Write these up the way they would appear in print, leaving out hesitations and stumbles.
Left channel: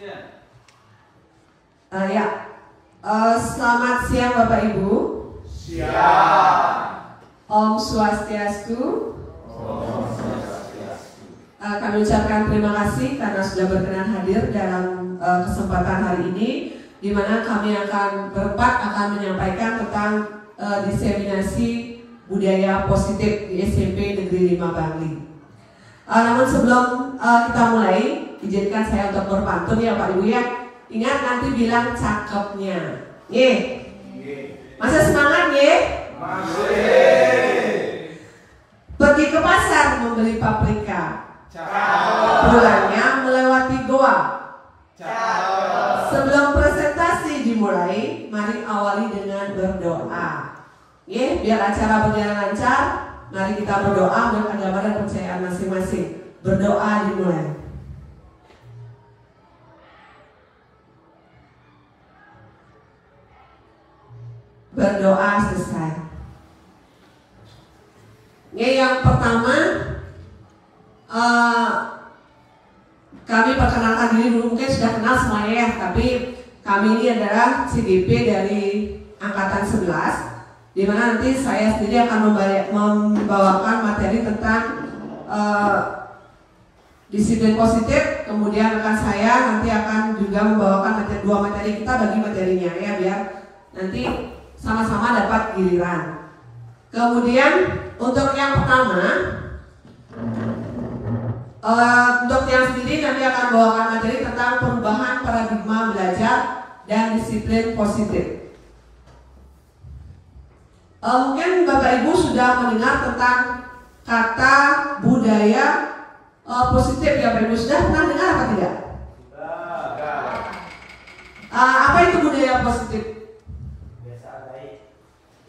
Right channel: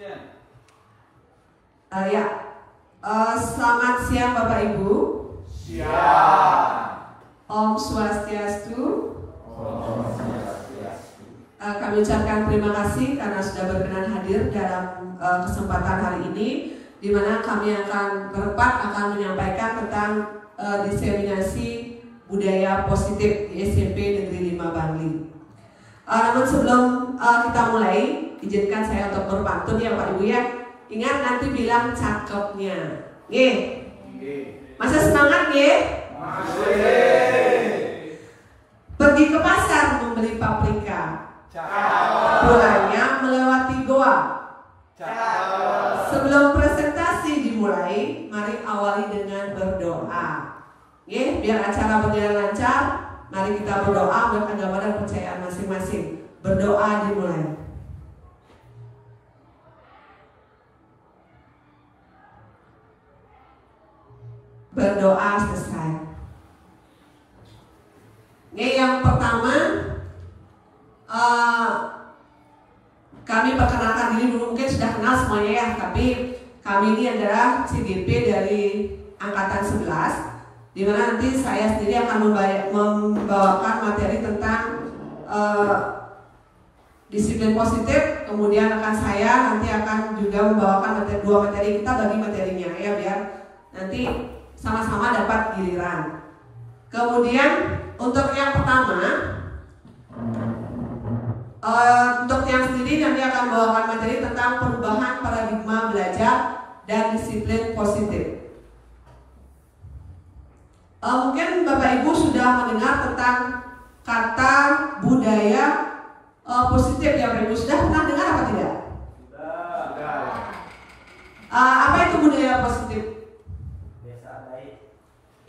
Ya, selamat siang Bapak Ibu. Siang. Om Swastiastu. Om Swastiastu. Kami ucapkan terima kasih karena sudah berkenan hadir dalam kesempatan hari ini, di mana kami akan menyampaikan tentang diseminasi budaya positif di SMP Negeri 5 Bangli. Namun sebelum kita mulai, izinkan saya untuk berpantun ya Pak Ibu ya. Ingat nanti bilang cakepnya. Nggih. Masa semangat nggih? Masih. Pergi ke pasar membeli paprika. Cakep. Pulangnya melewati goa. Cakep. Sebelum presentasi dimulai, mari awali dengan berdoa. Nggih, biar acara berjalan lancar, mari kita berdoa menurut agama dan kepercayaan masing-masing. Berdoa dimulai. Berdoa selesai. Yang pertama, kami perkenalkan diri dulu, mungkin sudah kenal semuanya ya, tapi kami ini adalah CGP dari angkatan 11, di mana nanti saya sendiri akan membawakan materi tentang disiplin positif, kemudian saya nanti akan juga membawakan dua materi, kita bagi materinya ya, biar nanti sama-sama dapat giliran. Kemudian untuk yang pertama, untuk yang sendiri nanti akan membawakan materi tentang perubahan paradigma belajar dan disiplin positif. Mungkin Bapak Ibu sudah mendengar tentang kata budaya positif ya Bapak Ibu, sudah pernah dengar apa tidak? Apa itu budaya positif?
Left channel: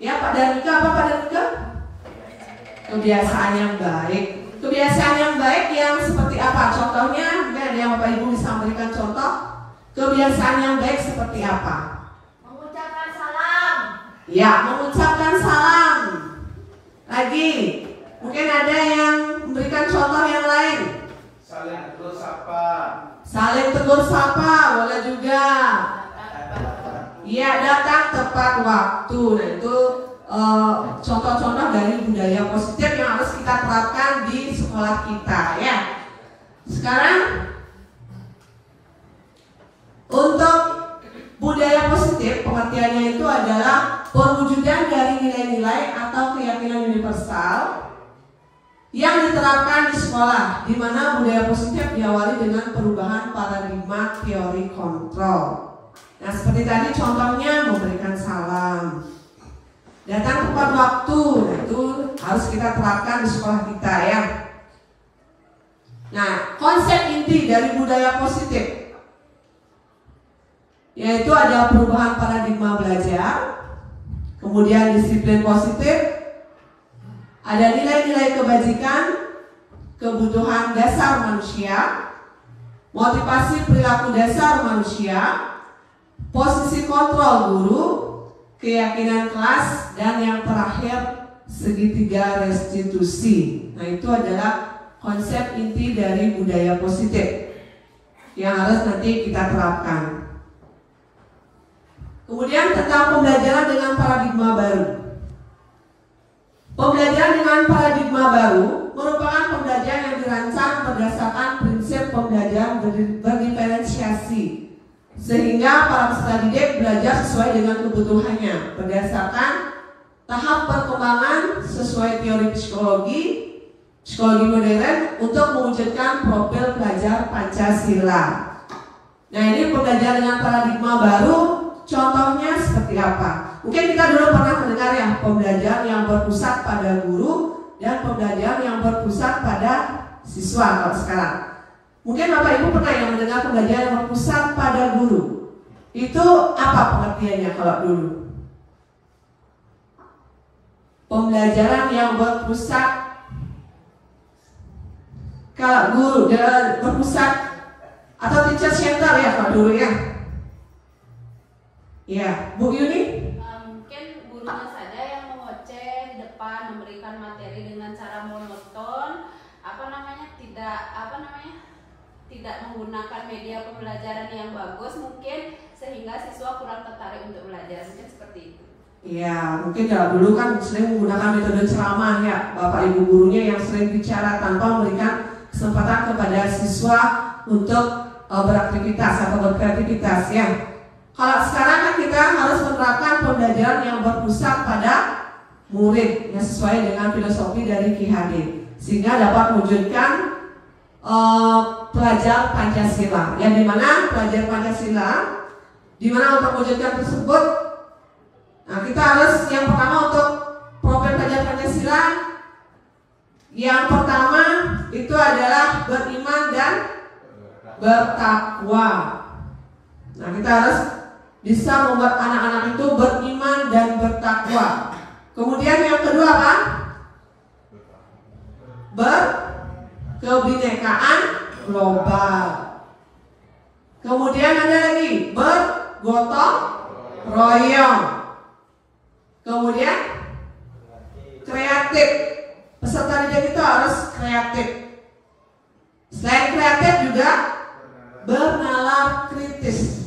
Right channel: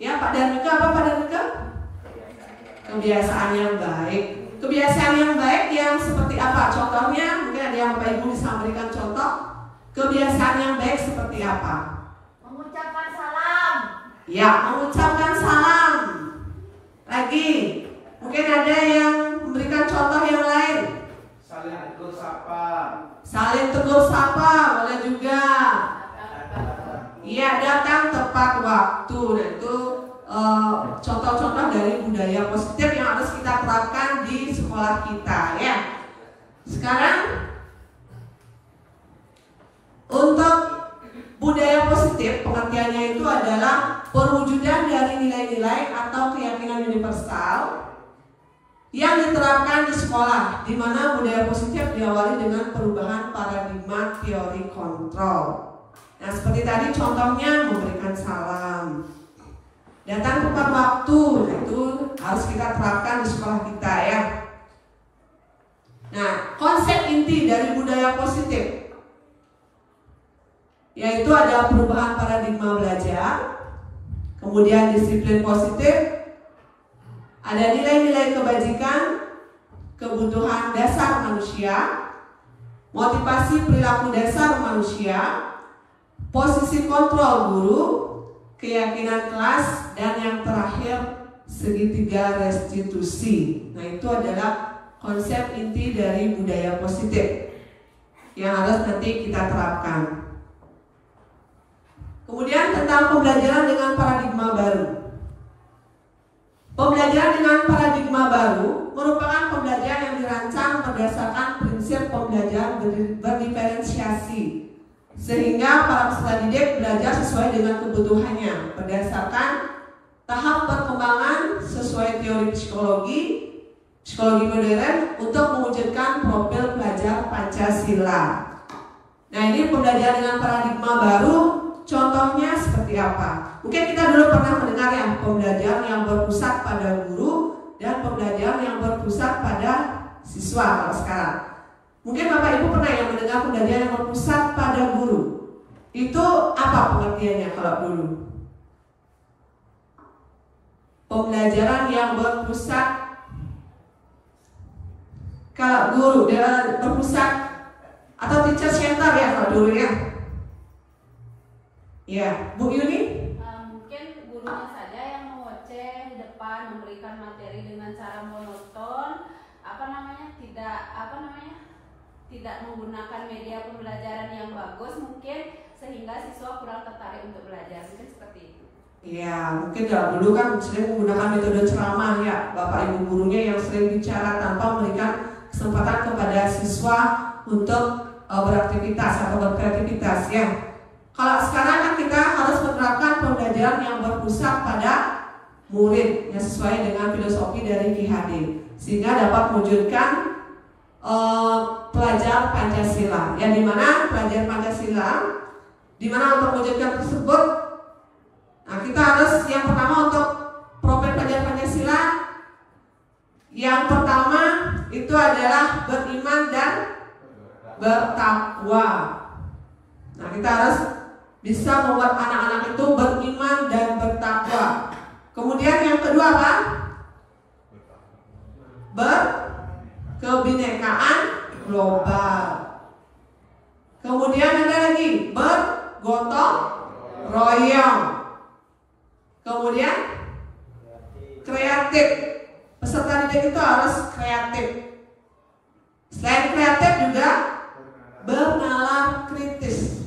Ya Pak Danika, apa Pak Danika? Kebiasaan yang baik. Kebiasaan yang baik yang seperti apa? Contohnya, mungkin ada yang Bapak Ibu bisa memberikan contoh. Kebiasaan yang baik seperti apa? Mengucapkan salam. Ya, mengucapkan salam. Lagi, mungkin ada yang memberikan contoh yang lain. Saling tegur sapa. Saling tegur sapa, boleh juga. Iya, datang tepat waktu. Nah itu contoh-contoh dari budaya positif yang harus kita terapkan di sekolah kita ya. Sekarang untuk budaya positif, pengertiannya itu adalah perwujudan dari nilai-nilai atau keyakinan universal yang diterapkan di sekolah, di mana budaya positif diawali dengan perubahan paradigma teori kontrol. Nah seperti tadi contohnya memberikan salam, datang tepat waktu, nah itu harus kita terapkan di sekolah kita ya. Nah konsep inti dari budaya positif yaitu ada perubahan paradigma belajar, kemudian disiplin positif, ada nilai-nilai kebajikan, kebutuhan dasar manusia, motivasi perilaku dasar manusia, posisi kontrol guru, keyakinan kelas, dan yang terakhir segitiga restitusi. Nah itu adalah konsep inti dari budaya positif yang harus nanti kita terapkan. Kemudian tentang pembelajaran dengan paradigma baru. Pembelajaran dengan paradigma baru merupakan pembelajaran yang dirancang berdasarkan prinsip pembelajaran berdiferensiasi, sehingga para peserta didik belajar sesuai dengan kebutuhannya berdasarkan tahap perkembangan sesuai teori psikologi modern untuk mewujudkan profil pelajar Pancasila. Nah ini pembelajaran dengan paradigma baru, contohnya seperti apa? Mungkin kita dulu pernah mendengar ya, pembelajaran yang berpusat pada guru dan pembelajaran yang berpusat pada siswa kalau sekarang. Mungkin Bapak Ibu pernah yang mendengar pembelajaran yang berpusat pada guru. Itu apa pengertiannya kalau dulu? Pembelajaran yang berpusat, kalau guru dia berpusat atau teacher center ya kalau dulu ya. Ya, Bu Yuni? Mungkin gurunya saja yang mengoceh di depan, memberikan materi dengan cara monoton, tidak menggunakan media pembelajaran yang bagus mungkin sehingga siswa kurang tertarik untuk belajar, mungkin seperti itu. Iya, mungkin kalau dulu kan sering menggunakan metode ceramah ya, Bapak Ibu gurunya yang sering bicara tanpa memberikan kesempatan kepada siswa untuk beraktivitas atau berkreativitas ya. Kalau sekarang kan kita harus menerapkan pembelajaran yang berpusat pada murid yang sesuai dengan filosofi dari KHD sehingga dapat mewujudkan pelajar Pancasila. Ya, dimana pelajar Pancasila, dimana untuk mewujudkan tersebut, nah kita harus yang pertama untuk profil pelajar Pancasila. Yang pertama itu adalah beriman dan bertakwa. Nah, kita harus bisa membuat anak-anak itu beriman dan bertakwa. Kemudian yang kedua apa? Berkebinekaan global. Kemudian ada lagi bergotong royong. Kemudian kreatif. Peserta didik itu harus kreatif. Selain kreatif juga bernalar kritis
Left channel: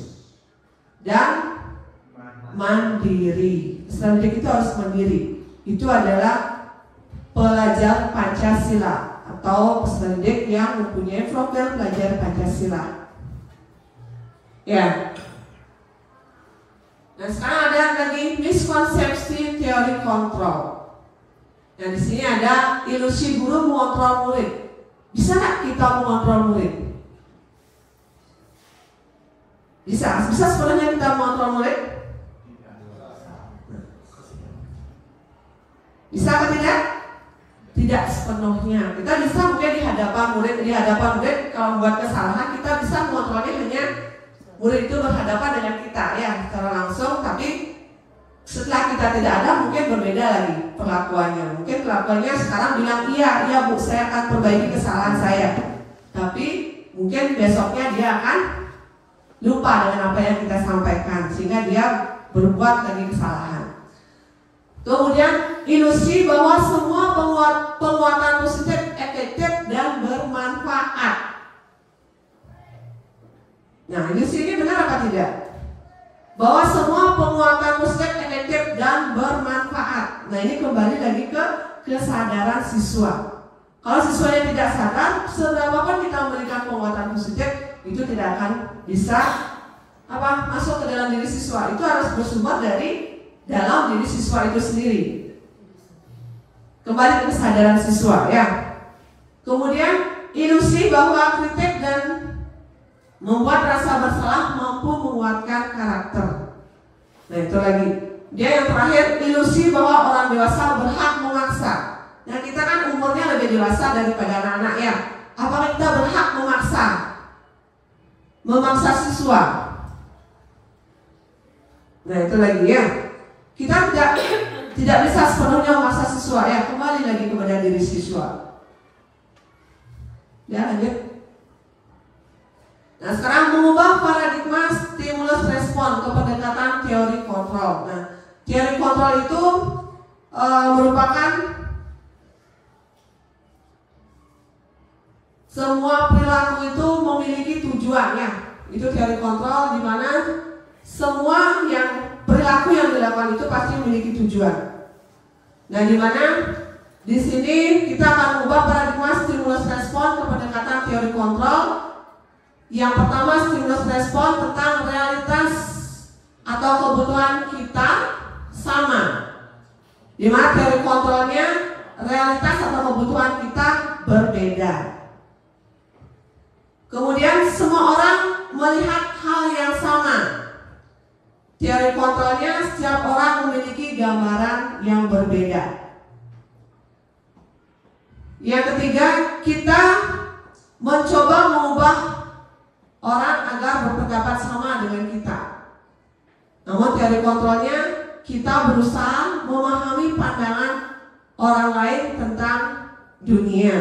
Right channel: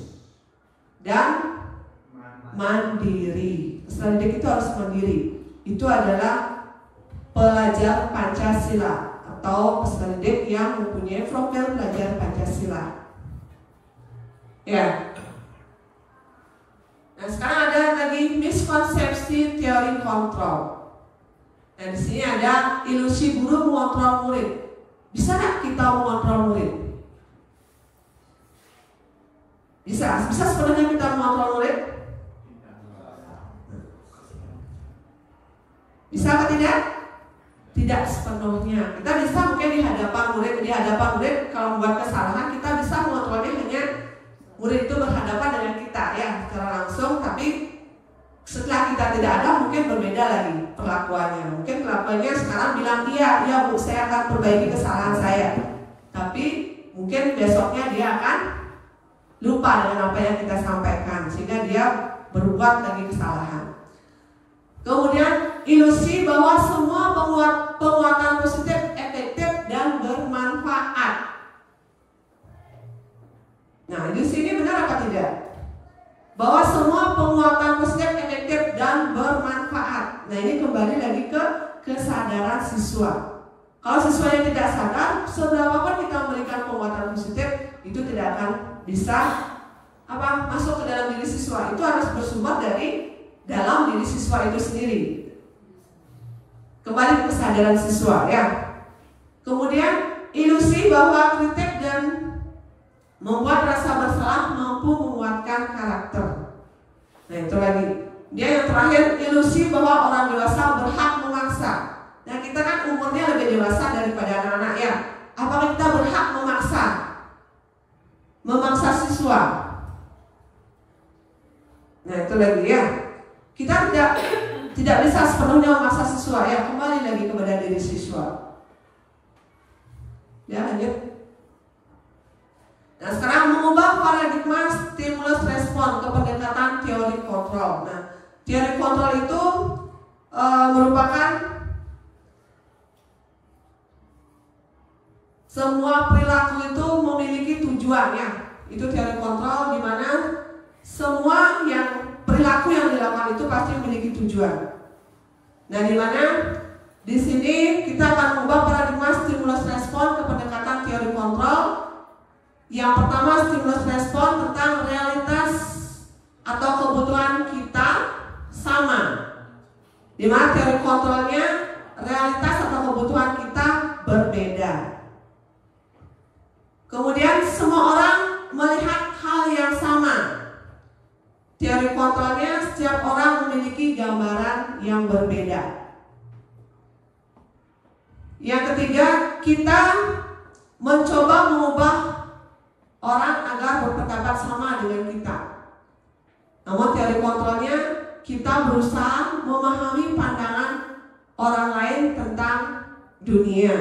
dan mandiri. Peserta didik itu harus mandiri. Itu adalah pelajar Pancasila atau peserta didik yang mempunyai profil pelajar Pancasila. Ya. Nah, sekarang ada lagi miskonsepsi teori kontrol. Dan di sini ada ilusi guru mengontrol murid. Bisa nggak kita mengontrol murid? Bisa sebenarnya kita mengontrol murid? Bisa atau tidak? Tidak sepenuhnya. Kita bisa mungkin di hadapan murid kalau membuat kesalahan kita bisa mengontrolnya hanya murid itu berhadapan dengan kita ya secara langsung, tapi setelah kita tidak ada mungkin berbeda lagi perlakuannya. Mungkin perlakuannya sekarang bilang iya Bu, saya akan perbaiki kesalahan saya. Tapi mungkin besoknya dia akan lupa dengan apa yang kita sampaikan sehingga dia berbuat lagi kesalahan. Kemudian ilusi bahwa semua penguatan positif efektif dan bermanfaat. Nah, ilusi ini benar apa tidak? Bahwa semua penguatan positif efektif dan bermanfaat. Nah, ini kembali lagi ke kesadaran siswa. Kalau siswanya tidak sadar, seberapapun kita memberikan penguatan positif, itu tidak akan bisa masuk ke dalam diri siswa. Itu harus bersumber dari dalam diri siswa itu sendiri. Kembali ke kesadaran siswa ya. Kemudian ilusi bahwa kritik dan membuat rasa bersalah mampu menguatkan karakter. Nah, itu lagi. Dia yang terakhir, ilusi bahwa orang dewasa berhak memaksa. Nah, kita kan umurnya lebih dewasa daripada anak-anak ya. Apakah kita berhak memaksa siswa? Nah, itu lagi ya. Kita tidak bisa sepenuhnya memaksa siswa ya. Kembali lagi kepada diri siswa. Ya, lanjut. Nah, sekarang mengubah paradigma stimulus respon ke pendekatan teori kontrol. Nah, teori kontrol itu merupakan semua perilaku itu memiliki tujuan ya. Itu teori kontrol di mana semua perilaku yang dilakukan itu pasti memiliki tujuan. Nah, di mana di sini kita akan mengubah paradigma stimulus respon ke pendekatan teori kontrol. Yang pertama, stimulus respon tentang realitas atau kebutuhan kita sama. Di mana teori kontrolnya realitas atau kebutuhan kita berbeda. Kemudian semua orang melihat hal yang sama. Teori kontrolnya setiap orang memiliki gambaran yang berbeda. Yang ketiga, kita mencoba mengubah orang agar berpendapat sama dengan kita. Namun teori kontrolnya kita berusaha memahami pandangan orang lain tentang dunia.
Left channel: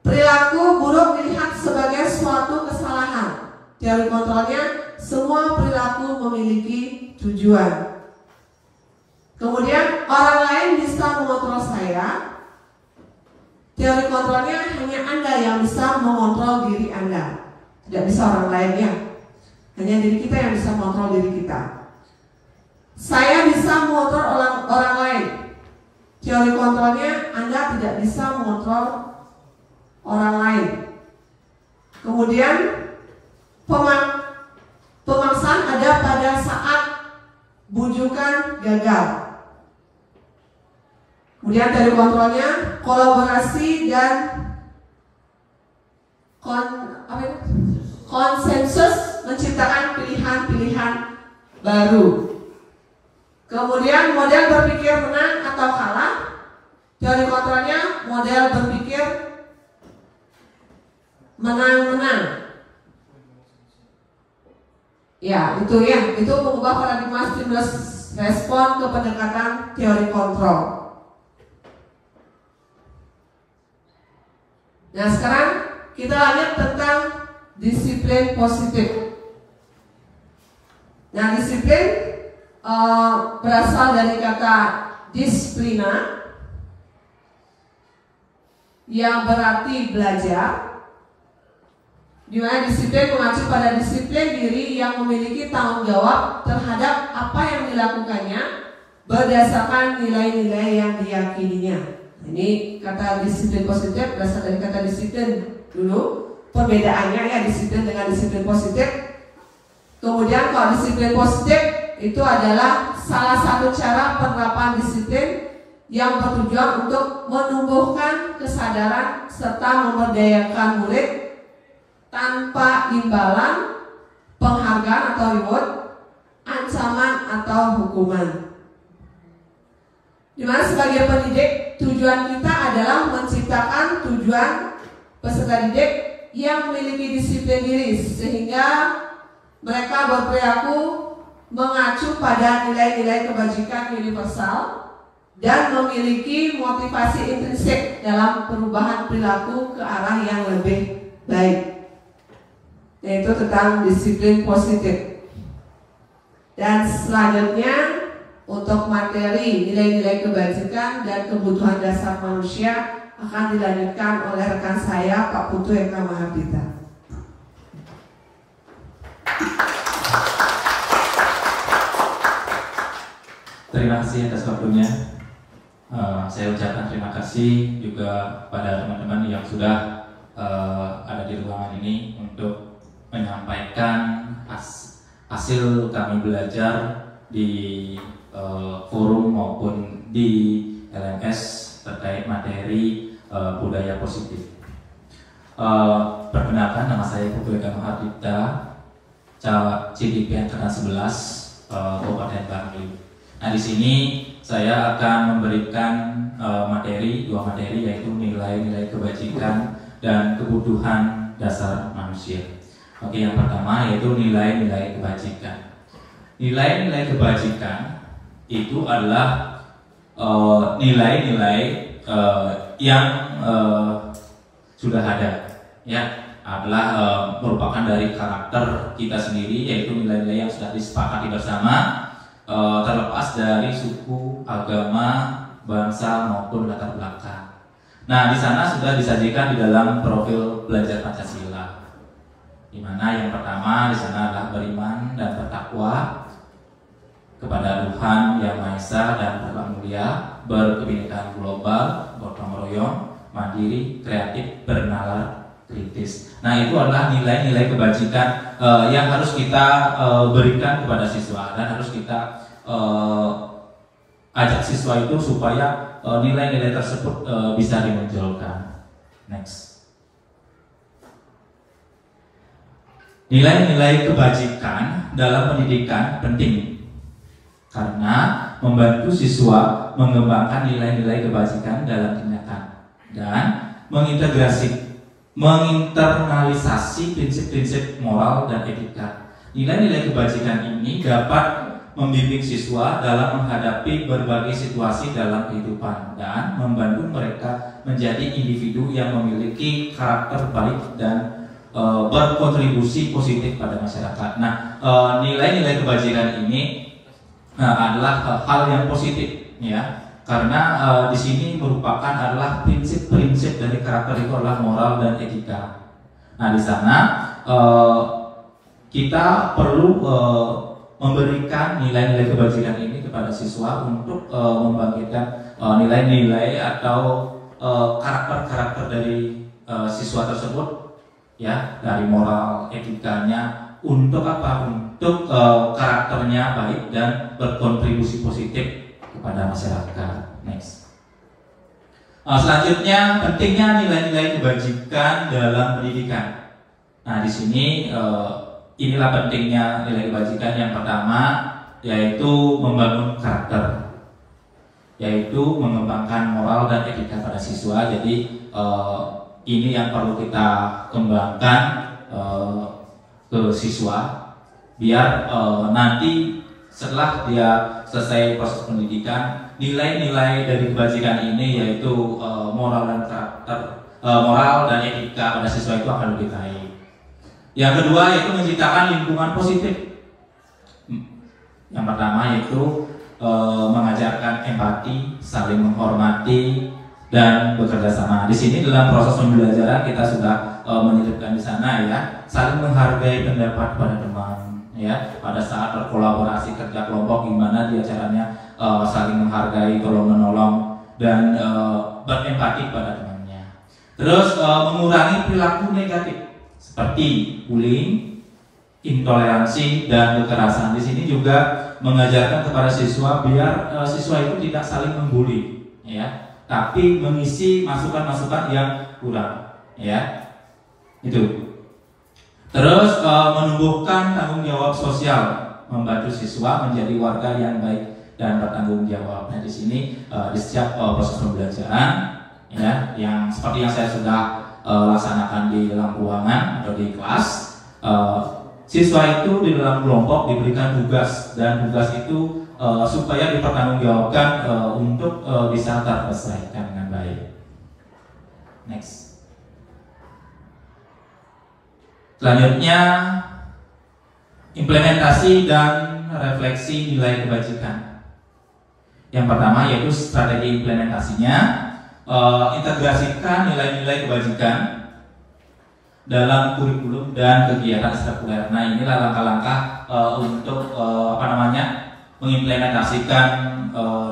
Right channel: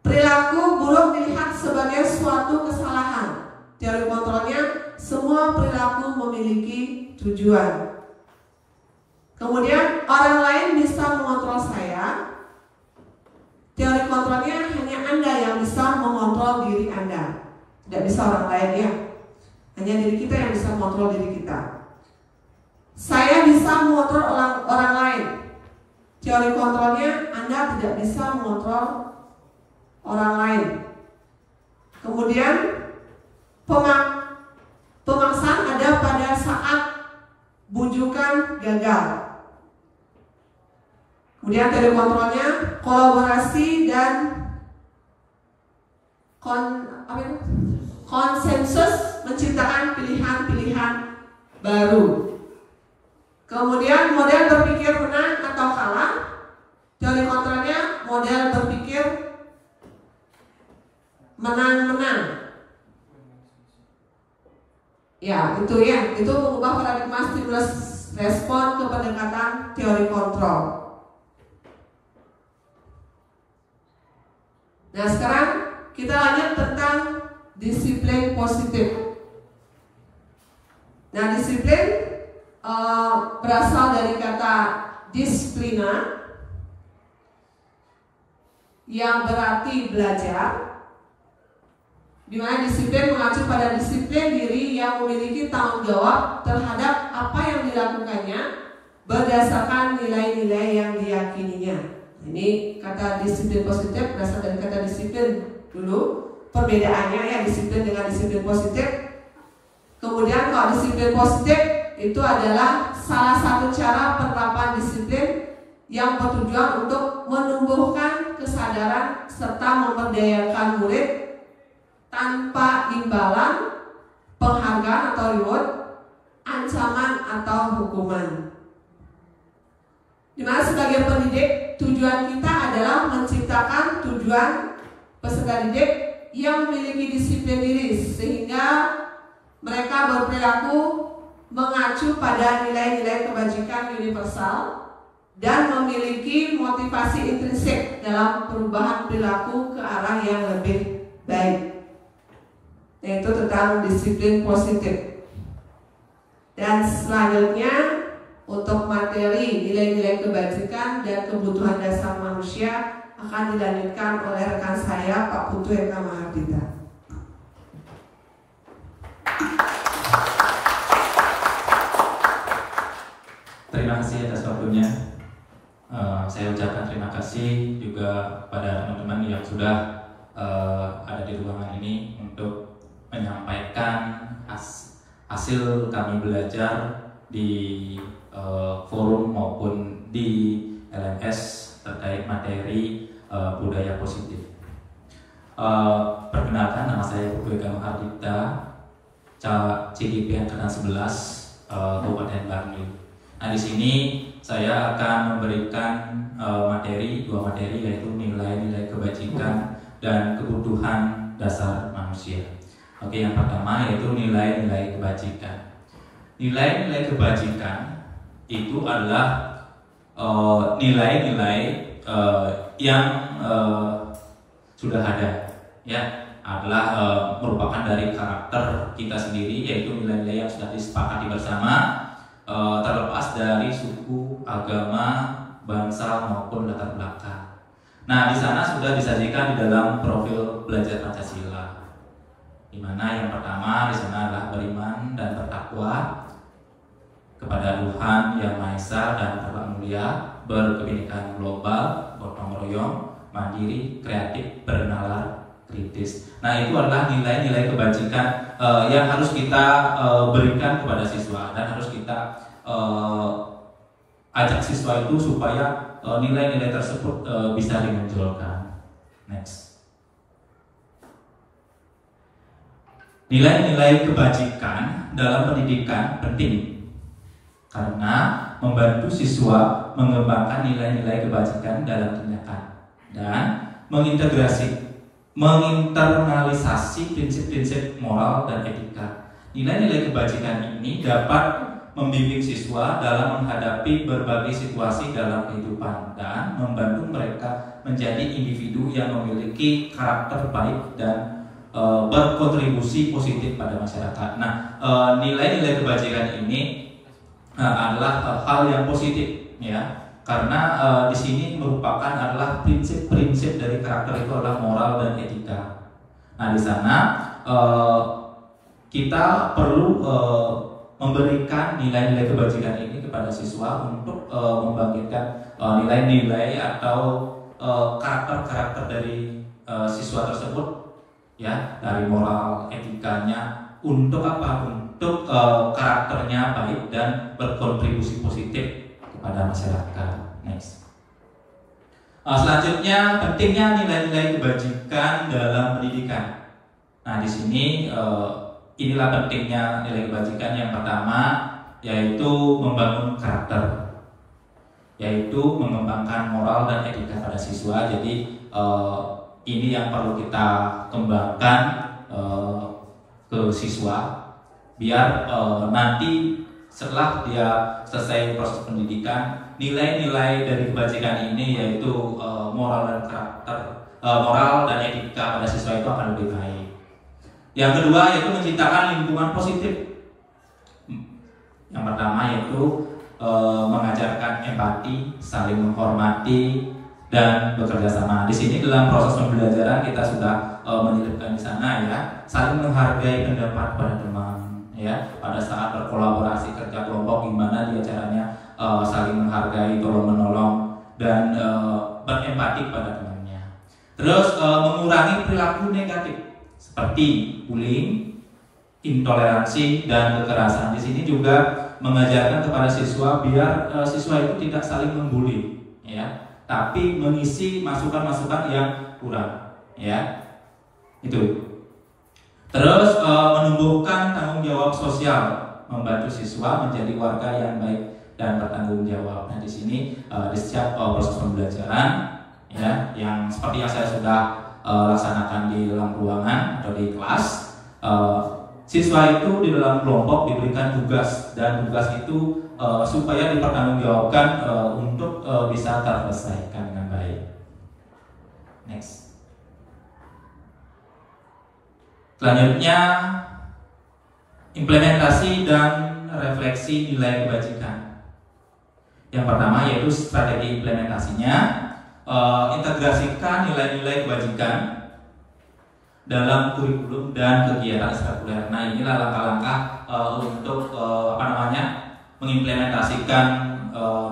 Perilaku buruk dilihat sebagai suatu kesalahan. Teori kontrolnya semua perilaku memiliki tujuan. Kemudian orang lain bisa mengontrol saya. teori kontrolnya hanya Anda yang bisa mengontrol diri Anda, tidak bisa orang lain ya. Hanya diri kita yang bisa mengontrol diri kita. Saya bisa mengontrol orang lain. Teori kontrolnya Anda tidak bisa mengontrol orang lain. Kemudian pemaksaan ada pada saat bujukan gagal. Kemudian teori kontrolnya kolaborasi dan konsensus menciptakan pilihan-pilihan baru. Kemudian model berpikir menang atau kalah. Teori kontrolnya model berpikir menang-menang. Ya, itu mengubah paradigma stimulus respon ke pendekatan teori kontrol. Nah, sekarang kita lihat tentang disiplin positif. Nah, disiplin berasal dari kata disiplina yang berarti belajar, di mana disiplin mengacu pada disiplin diri yang memiliki tanggung jawab terhadap apa yang dilakukannya berdasarkan nilai-nilai yang diyakininya. Ini kata disiplin positif berasal dari kata disiplin dulu. Perbedaannya ya disiplin dengan disiplin positif. Kemudian kalau disiplin positif itu adalah salah satu cara penerapan disiplin yang bertujuan untuk menumbuhkan kesadaran serta memberdayakan murid tanpa imbalan, penghargaan atau reward, ancaman atau hukuman. Dimana sebagai pendidik tujuan kita adalah menciptakan tujuan peserta didik yang memiliki disiplin diri sehingga mereka berperilaku mengacu pada nilai-nilai kebajikan universal dan memiliki motivasi intrinsik dalam perubahan perilaku ke arah yang lebih baik, yaitu tentang disiplin positif. Dan selanjutnya untuk materi nilai-nilai kebajikan dan kebutuhan dasar manusia akan dilanjutkan oleh rekan saya Pak Putu Eka Mahardika. Terima kasih atas waktunya. Saya ucapkan terima kasih juga pada teman-teman yang sudah ada di ruangan ini untuk menyampaikan hasil kami belajar di forum maupun di LMS terkait materi budaya positif. Perkenalkan, nama saya Putu Eka Mahardika, CDP Angkatan 11 Kabupaten Bangli. Nah, di sini saya akan memberikan dua materi yaitu nilai-nilai kebajikan dan kebutuhan dasar manusia. Oke, yang pertama yaitu nilai-nilai kebajikan. Nilai-nilai kebajikan itu adalah nilai-nilai yang sudah ada, ya, adalah merupakan dari karakter kita sendiri, yaitu nilai-nilai yang sudah disepakati bersama, terlepas dari suku, agama, bangsa maupun latar belakang. Nah, di sana sudah disajikan di dalam profil belajar Pancasila, di mana yang pertama di sana adalah beriman dan bertakwa kepada Tuhan Yang Maha Esa dan Terhormat Mulia, berkebinekaan global, gotong royong, mandiri, kreatif, bernalar, kritis. Nah, itu adalah nilai-nilai kebajikan yang harus kita berikan kepada siswa dan harus kita ajak siswa itu supaya nilai-nilai tersebut bisa dimunculkan. Next. Nilai-nilai kebajikan dalam pendidikan penting karena membantu siswa mengembangkan nilai-nilai kebajikan dalam tindakan dan menginternalisasi prinsip-prinsip moral dan etika. Nilai-nilai kebajikan ini dapat membimbing siswa dalam menghadapi berbagai situasi dalam kehidupan dan membantu mereka menjadi individu yang memiliki karakter baik dan berkontribusi positif pada masyarakat. Nah, nilai-nilai kebajikan ini adalah hal yang positif, ya, Karena di sini merupakan adalah prinsip-prinsip dari karakter itu adalah moral dan etika. Nah, di sana kita perlu memberikan nilai-nilai kebajikan ini kepada siswa untuk membangkitkan nilai-nilai atau karakter-karakter dari siswa tersebut, ya, dari moral etikanya untuk apa? Untuk karakternya baik dan berkontribusi positif kepada masyarakat. Next. Selanjutnya, pentingnya nilai-nilai kebajikan dalam pendidikan. Nah, di sini inilah pentingnya nilai kebajikan. Yang pertama yaitu membangun karakter, yaitu mengembangkan moral dan etika pada siswa. Jadi ini yang perlu kita kembangkan ke siswa, biar nanti setelah dia selesai proses pendidikan, nilai-nilai dari kebajikan ini yaitu moral dan karakter, moral dan etika pada siswa itu akan lebih baik. Yang kedua yaitu menciptakan lingkungan positif. Yang pertama yaitu mengajarkan empati, saling menghormati, dan bekerja sama. Di sini dalam proses pembelajaran kita sudah menitipkan di sana, ya, saling menghargai pendapat pada teman, ya. Pada saat berkolaborasi kerja kelompok, gimana dia caranya saling menghargai, tolong menolong, dan berempati pada temannya. Terus mengurangi perilaku negatif seperti bullying, intoleransi, dan kekerasan. Di sini juga mengajarkan kepada siswa biar siswa itu tidak saling membuli, ya, tapi mengisi masukan-masukan yang kurang, ya, itu. Terus menumbuhkan tanggung jawab sosial, membantu siswa menjadi warga yang baik dan bertanggung jawab. Nah, di sini di setiap proses pembelajaran, ya, yang seperti yang saya sudah laksanakan di dalam ruangan atau di kelas, siswa itu di dalam kelompok diberikan tugas, dan tugas itu supaya dipertanggungjawabkan untuk bisa terselesaikan dengan baik. Next. Selanjutnya, implementasi dan refleksi nilai kebajikan. Yang pertama yaitu strategi implementasinya, integrasikan nilai-nilai kebajikan dalam kurikulum dan kegiatan ekstrakurikuler. Nah, inilah langkah-langkah untuk mengimplementasikan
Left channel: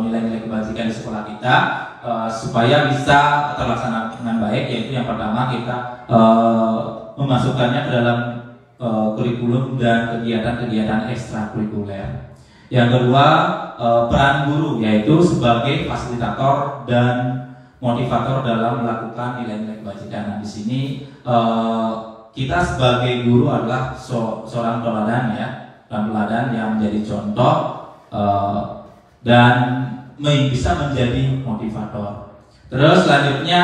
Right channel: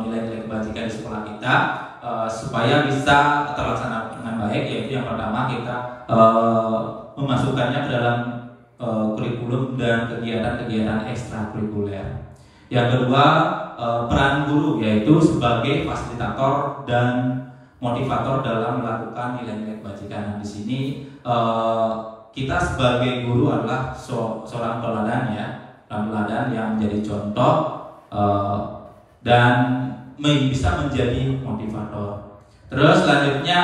nilai-nilai kebajikan di sekolah kita supaya bisa terlaksana dengan baik. Yaitu yang pertama kita memasukkannya ke dalam kurikulum dan kegiatan-kegiatan ekstrakurikuler. Yang kedua, peran guru, yaitu sebagai fasilitator dan motivator dalam melakukan nilai-nilai kebajikan. Nah, di sini kita sebagai guru adalah seorang teladan, ya, teladan yang menjadi contoh dan bisa menjadi motivator. Terus selanjutnya,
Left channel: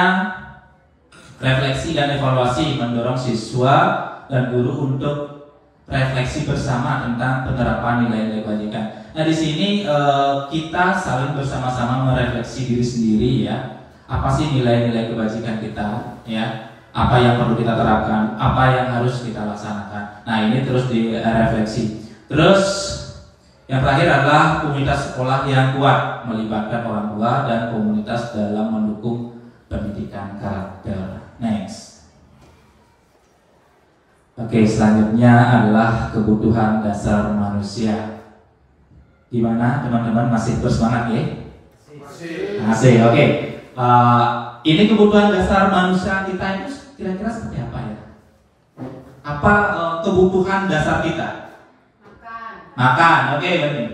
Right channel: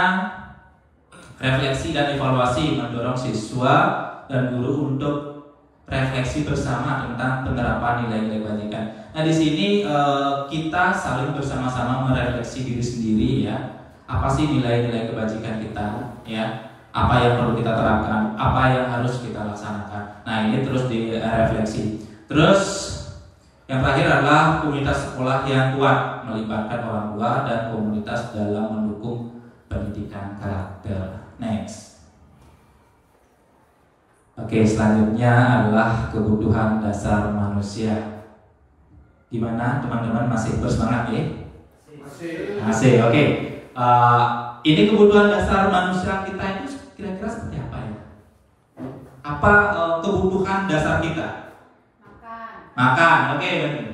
refleksi dan evaluasi, mendorong siswa dan guru untuk refleksi bersama tentang penerapan nilai-nilai kebajikan. Nah, di sini kita saling bersama-sama merefleksi diri sendiri, ya. Apa sih nilai-nilai kebajikan kita, ya? Apa yang perlu kita terapkan, apa yang harus kita laksanakan. Nah, ini terus direfleksi. Terus yang terakhir adalah komunitas sekolah yang kuat, melibatkan orang tua dan komunitas dalam mendukung pendidikan karakter. Next. Oke, selanjutnya adalah kebutuhan dasar manusia. Gimana teman-teman, masih bersemangat, ya? Masih, oke. Ini kebutuhan dasar manusia kita itu kira-kira seperti apa, ya? Apa kebutuhan dasar kita? Makan, oke, benar.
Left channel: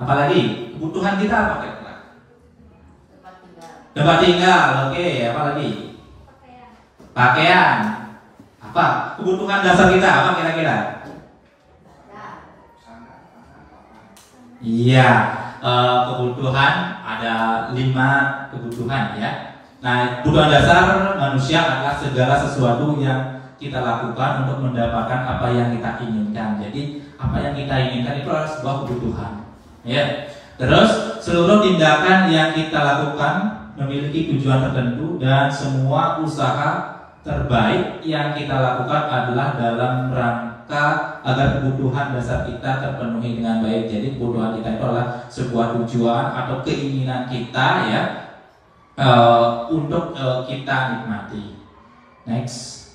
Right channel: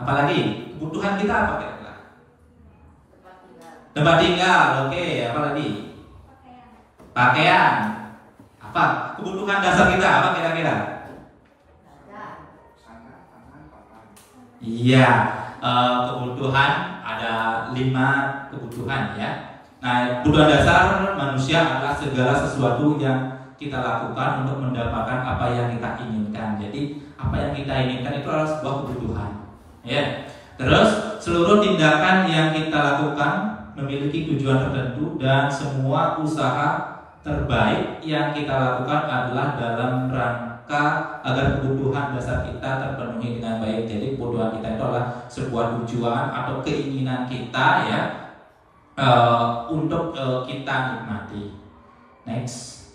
Apalagi kebutuhan kita apa kira-kira? Tempat tinggal, oke. Apalagi? Pakaian. Apa kebutuhan dasar kita? Apa kira-kira? Iya, kebutuhan ada 5 kebutuhan, ya. Nah, kebutuhan dasar manusia adalah segala sesuatu yang kita lakukan untuk mendapatkan apa yang kita inginkan. Jadi apa yang kita inginkan itu adalah sebuah kebutuhan, ya. Terus seluruh tindakan yang kita lakukan memiliki tujuan tertentu, dan semua usaha terbaik yang kita lakukan adalah dalam maka agar kebutuhan dasar kita terpenuhi dengan baik. Jadi kebutuhan kita itu adalah sebuah tujuan atau keinginan kita ya untuk kita nikmati. Next.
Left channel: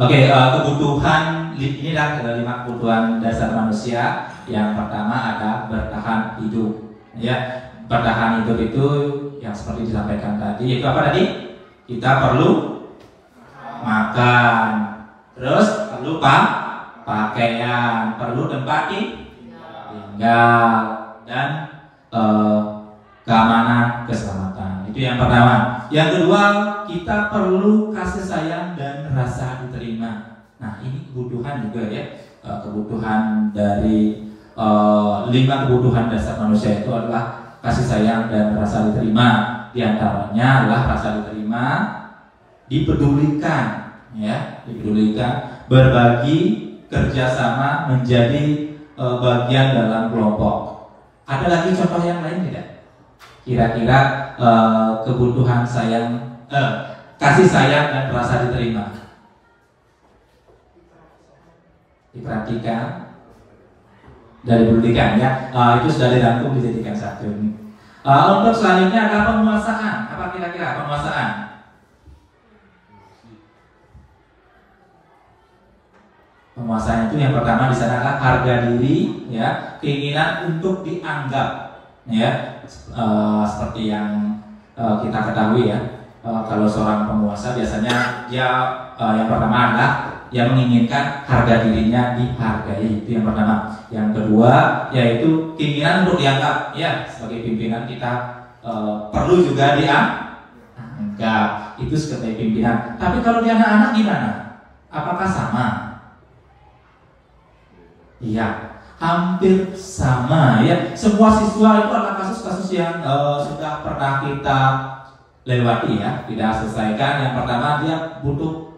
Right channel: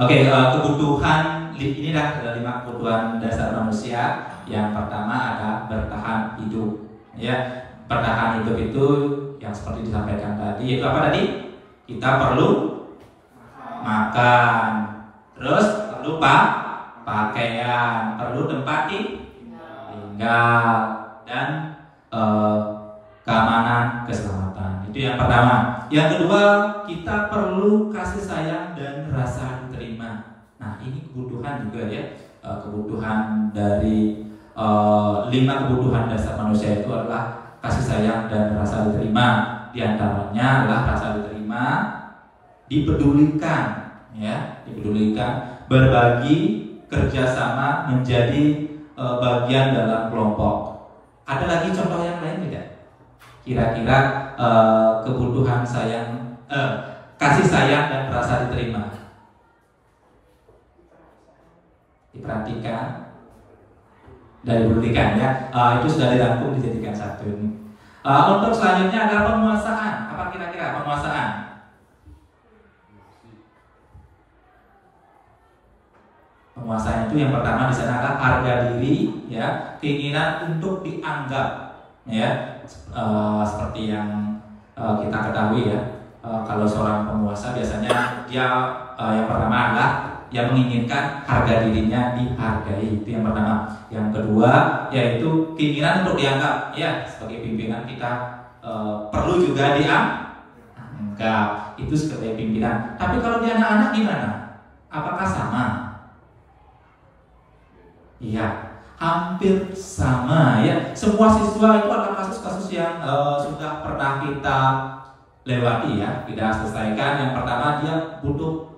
Oke, kebutuhan inilah 5 kebutuhan dasar manusia. Yang pertama ada bertahan hidup. Ya, bertahan hidup itu yang seperti disampaikan tadi. Yaitu apa tadi? Kita perlu makan, terus perlu pakaian, perlu tempat tinggal, dan keamanan, keselamatan. Itu yang pertama. Yang kedua, kita perlu kasih sayang dan rasa diterima. Nah, ini kebutuhan juga ya. Kebutuhan dari 5 kebutuhan dasar manusia itu adalah kasih sayang dan rasa diterima. Di antaranya adalah rasa diterima, dipedulikan, ya, dipedulikan, berbagi, kerjasama, menjadi bagian dalam kelompok. Ada lagi contoh yang lain tidak? Kira-kira kebutuhan kasih sayang dan rasa diterima. Diperhatikan dan dipedulikan ya. Itu sudah dirangkum dijadikan satu ini. Untuk selanjutnya adalah penguasaan. Apa kira-kira penguasaan? Penguasaan itu yang pertama di sana adalah harga diri, ya, keinginan untuk dianggap, ya, seperti yang kita ketahui ya. Kalau seorang penguasa biasanya dia yang pertama adalah yang menginginkan harga dirinya dihargai, itu yang pertama. Yang kedua yaitu keinginan untuk dianggap, ya, sebagai pimpinan kita perlu juga dianggap, itu sebagai pimpinan. Tapi kalau di anak-anak gimana? Apakah sama? Iya, hampir sama ya. Semua siswa itu adalah kasus-kasus yang sudah pernah kita lewati ya, kita selesaikan. Yang pertama dia butuh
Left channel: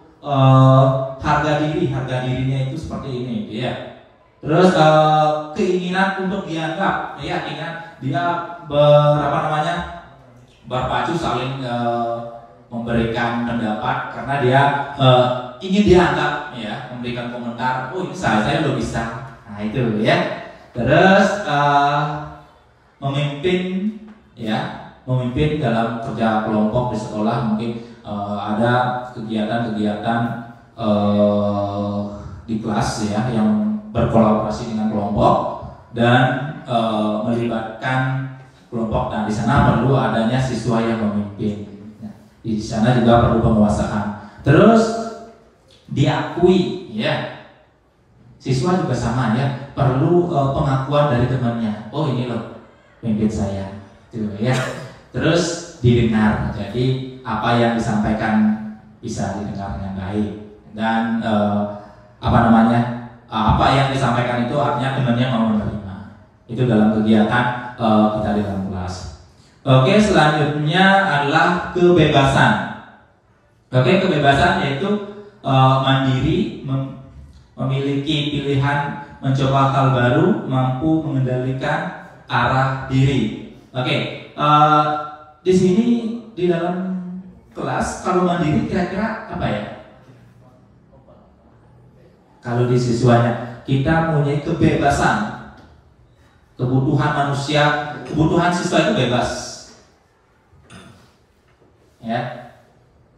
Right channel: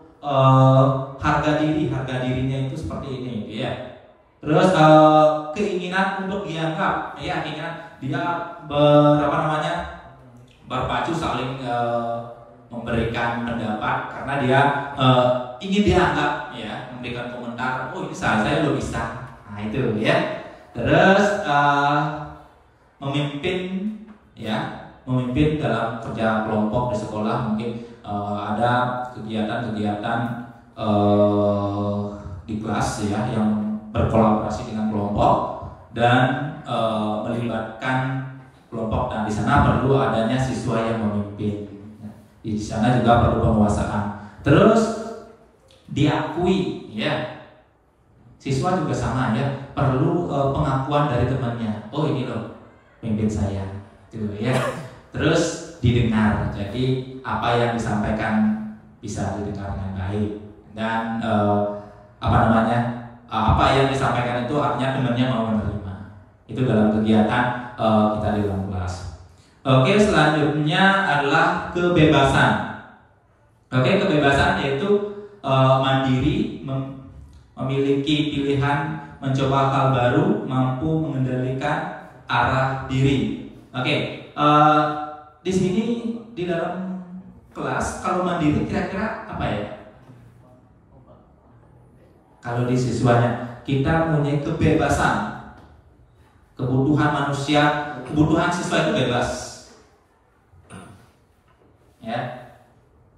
harga dirinya itu seperti ini ya. Terus keinginan untuk dianggap, ya, keinginan dia berpacu saling memberikan pendapat karena dia ingin dianggap, ya, memberikan komentar, oh ini saya lo bisa. Nah itu ya. Terus memimpin, ya, memimpin dalam kerja kelompok di sekolah. Mungkin ada kegiatan-kegiatan di kelas ya yang berkolaborasi dengan kelompok dan melibatkan kelompok. Dan di sana perlu adanya siswa yang memimpin. Nah, di sana juga perlu penguasaan. Terus diakui, ya. Siswa juga sama ya, perlu pengakuan dari temannya. Oh ini loh pemimpin saya, gitu ya. Terus didengar. Jadi apa yang disampaikan bisa didengar dengan baik. Dan apa yang disampaikan itu artinya temannya mau menerima. Itu dalam kegiatan kita di dalam kelas. Oke, selanjutnya adalah kebebasan. Oke, kebebasan yaitu mandiri, memiliki pilihan, mencoba hal baru, mampu mengendalikan arah diri. Oke, di sini di dalam kelas kalau mandiri kira-kira apa ya? Kalau di siswanya kita punya kebebasan, kebutuhan manusia, kebutuhan siswa itu bebas, ya.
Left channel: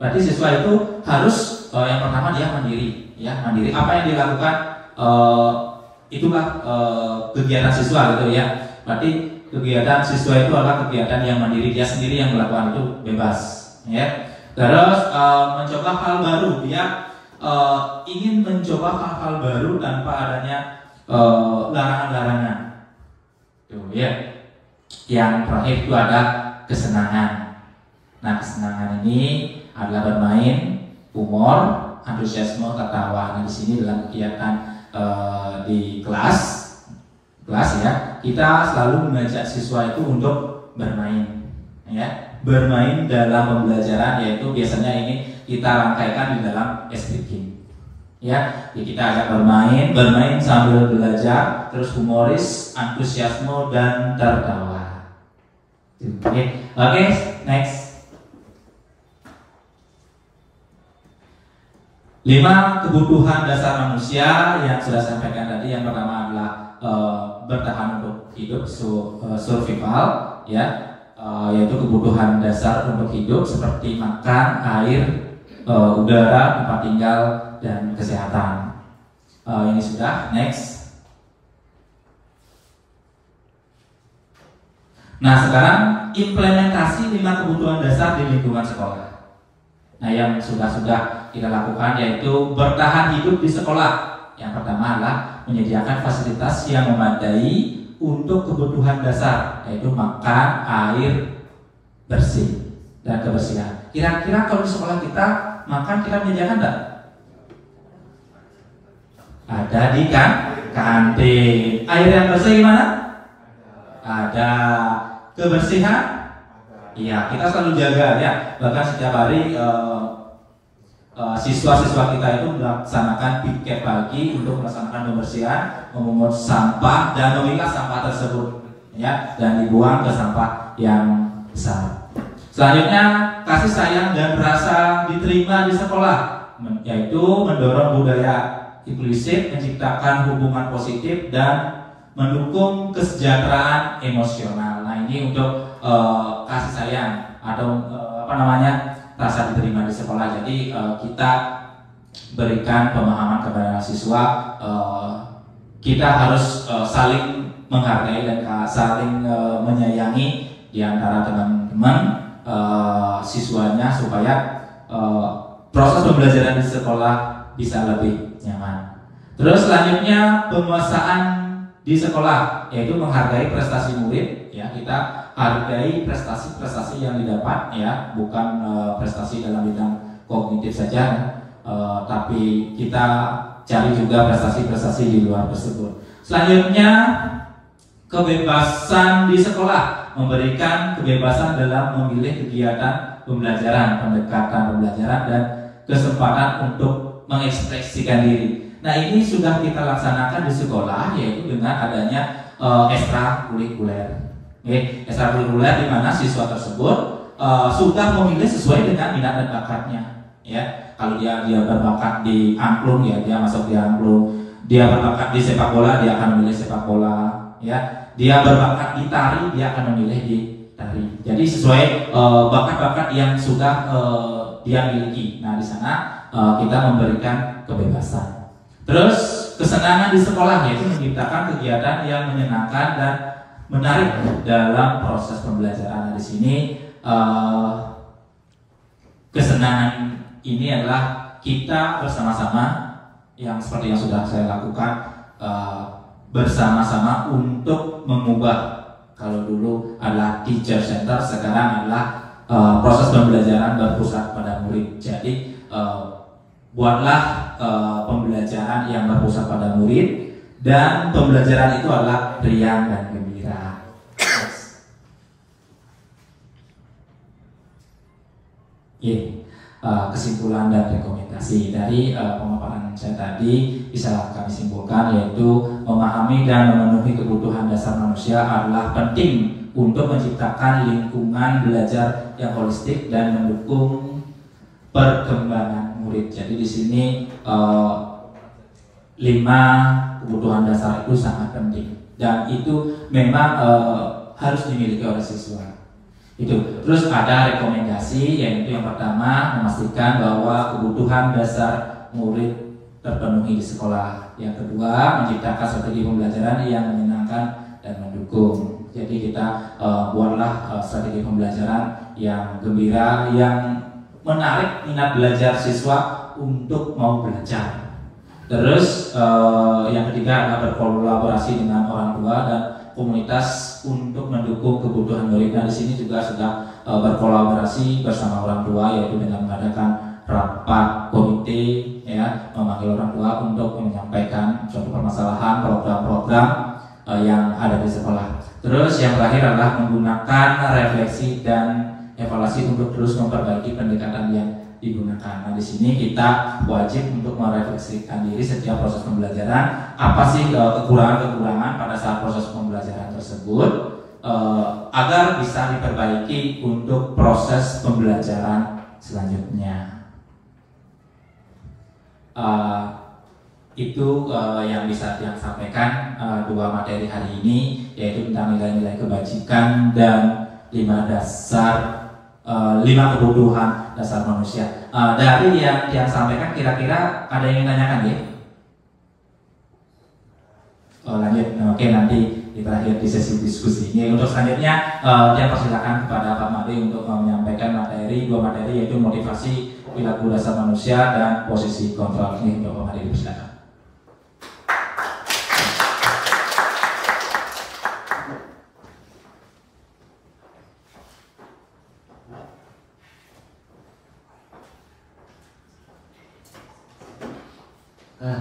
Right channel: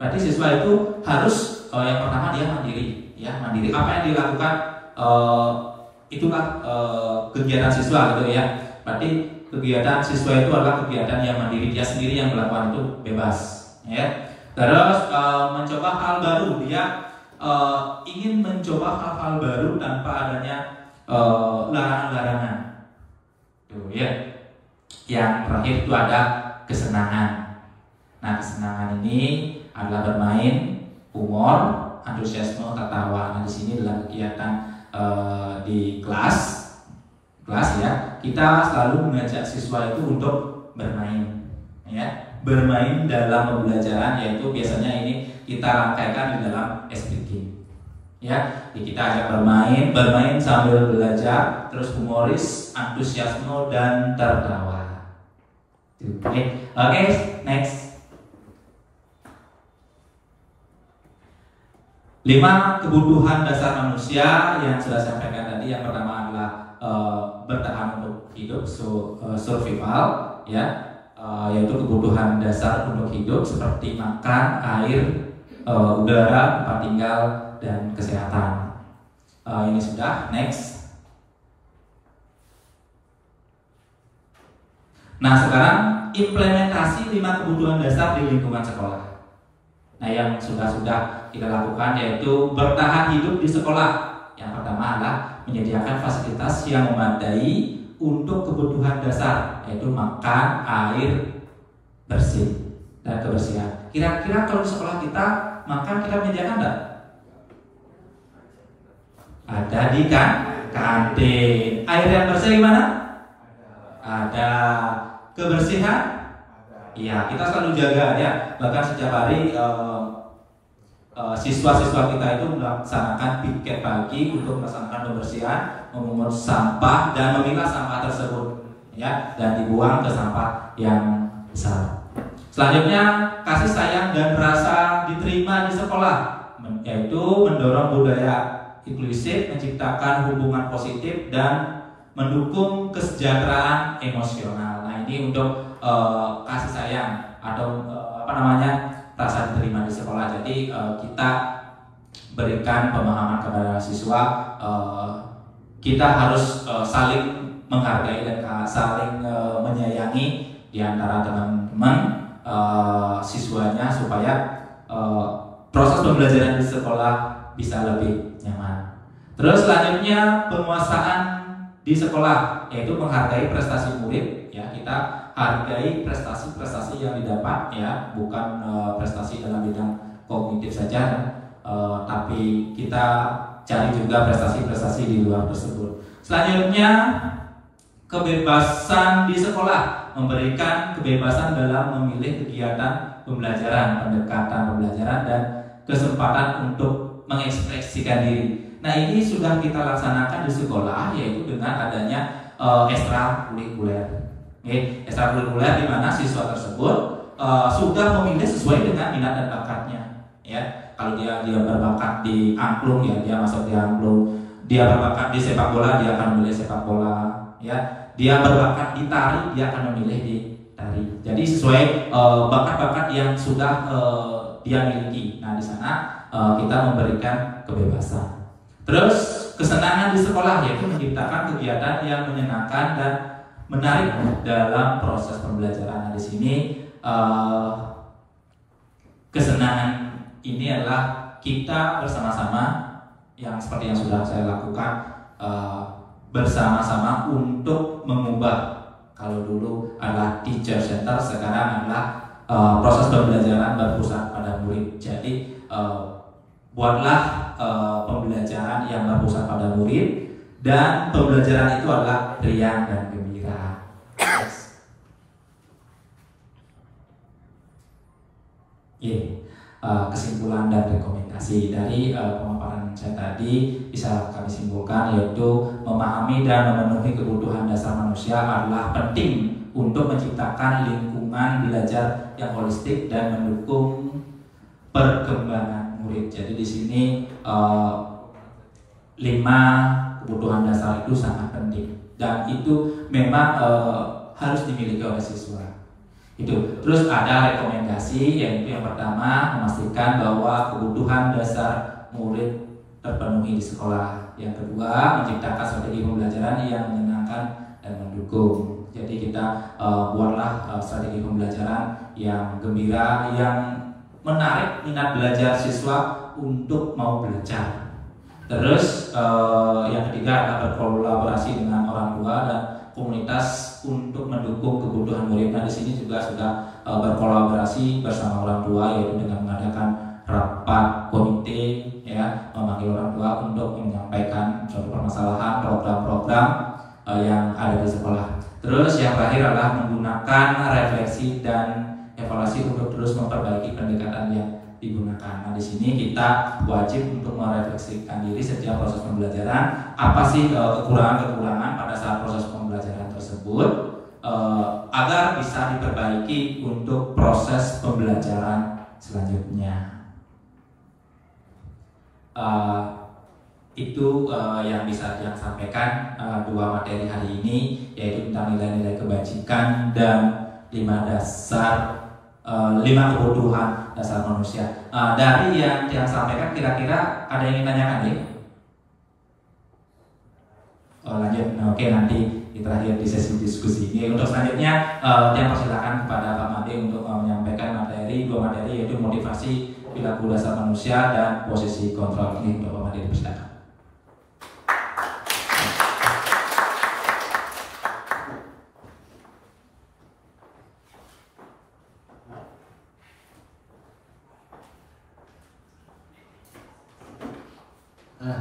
Berarti siswa itu harus yang pertama dia mandiri, ya, mandiri. Apa yang dilakukan itulah kegiatan siswa gitu ya. Berarti kegiatan siswa itu adalah kegiatan yang mandiri, dia sendiri yang melakukan, itu bebas, ya. Terus mencoba hal baru, dia ingin mencoba hal-hal baru tanpa adanya larangan-larangan, tuh ya. Yang terakhir itu ada kesenangan. Nah, kesenangan ini adalah bermain, humor, antusiasme, ketawa. Nah, di sini dalam kegiatan di kelas ya, kita selalu mengajak siswa itu untuk bermain, ya, bermain dalam pembelajaran, yaitu biasanya ini kita rangkaikan di dalam SPG, ya. Jadi kita ajak bermain sambil belajar, terus humoris, antusiasme dan tertawa. Oke, next. 5 kebutuhan dasar manusia yang sudah saya sampaikan tadi. Yang pertama adalah bertahan untuk hidup, survival, ya, yaitu kebutuhan dasar untuk hidup seperti makan, air, udara, tempat tinggal, dan kesehatan. Ini sudah. Next. Nah, sekarang implementasi 5 kebutuhan dasar di lingkungan sekolah. Nah, yang sudah kita lakukan yaitu bertahan hidup di sekolah. Yang pertama adalah menyediakan fasilitas yang memadai untuk kebutuhan dasar, yaitu makan, air, bersih, dan kebersihan. Kira-kira kalau di sekolah kita makan, kita menyediakan enggak? Ada di kantin. Air yang bersih gimana? Ada. Kebersihan? Iya, kita selalu jaga ya. Bahkan setiap hari siswa-siswa kita itu melaksanakan piket pagi untuk melaksanakan pembersihan, memungut sampah dan memilah sampah tersebut, ya, dan dibuang ke sampah yang besar. Selanjutnya, kasih sayang dan rasa diterima di sekolah, yaitu mendorong budaya inklusif, menciptakan hubungan positif dan mendukung kesejahteraan emosional. Nah, ini untuk kasih sayang atau rasa diterima di sekolah. Jadi kita berikan pemahaman kepada siswa, kita harus saling menghargai dan saling menyayangi di antara teman-teman siswanya supaya proses pembelajaran di sekolah bisa lebih nyaman. Terus selanjutnya penguasaan di sekolah, yaitu menghargai prestasi murid, ya, kita hargai prestasi-prestasi yang didapat, ya, bukan prestasi dalam bidang kognitif saja, tapi kita cari juga prestasi-prestasi di luar tersebut. Selanjutnya, kebebasan di sekolah, memberikan kebebasan dalam memilih kegiatan pembelajaran, pendekatan pembelajaran, dan kesempatan untuk mengekspresikan diri. Nah, ini sudah kita laksanakan di sekolah, yaitu dengan adanya ekstrakurikuler. Ekstrakurikuler di mana siswa tersebut sudah memilih sesuai dengan minat dan bakatnya, ya. Kalau dia berbakat di angklung, ya, dia masuk di angklung. Dia berbakat di sepak bola, dia akan memilih sepak bola, ya. Dia berbakat di tari, dia akan memilih di tari. Jadi sesuai bakat-bakat yang sudah dia miliki. Nah, di sana kita memberikan kebebasan. Terus kesenangan di sekolah, yaitu menciptakan kegiatan yang menyenangkan dan menarik dalam proses pembelajaran. Nah, di sini kesenangan ini adalah kita bersama-sama, yang seperti yang sudah saya lakukan, bersama-sama untuk mengubah. Kalau dulu adalah teacher center, sekarang adalah proses pembelajaran berpusat pada murid. Jadi buatlah pembelajaran yang berpusat pada murid, dan pembelajaran itu adalah riang dan gembira. Ini kesimpulan dan rekomendasi dari pemaparan saya tadi bisa kami simpulkan, yaitu memahami dan memenuhi kebutuhan dasar manusia adalah penting untuk menciptakan lingkungan belajar yang holistik dan mendukung perkembangan murid. Jadi di sini 5 kebutuhan dasar itu sangat penting, dan itu memang harus dimiliki oleh siswa. Itu. Terus ada rekomendasi, yaitu yang pertama memastikan bahwa kebutuhan dasar murid terpenuhi di sekolah. Yang kedua, menciptakan strategi pembelajaran yang menyenangkan dan mendukung. Jadi kita buatlah strategi pembelajaran yang gembira, yang menarik minat belajar siswa untuk mau belajar. Terus yang ketiga adalah berkolaborasi dengan orang tua dan komunitas untuk mendukung kebutuhan murid. Nah, di sini juga sudah berkolaborasi bersama orang tua, yaitu dengan mengadakan rapat komite, ya, memanggil orang tua untuk menyampaikan suatu permasalahan, program-program yang ada di sekolah. Terus yang terakhir adalah menggunakan refleksi dan evaluasi untuk terus memperbaiki pendekatan yang digunakan. Nah, di sini kita wajib untuk merefleksikan diri setiap proses pembelajaran. Apa sih kekurangan-kekurangan pada saat proses pembelajaran tersebut, agar bisa diperbaiki untuk proses pembelajaran selanjutnya. Itu yang bisa yang sampaikan dua materi hari ini, yaitu tentang nilai-nilai kebajikan dan 5 kebutuhan dasar manusia. Dari yang sampaikan, kira-kira ada yang ingin tanyakan ya? Lanjut, oke, nanti kita lihat di sesi diskusi ini. Untuk selanjutnya, yang persilakan kepada Pak Made untuk menyampaikan dua materi, yaitu motivasi perilaku dasar manusia dan posisi kontrol. Ini untuk Pak Made, dipersilakan.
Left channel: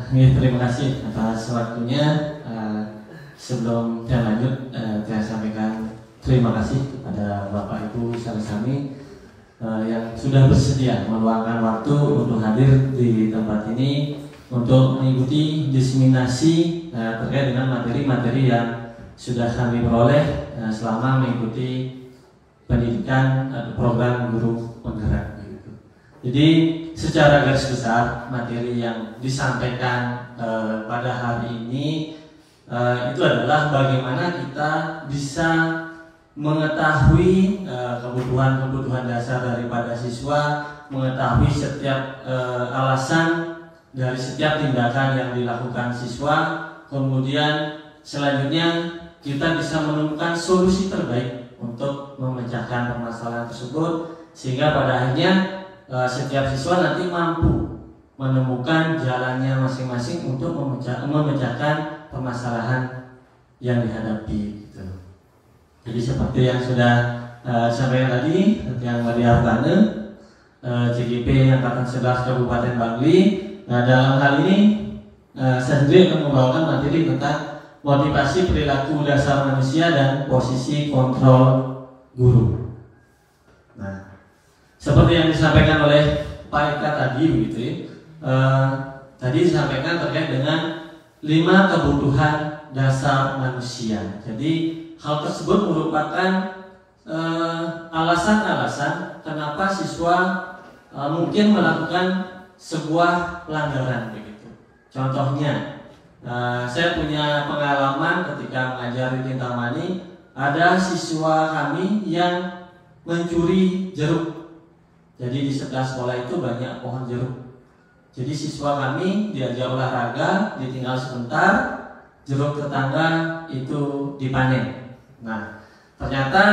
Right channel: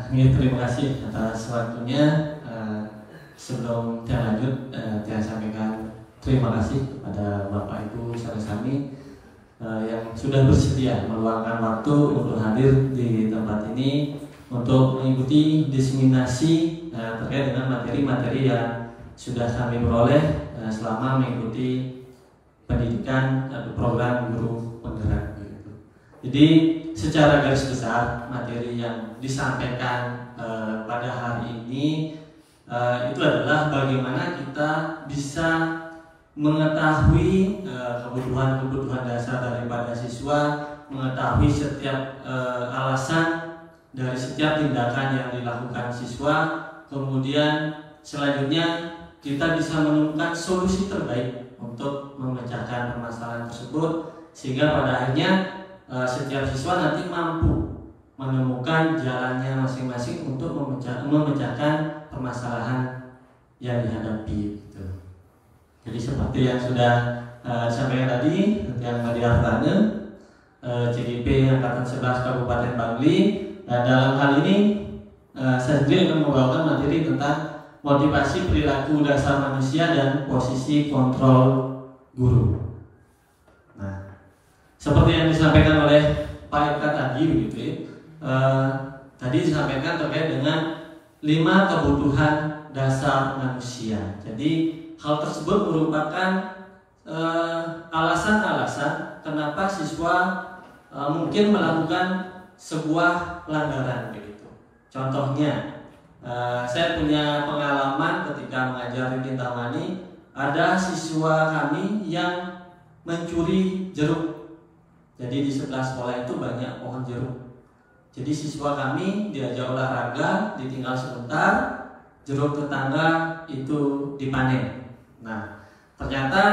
Terima kasih atas waktunya. Sebelum saya lanjut, saya sampaikan terima kasih kepada Bapak Ibu Sami yang sudah bersedia meluangkan waktu untuk hadir di tempat ini untuk mengikuti diseminasi terkait dengan materi-materi yang sudah kami peroleh selama mengikuti pendidikan program guru penggerak. Jadi secara garis besar materi yang disampaikan pada hari ini itu adalah bagaimana kita bisa mengetahui kebutuhan dasar daripada siswa, mengetahui setiap alasan dari setiap tindakan yang dilakukan siswa, kemudian selanjutnya kita bisa menemukan solusi terbaik untuk memecahkan permasalahan tersebut, sehingga pada akhirnya setiap siswa nanti mampu menemukan jalannya masing-masing untuk memecahkan permasalahan yang dihadapi. Gitu. Jadi seperti yang sudah disampaikan tadi, yang dari Arbane, CGP Angkatan 11 Kabupaten Bangli. Nah, dalam hal ini saya sendiri akan membawakan materi tentang motivasi perilaku dasar manusia dan posisi kontrol guru. Seperti yang disampaikan oleh Pak Eka tadi, begitu ya. Tadi disampaikan terkait dengan 5 kebutuhan dasar manusia. Jadi hal tersebut merupakan alasan-alasan kenapa siswa mungkin melakukan sebuah pelanggaran, begitu. Contohnya, saya punya pengalaman ketika mengajar di Kintamani, ada siswa kami yang mencuri jeruk. Jadi di sebelah sekolah itu banyak pohon jeruk. Jadi siswa kami diajak olahraga, ditinggal sebentar, jeruk tetangga itu dipanen. Nah, ternyata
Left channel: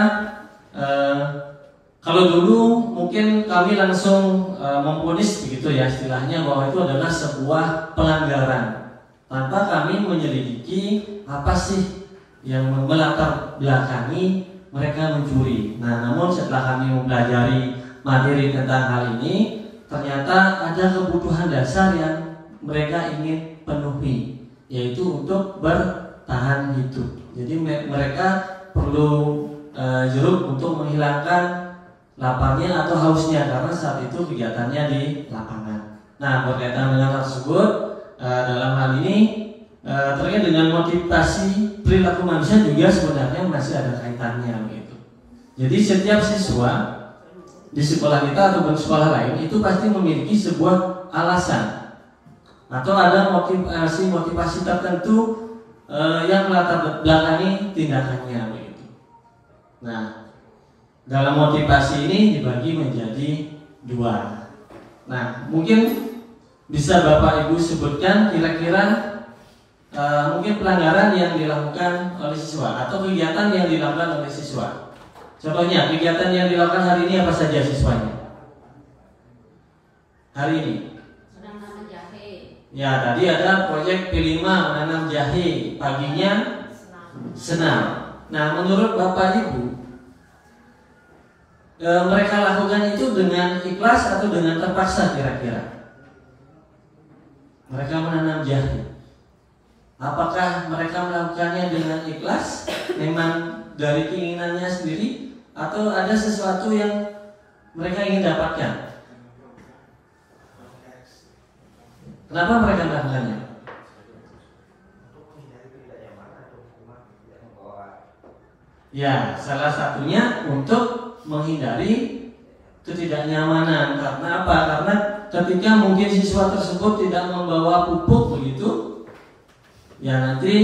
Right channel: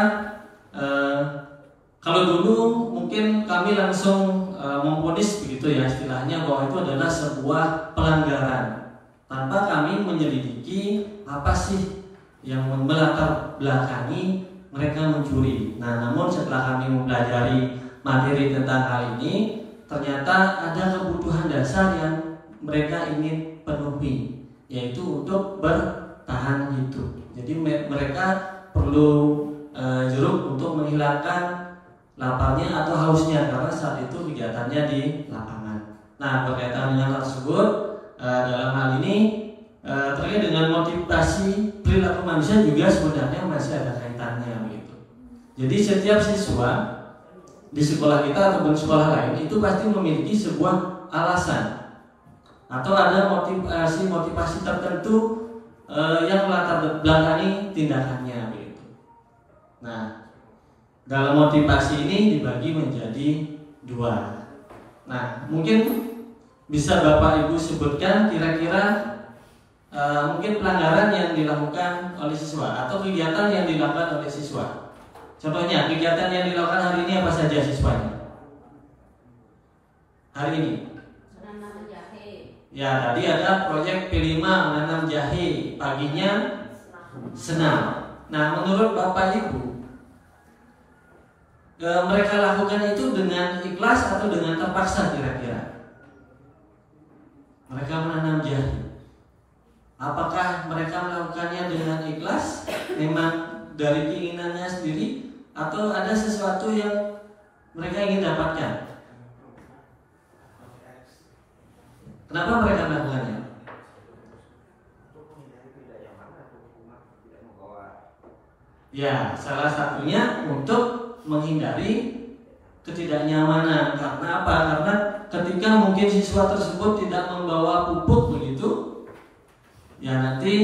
kalau dulu mungkin kami langsung memvonis begitu ya istilahnya, bahwa itu adalah sebuah pelanggaran tanpa kami menyelidiki apa sih yang melatar belakangi mereka mencuri. Nah, namun setelah kami mempelajari materi tentang hal ini, ternyata ada kebutuhan dasar yang mereka ingin penuhi, yaitu untuk bertahan hidup. Jadi mereka perlu jeruk untuk menghilangkan laparnya atau hausnya, karena saat itu kegiatannya di lapangan. Nah, berkaitan dengan hal tersebut, dalam hal ini terkait dengan motivasi perilaku manusia juga sebenarnya masih ada kaitannya, begitu. Jadi setiap siswa di sekolah kita ataupun sekolah lain itu pasti memiliki sebuah alasan atau ada motivasi tertentu yang melatar belakangi tindakannya, begitu. Nah, dalam motivasi ini dibagi menjadi 2. Nah, mungkin bisa Bapak Ibu sebutkan kira-kira mungkin pelanggaran yang dilakukan oleh siswa atau kegiatan yang dilakukan oleh siswa. Contohnya, kegiatan yang dilakukan hari ini apa saja siswanya? Hari ini menanam jahe. ya, tadi ada proyek P5 menanam jahe, paginya senam. Nah, menurut Bapak Ibu, mereka lakukan itu dengan ikhlas atau dengan terpaksa kira-kira? Mereka menanam jahe, apakah mereka melakukannya dengan ikhlas, memang dari keinginannya sendiri, atau ada sesuatu yang mereka ingin dapatkan? Kenapa mereka melakukannya? Ya, salah satunya untuk menghindari ketidaknyamanan. Karena apa? Karena ketika mungkin siswa tersebut tidak membawa pupuk begitu, ya nanti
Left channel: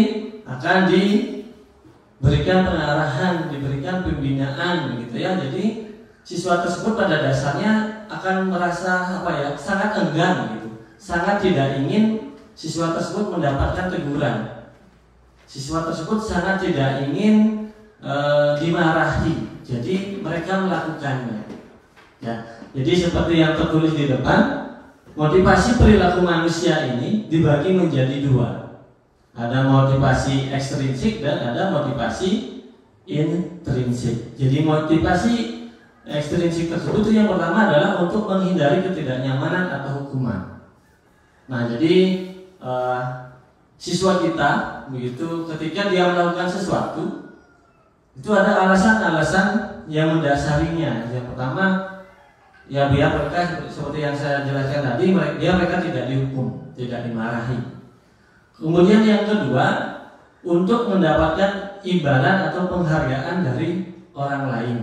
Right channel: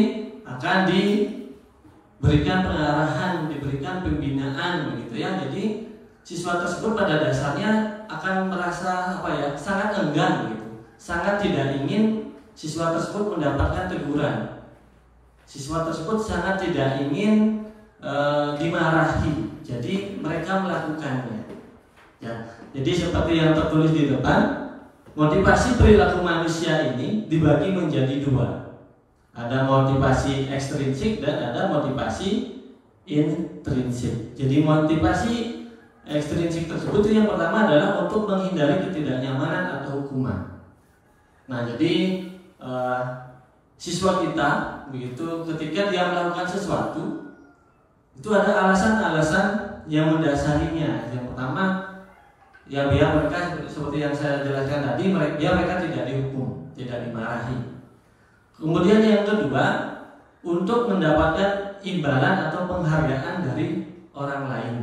akan diberikan pengarahan, diberikan pembinaan begitu ya. Jadi siswa tersebut pada dasarnya akan merasa sangat enggan begitu, sangat tidak ingin siswa tersebut mendapatkan teguran. Siswa tersebut sangat tidak ingin dimarahi, jadi mereka melakukannya. Ya, jadi seperti yang tertulis di depan, motivasi perilaku manusia ini dibagi menjadi dua. Ada motivasi ekstrinsik dan ada motivasi intrinsik. Jadi motivasi ekstrinsik tersebut yang pertama adalah untuk menghindari ketidaknyamanan atau hukuman. Nah, jadi siswa kita begitu ketika dia melakukan sesuatu itu ada alasan-alasan yang mendasarinya. Yang pertama, ya biar mereka seperti yang saya jelaskan tadi, mereka tidak dihukum, tidak dimarahi. Kemudian yang kedua, untuk mendapatkan imbalan atau penghargaan dari orang lain.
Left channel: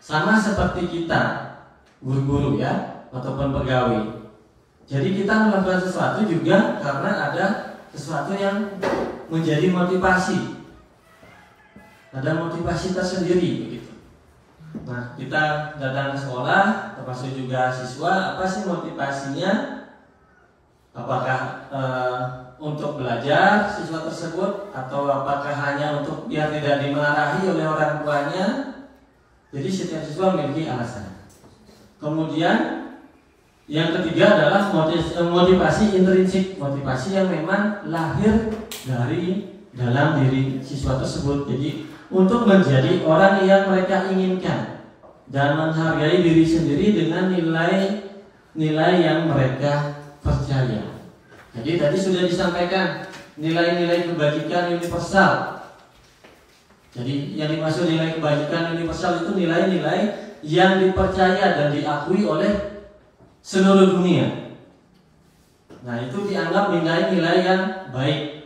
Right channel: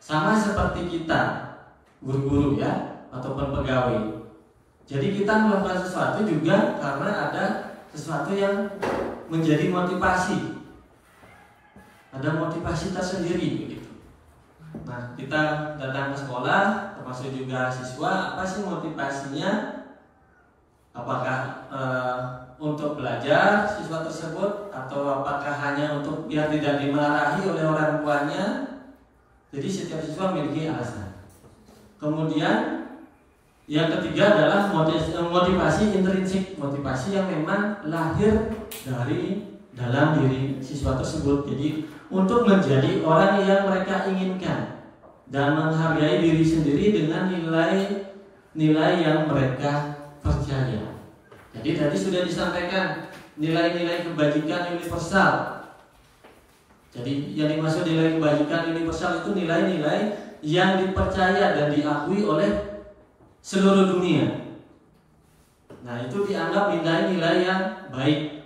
Sama seperti kita, guru-guru ya, ataupun pegawai. Jadi kita melakukan sesuatu juga karena ada sesuatu yang menjadi motivasi. Ada motivasi tersendiri begitu. Nah, kita datang ke sekolah, termasuk juga siswa, apa sih motivasinya? Apakah untuk belajar siswa tersebut, atau apakah hanya untuk biar tidak dimarahi oleh orang tuanya? Jadi setiap siswa memiliki alasan. Kemudian yang ketiga adalah motivasi intrinsik, motivasi yang memang lahir dari dalam diri siswa tersebut. Jadi untuk menjadi orang yang mereka inginkan dan menghargai diri sendiri dengan nilai-nilai yang mereka percaya. Jadi tadi sudah disampaikan nilai-nilai kebajikan universal. Jadi yang dimaksud nilai kebajikan universal itu nilai-nilai yang dipercaya dan diakui oleh seluruh dunia. Nah, itu dianggap nilai-nilai yang baik.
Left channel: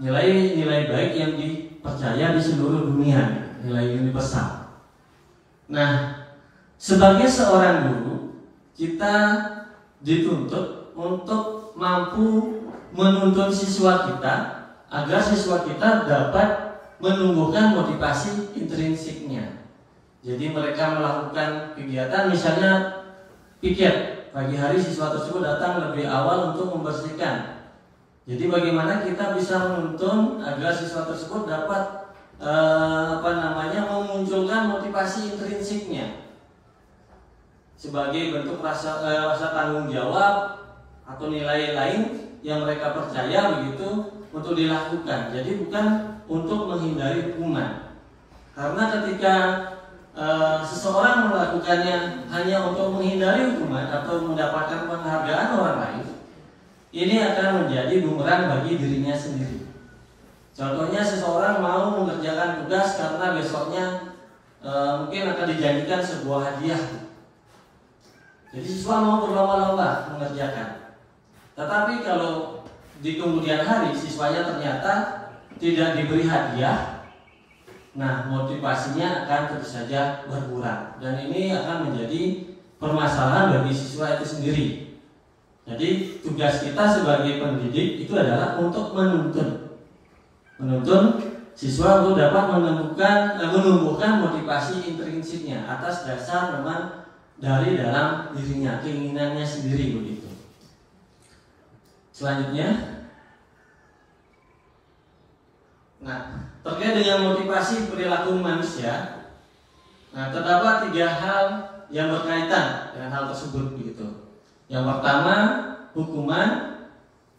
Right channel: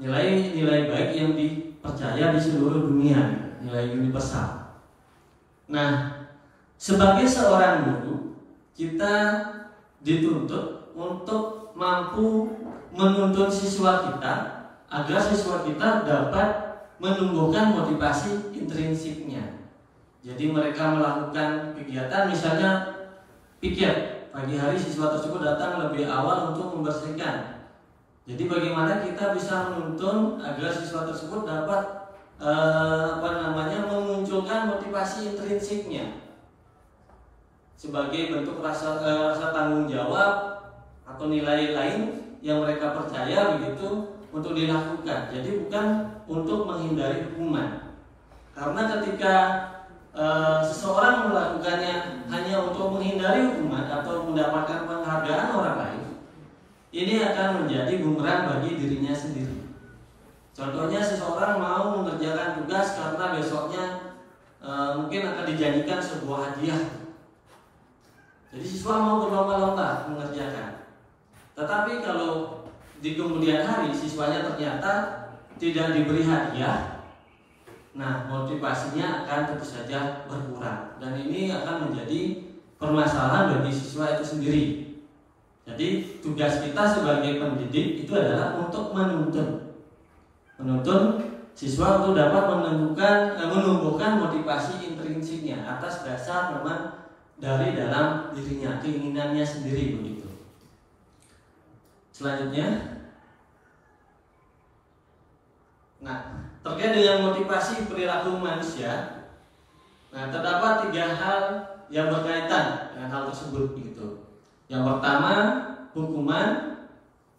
Nilai-nilai baik yang dipercaya di seluruh dunia, nilai universal. Nah, sebagai seorang guru, kita dituntut untuk mampu menuntun siswa kita agar siswa kita dapat menumbuhkan motivasi intrinsiknya. Jadi mereka melakukan kegiatan, misalnya piket, pagi hari siswa tersebut datang lebih awal untuk membersihkan. Jadi bagaimana kita bisa menuntun agar siswa tersebut dapat memunculkan motivasi intrinsiknya sebagai bentuk rasa tanggung jawab atau nilai lain yang mereka percaya begitu untuk dilakukan. Jadi bukan untuk menghindari hukuman. Karena ketika seseorang melakukannya hanya untuk menghindari hukuman atau mendapatkan penghargaan orang lain, ini akan menjadi bumerang bagi dirinya sendiri. Contohnya seseorang mau mengerjakan tugas karena besoknya mungkin akan dijanjikan sebuah hadiah. Jadi siswa mau berlomba-lomba mengerjakan. Tetapi kalau di kemudian hari siswanya ternyata tidak diberi hadiah, nah motivasinya akan tentu saja berkurang. Dan ini akan menjadi permasalahan bagi siswa itu sendiri. Jadi tugas kita sebagai pendidik itu adalah untuk menuntun siswa untuk dapat menumbuhkan motivasi intrinsiknya atas dasar memang dari dalam dirinya, keinginannya sendiri begitu. Selanjutnya, nah terkait dengan motivasi perilaku manusia, nah terdapat 3 hal yang berkaitan dengan hal tersebut begitu. Yang pertama hukuman,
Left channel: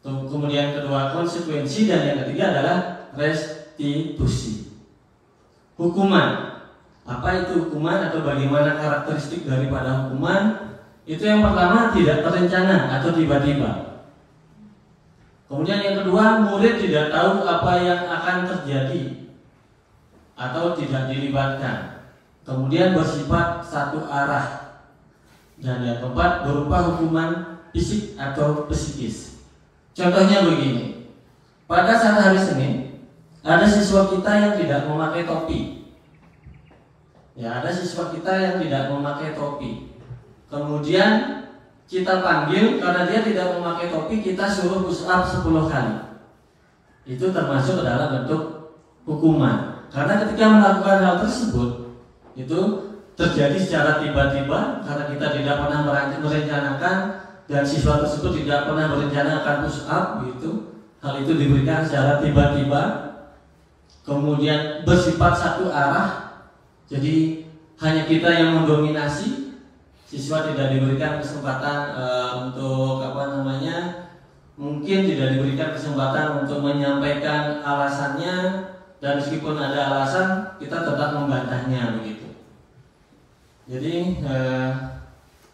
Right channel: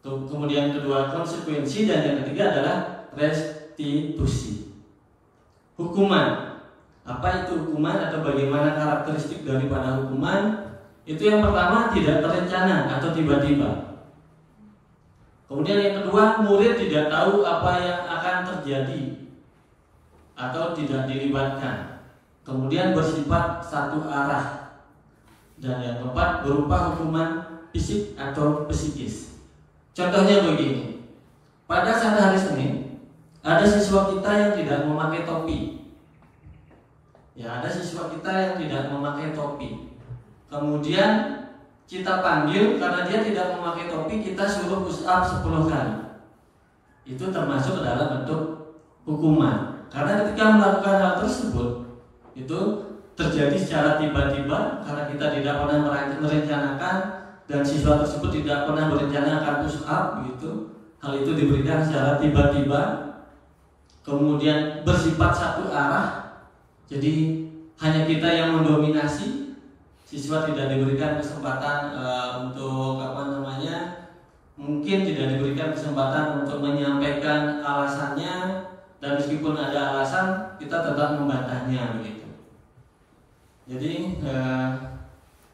kemudian kedua konsekuensi, dan yang ketiga adalah restitusi. Hukuman, apa itu hukuman atau bagaimana karakteristik daripada hukuman? Itu yang pertama tidak terencana atau tiba-tiba. Kemudian yang kedua, murid tidak tahu apa yang akan terjadi atau tidak dilibatkan. Kemudian bersifat satu arah. Dan yang keempat berupa hukuman fisik atau psikis. Contohnya begini. Pada saat hari Senin, ada siswa kita yang tidak memakai topi. Ya, ada siswa kita yang tidak memakai topi. Kemudian kita panggil karena dia tidak memakai topi, kita suruh push up 10 kali. Itu termasuk dalam bentuk hukuman. Karena ketika melakukan hal tersebut itu terjadi secara tiba-tiba karena kita tidak pernah merencanakan dan siswa tersebut tidak pernah berencana akan push up gitu. Hal itu diberikan secara tiba-tiba, kemudian bersifat satu arah. Jadi hanya kita yang mendominasi. Siswa tidak diberikan kesempatan untuk mungkin tidak diberikan kesempatan untuk menyampaikan alasannya, dan meskipun ada alasan kita tetap membantahnya begitu. Jadi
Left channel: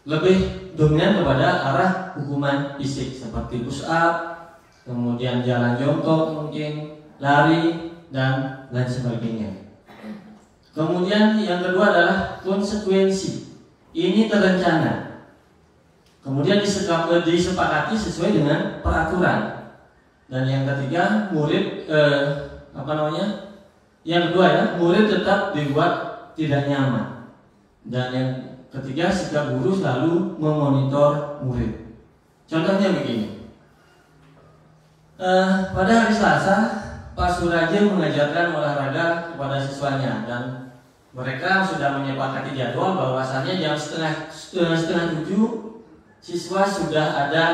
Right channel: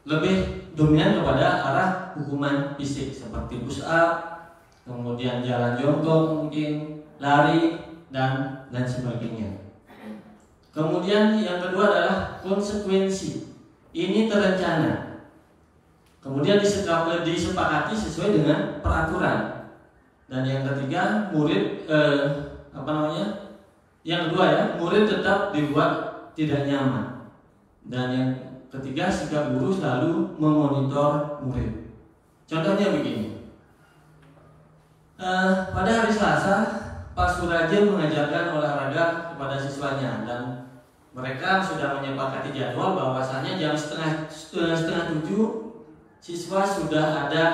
lebih dominan kepada arah hukuman fisik seperti push up, kemudian jalan jongkok, mungkin lari dan lain sebagainya. Kemudian yang kedua adalah konsekuensi. Ini terencana, kemudian disepakati sesuai dengan peraturan. Dan yang ketiga, murid yang kedua ya, murid tetap dibuat tidak nyaman. Dan yang ketiga, sikap guru selalu memonitor murid. Contohnya begini, pada hari Selasa Pak Suraje mengajarkan olahraga kepada siswanya, dan mereka sudah menyepakati jadwal bahwasannya jam setengah 7 siswa sudah ada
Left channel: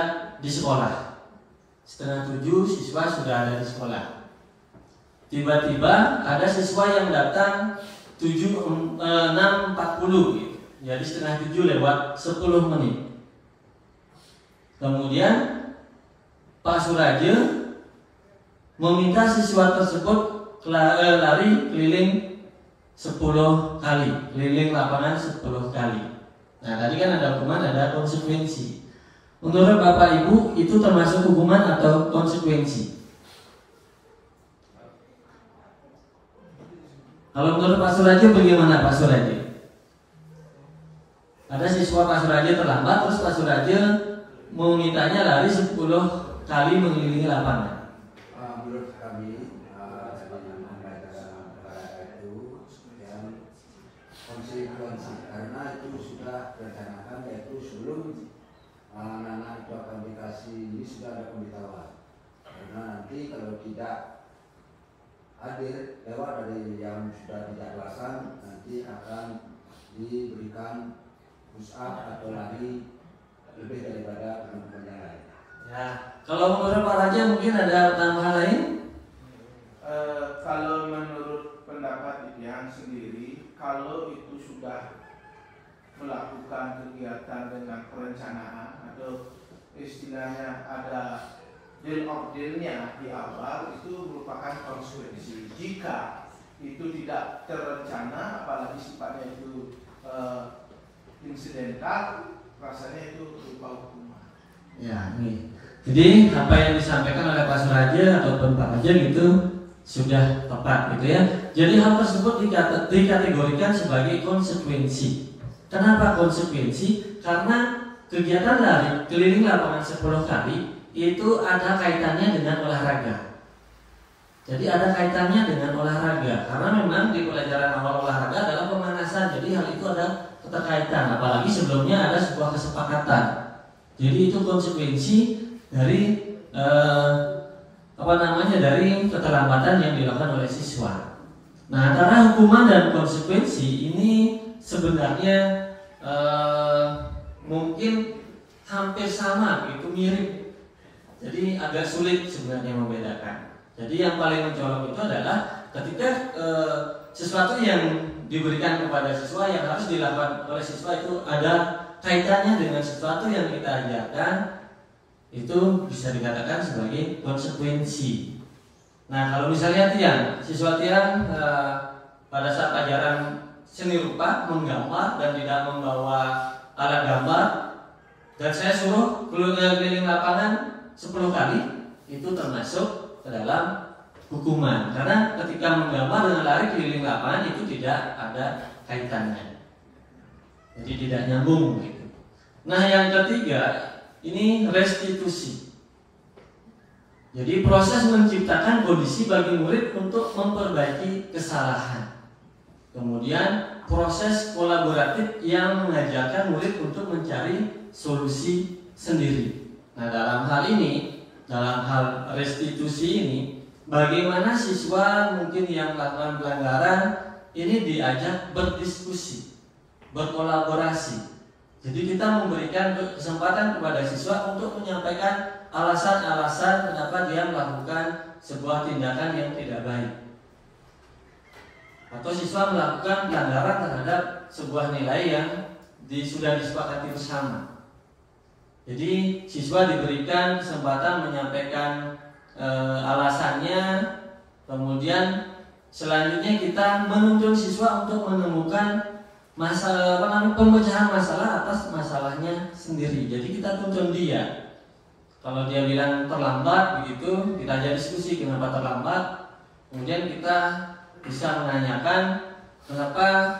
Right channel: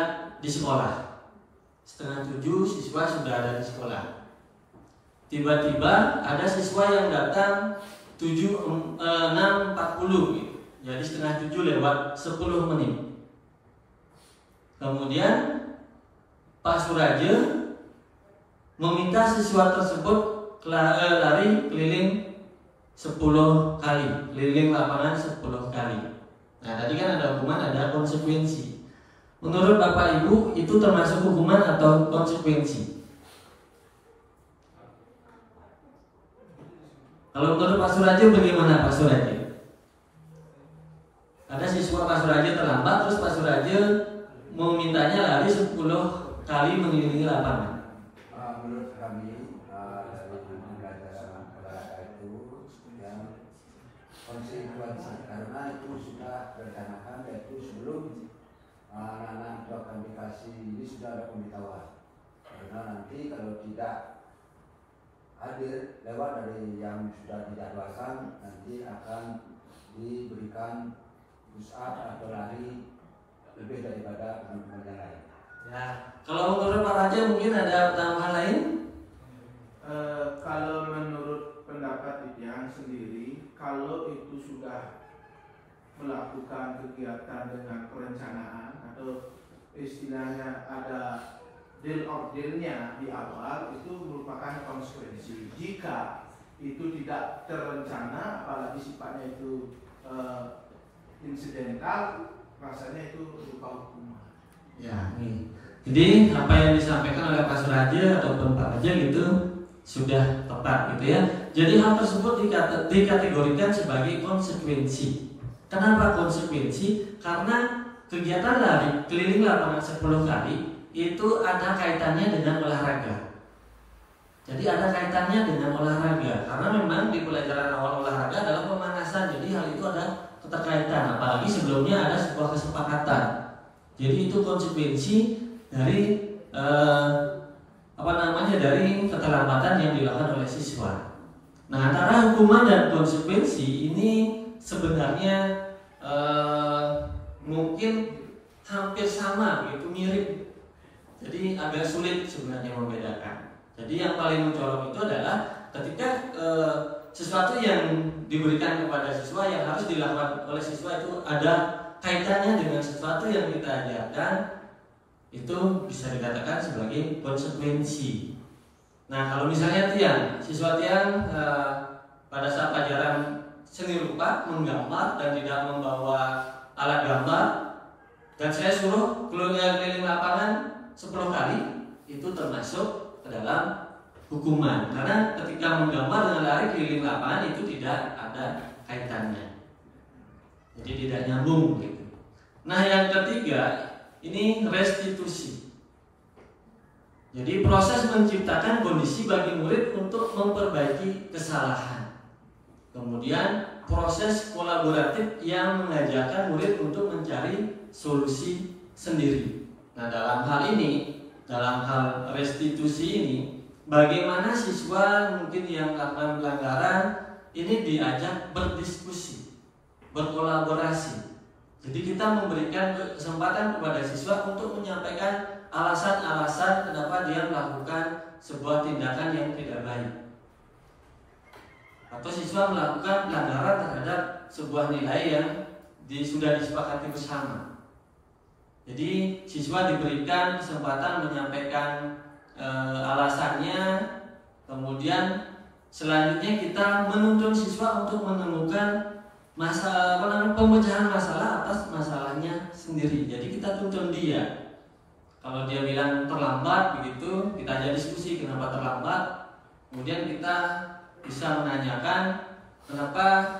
di sekolah. Setengah 7 siswa sudah ada di sekolah. Tiba-tiba ada siswa yang datang 6.40 gitu. Jadi setengah 7 lewat 10 menit. Kemudian Pak Suraje meminta siswa tersebut lari keliling 10 kali, keliling lapangan 10 kali. Nah, tadi kan ada hukuman, ada konsekuensi. Menurut Bapak Ibu, itu termasuk hukuman atau konsekuensi? Kalau menurut Pak Suraje bagaimana Pak Suraje? Ada siswa Pak Suraje terlambat, terus Pak Suraje memintanya lari 10 kali mengelilingi lapangan. Menurut kami konsekuensi, karena itu sudah direncanakan, yaitu sebelum anak-anak buat aplikasi ini sudah ada pemberitahuan. Karena nanti kalau tidak hadir lewat dari yang sudah dijadwalkan, nanti akan diberikan push up atau lari lebih daripada teman-teman yang lain. Ya, kalau menurut Pak Raja mungkin ada tambahan lain? Kalau menurut pendapat Ipian sendiri, kalau itu sudah melakukan kegiatan dengan perencanaan atau istilahnya ada deal of deal-nya di awal, itu merupakan konsekuensi. Jika itu tidak terencana, apalagi sifatnya itu insidental, rasanya itu berupa hukuman. Ya, nih. Jadi apa yang disampaikan oleh Pak Suraje ataupun Pak Raja gitu sudah tepat gitu ya. Jadi hal tersebut dikategorikan sebagai konsekuensi. Kenapa konsekuensi? Karena kegiatan lari keliling lapangan 10 kali itu ada kaitannya dengan olahraga. Jadi ada kaitannya dengan olahraga, karena memang di pelajaran awal olahraga adalah pemanasan. Jadi hal itu ada keterkaitan, apalagi sebelumnya ada sebuah kesepakatan. Jadi itu konsekuensi dari dari keterlambatan yang dilakukan oleh siswa. Nah, antara hukuman dan konsekuensi ini sebenarnya mungkin hampir sama, gitu, mirip. Jadi agak sulit sebenarnya membedakan. Jadi yang paling mencolok itu adalah ketika sesuatu yang diberikan kepada siswa yang harus dilakukan oleh siswa itu ada kaitannya dengan sesuatu yang kita ajarkan, itu bisa dikatakan sebagai konsekuensi. Nah, kalau misalnya siswa Tian pada saat pelajaran seni rupa menggambar dan tidak membawa alat gambar, dan saya suruh keliling lapangan 10 kali, itu termasuk ke dalam hukuman. Karena ketika menggambar dengan lari keliling lapangan itu tidak ada kaitannya, jadi tidak nyambung gitu. Nah, yang ketiga ini restitusi. Jadi proses menciptakan kondisi bagi murid untuk memperbaiki kesalahan. Kemudian proses kolaboratif yang mengajarkan murid untuk mencari solusi sendiri. Nah, dalam hal ini, dalam hal restitusi ini, bagaimana siswa mungkin yang melakukan pelanggaran ini diajak berdiskusi, berkolaborasi. Jadi kita memberikan kesempatan kepada siswa untuk menyampaikan alasan-alasan kenapa dia melakukan sebuah tindakan yang tidak baik, atau siswa melakukan pelanggaran terhadap sebuah nilai yang sudah disepakati bersama. Jadi siswa diberikan kesempatan menyampaikan alasannya, kemudian selanjutnya kita menuntun siswa untuk menemukan pemecahan masalah atas masalahnya sendiri. Jadi kita tuntun dia. Kalau dia bilang terlambat begitu, kita ajak diskusi kenapa terlambat. Kemudian kita bisa menanyakan kenapa,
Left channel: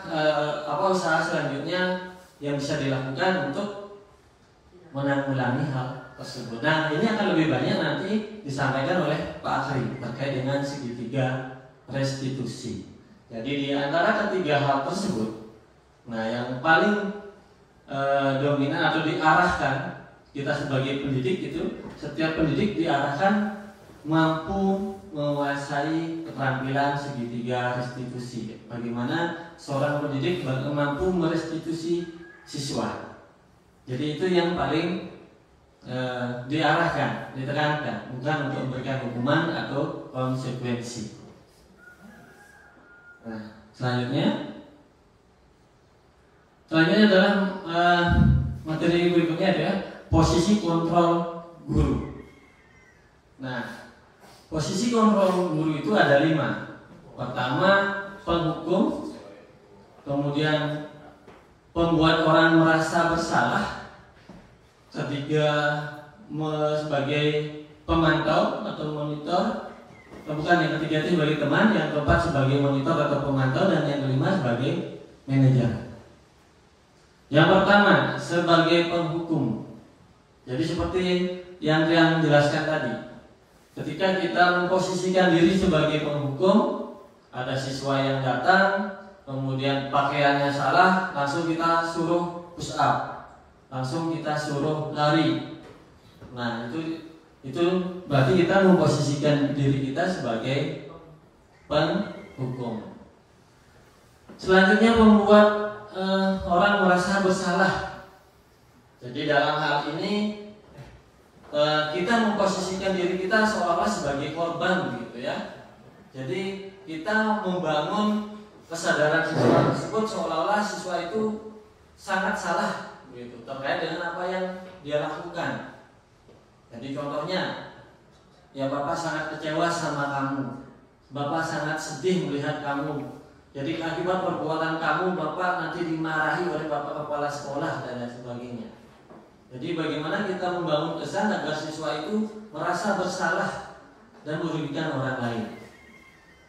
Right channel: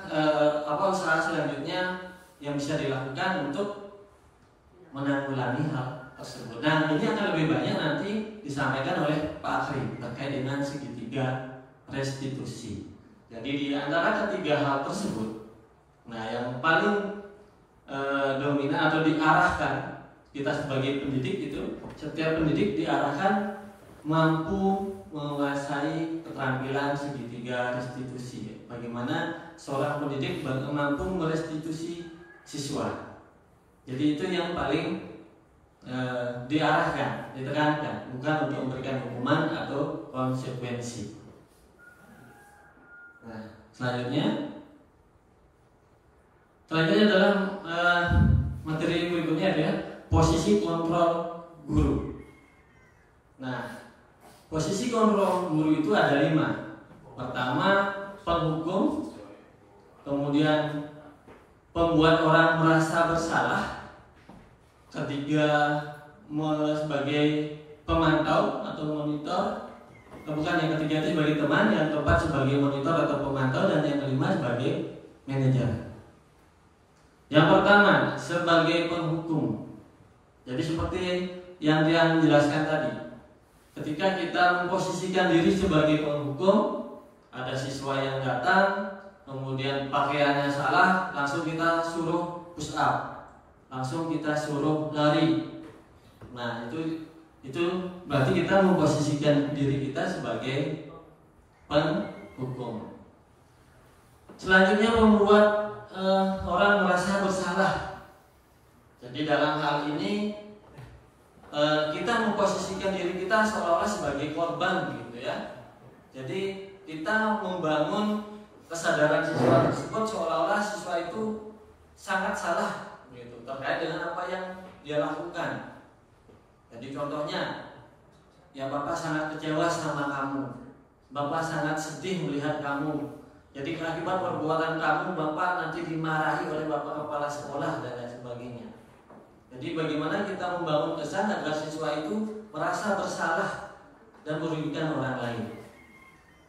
apa usaha selanjutnya yang bisa dilakukan untuk menanggulangi hal tersebut. Nah, ini akan lebih banyak nanti disampaikan oleh Pak Akhri terkait dengan segitiga restitusi. Jadi di antara ketiga hal tersebut, nah yang paling dominan atau diarahkan kita sebagai pendidik itu, setiap pendidik diarahkan mampu menguasai keterampilan segitiga restitusi. Bagaimana seorang pendidik mampu merestitusi siswa. Jadi itu yang paling diarahkan, ditekankan, bukan untuk memberikan hukuman atau konsekuensi. Nah, selanjutnya adalah materi berikutnya adalah posisi kontrol guru. Nah, posisi kontrol guru itu ada 5. Pertama, penghukum, kemudian pembuat orang merasa bersalah, ketiga sebagai pemantau atau monitor, bukan, yang ketiga itu sebagai teman, yang keempat sebagai monitor atau pemantau, dan yang kelima sebagai manajer. Yang pertama sebagai penghukum. Jadi seperti yang dijelaskan tadi, ketika kita memposisikan diri sebagai penghukum, ada siswa yang datang, kemudian pakaiannya salah, langsung kita suruh push up, langsung kita suruh lari. Nah, itu berarti kita memposisikan diri kita sebagai penghukum. Selanjutnya membuat orang merasa bersalah. Jadi dalam hal ini kita memposisikan diri kita seolah-olah sebagai korban, gitu ya. Jadi kita membangun kesadaran siswa tersebut seolah-olah siswa itu sangat salah, gitu, terkait dengan apa yang dia lakukan. Jadi contohnya, ya Bapak sangat kecewa sama kamu, Bapak sangat sedih melihat kamu. Jadi akibat perbuatan kamu, Bapak nanti dimarahi oleh Bapak kepala sekolah dan lain sebagainya. Jadi bagaimana kita membangun kesan agar siswa itu merasa bersalah dan merugikan orang lain.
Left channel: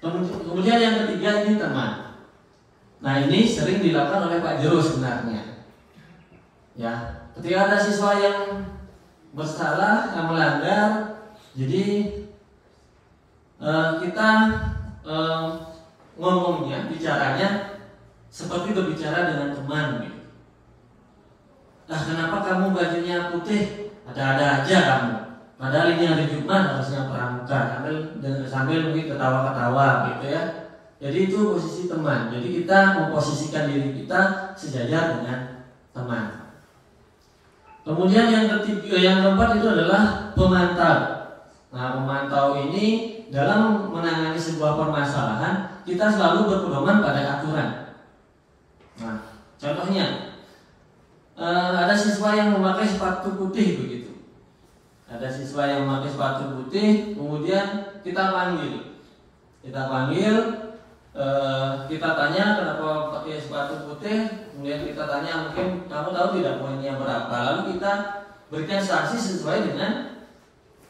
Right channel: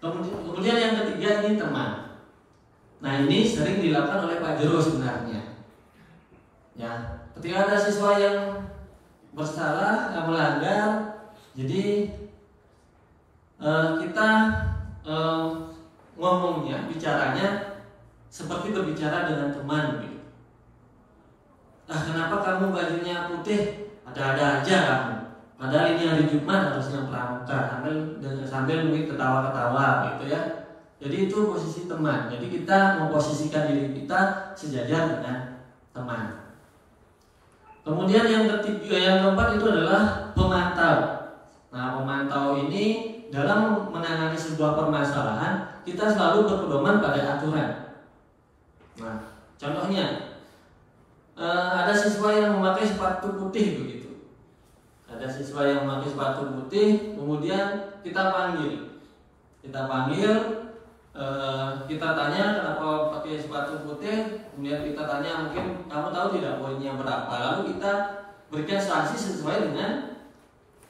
Kemudian yang ketiga ini teman. Nah, ini sering dilakukan oleh Pak Jero sebenarnya. Ya, ketika ada siswa yang bersalah, yang melanggar, jadi kita ngomongnya, bicaranya seperti berbicara dengan teman, gitu. Nah, kenapa kamu bajunya putih? Ada-ada aja kamu. Padahal ini hari Jumat harusnya pramuka, sambil mungkin ketawa-ketawa, gitu ya. Jadi itu posisi teman. Jadi kita memposisikan diri kita sejajar dengan teman. Kemudian yang keempat itu adalah pemantau. Nah, pemantau ini dalam menangani sebuah permasalahan kita selalu berpedoman pada aturan. Nah, contohnya ada siswa yang memakai sepatu putih begitu. Ada siswa yang memakai sepatu putih, kemudian kita panggil, kita tanya kenapa pakai sepatu putih, kemudian kita tanya mungkin kamu tahu tidak poinnya berapa, lalu kita berikan sanksi sesuai dengan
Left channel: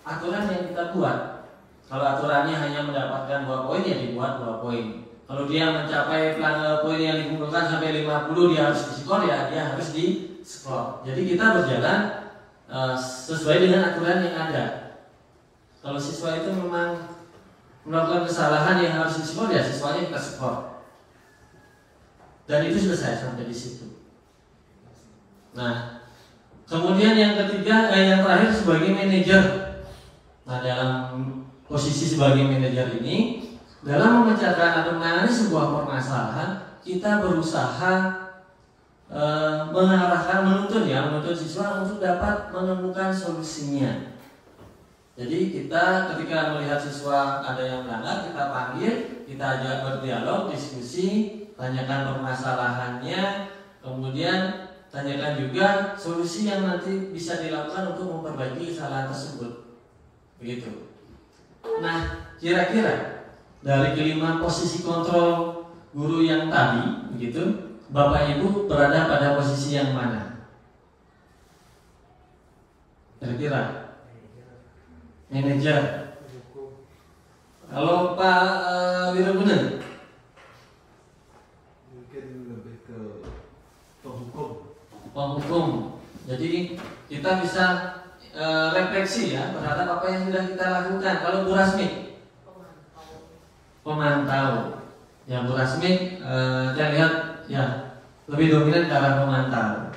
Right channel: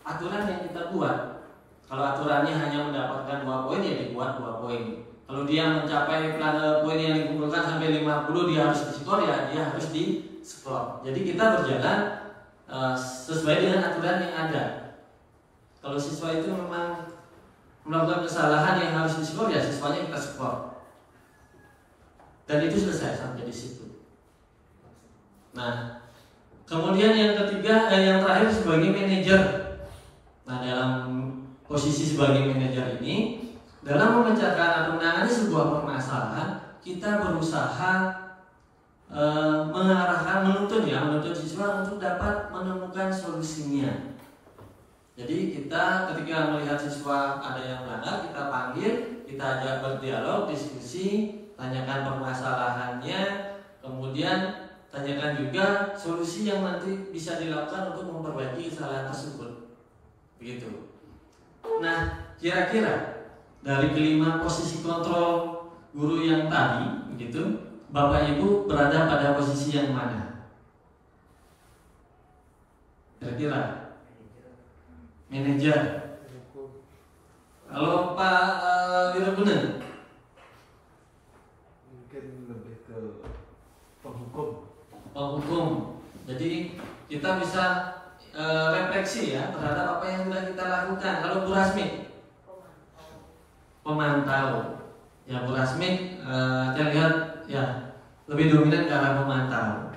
aturan yang kita buat. Kalau aturannya hanya mendapatkan 2 poin, ya dibuat 2 poin. Kalau dia mencapai poin yang dikumpulkan sampai 50, dia harus diskor, ya dia harus diskor. Jadi kita berjalan sesuai dengan aturan yang ada. Kalau siswa itu memang melakukan kesalahan yang harus diskor, ya siswanya kita skor. Dan itu selesai sampai di situ. Nah, Kemudian yang ketiga, yang terakhir sebagai manajer. Nah, dalam posisi sebagai manajer ini, dalam memecahkan atau menangani sebuah permasalahan, kita berusaha mengarahkan, menuntun siswa untuk dapat menemukan solusinya. Jadi kita ketika melihat siswa ada yang melanggar, kita panggil, kita ajak berdialog, diskusi, tanyakan permasalahannya, kemudian tanyakan juga solusi yang nanti bisa dilakukan untuk memperbaiki kesalahan tersebut. Begitu. Nah, kira-kira dari kelima posisi kontrol guru yang tadi, begitu, Bapak Ibu berada pada posisi yang mana? Kira-kira? Manajer. Kalau Pak Wiraguna? Mungkin lebih ke penghukum. Penghukum. Jadi kita bisa refleksi ya terhadap apa yang sudah kita lakukan. Kalau Bu Rasmi? Pemantau. Ya Bu Rasmi, saya lihat ya lebih dominan ke arah pemantau.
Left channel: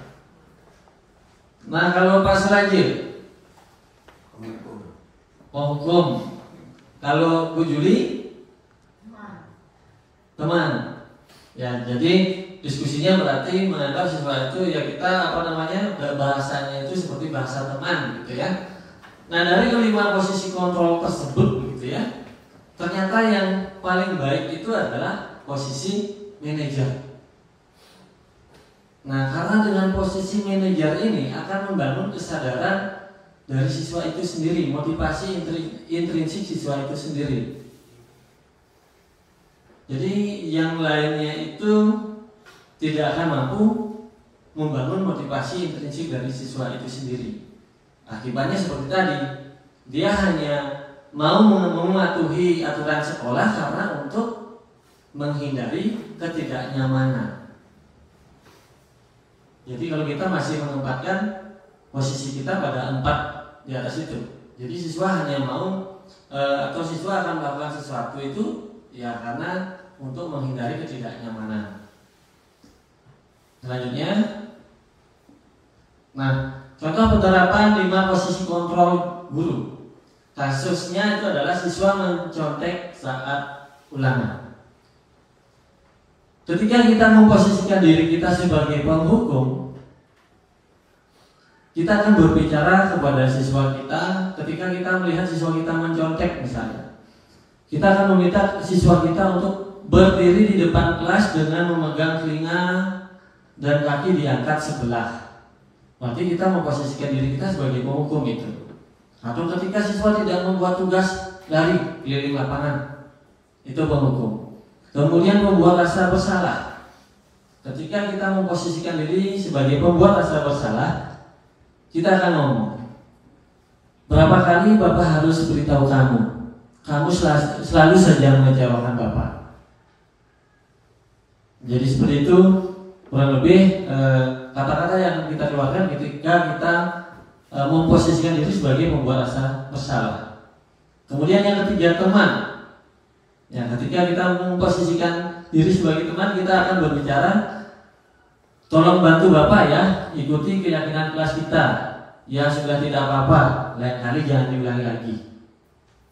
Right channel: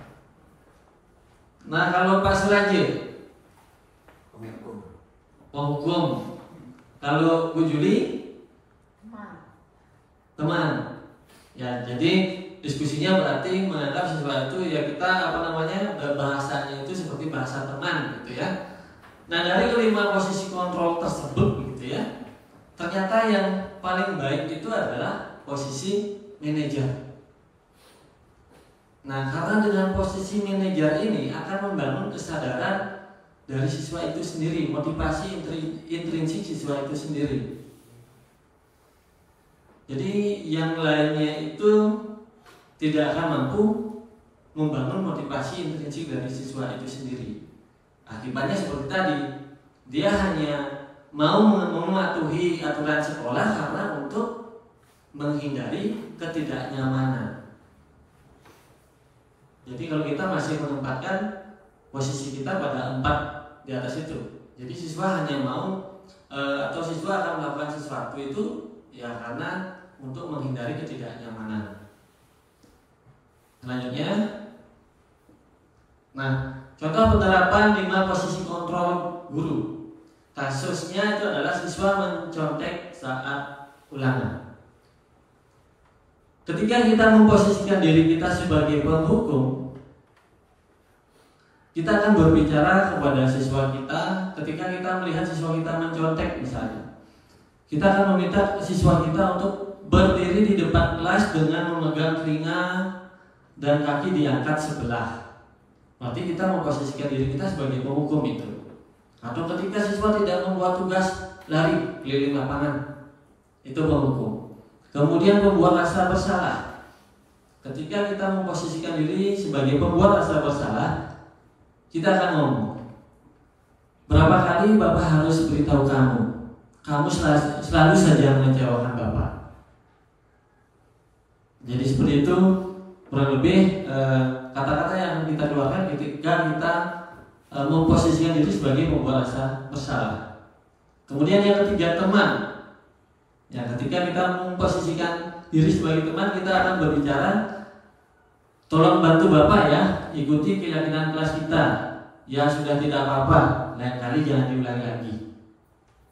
Nah kalau Pak Surajil? Penghukum. Kalau Bu Juli? Teman. Ya, jadi diskusinya berarti menganggap siswa itu ya kita bahasanya itu seperti bahasa teman gitu ya. Nah dari kelima posisi kontrol tersebut gitu ya, ternyata yang paling baik itu adalah posisi manajer. Nah karena dengan posisi manajer ini akan membangun kesadaran dari siswa itu sendiri, motivasi intrinsik siswa itu sendiri. Jadi yang lainnya itu tidak akan mampu membangun motivasi intrinsik dari siswa itu sendiri. Akibatnya seperti tadi, dia hanya mau mematuhi aturan sekolah karena untuk menghindari ketidaknyamanan. Jadi kalau kita masih menempatkan posisi kita pada 4 di atas itu, jadi siswa hanya mau atau siswa akan melakukan sesuatu itu ya karena untuk menghindari ketidaknyamanan. Selanjutnya, nah contoh penerapan 5 posisi kontrol guru. Kasusnya itu adalah siswa mencontek saat ulangan. Ketika kita memposisikan diri kita sebagai penghukum, kita akan berbicara kepada siswa kita ketika kita melihat siswa kita mencontek misalnya. Kita akan meminta siswa kita untuk berdiri di depan kelas dengan memegang telinga dan kaki diangkat sebelah. Berarti kita memposisikan diri kita sebagai penghukum itu. Atau ketika siswa tidak membuat tugas lari keliling lapangan, itu penghukum. Kemudian membuat rasa bersalah. Ketika kita memposisikan diri sebagai pembuat rasa bersalah, kita akan ngomong, berapa kali Bapak harus beritahu kamu? Kamu selalu saja mengecewakan Bapak. Jadi seperti itu kurang lebih kata-kata yang kita keluarkan ketika kita memposisikan diri sebagai pembuat rasa bersalah. Kemudian yang ketiga, teman. Ya, ketika kita memposisikan diri sebagai teman, kita akan berbicara, tolong bantu Bapak ya, ikuti keyakinan kelas kita. Ya sudah tidak apa-apa, lain kali jangan diulangi lagi.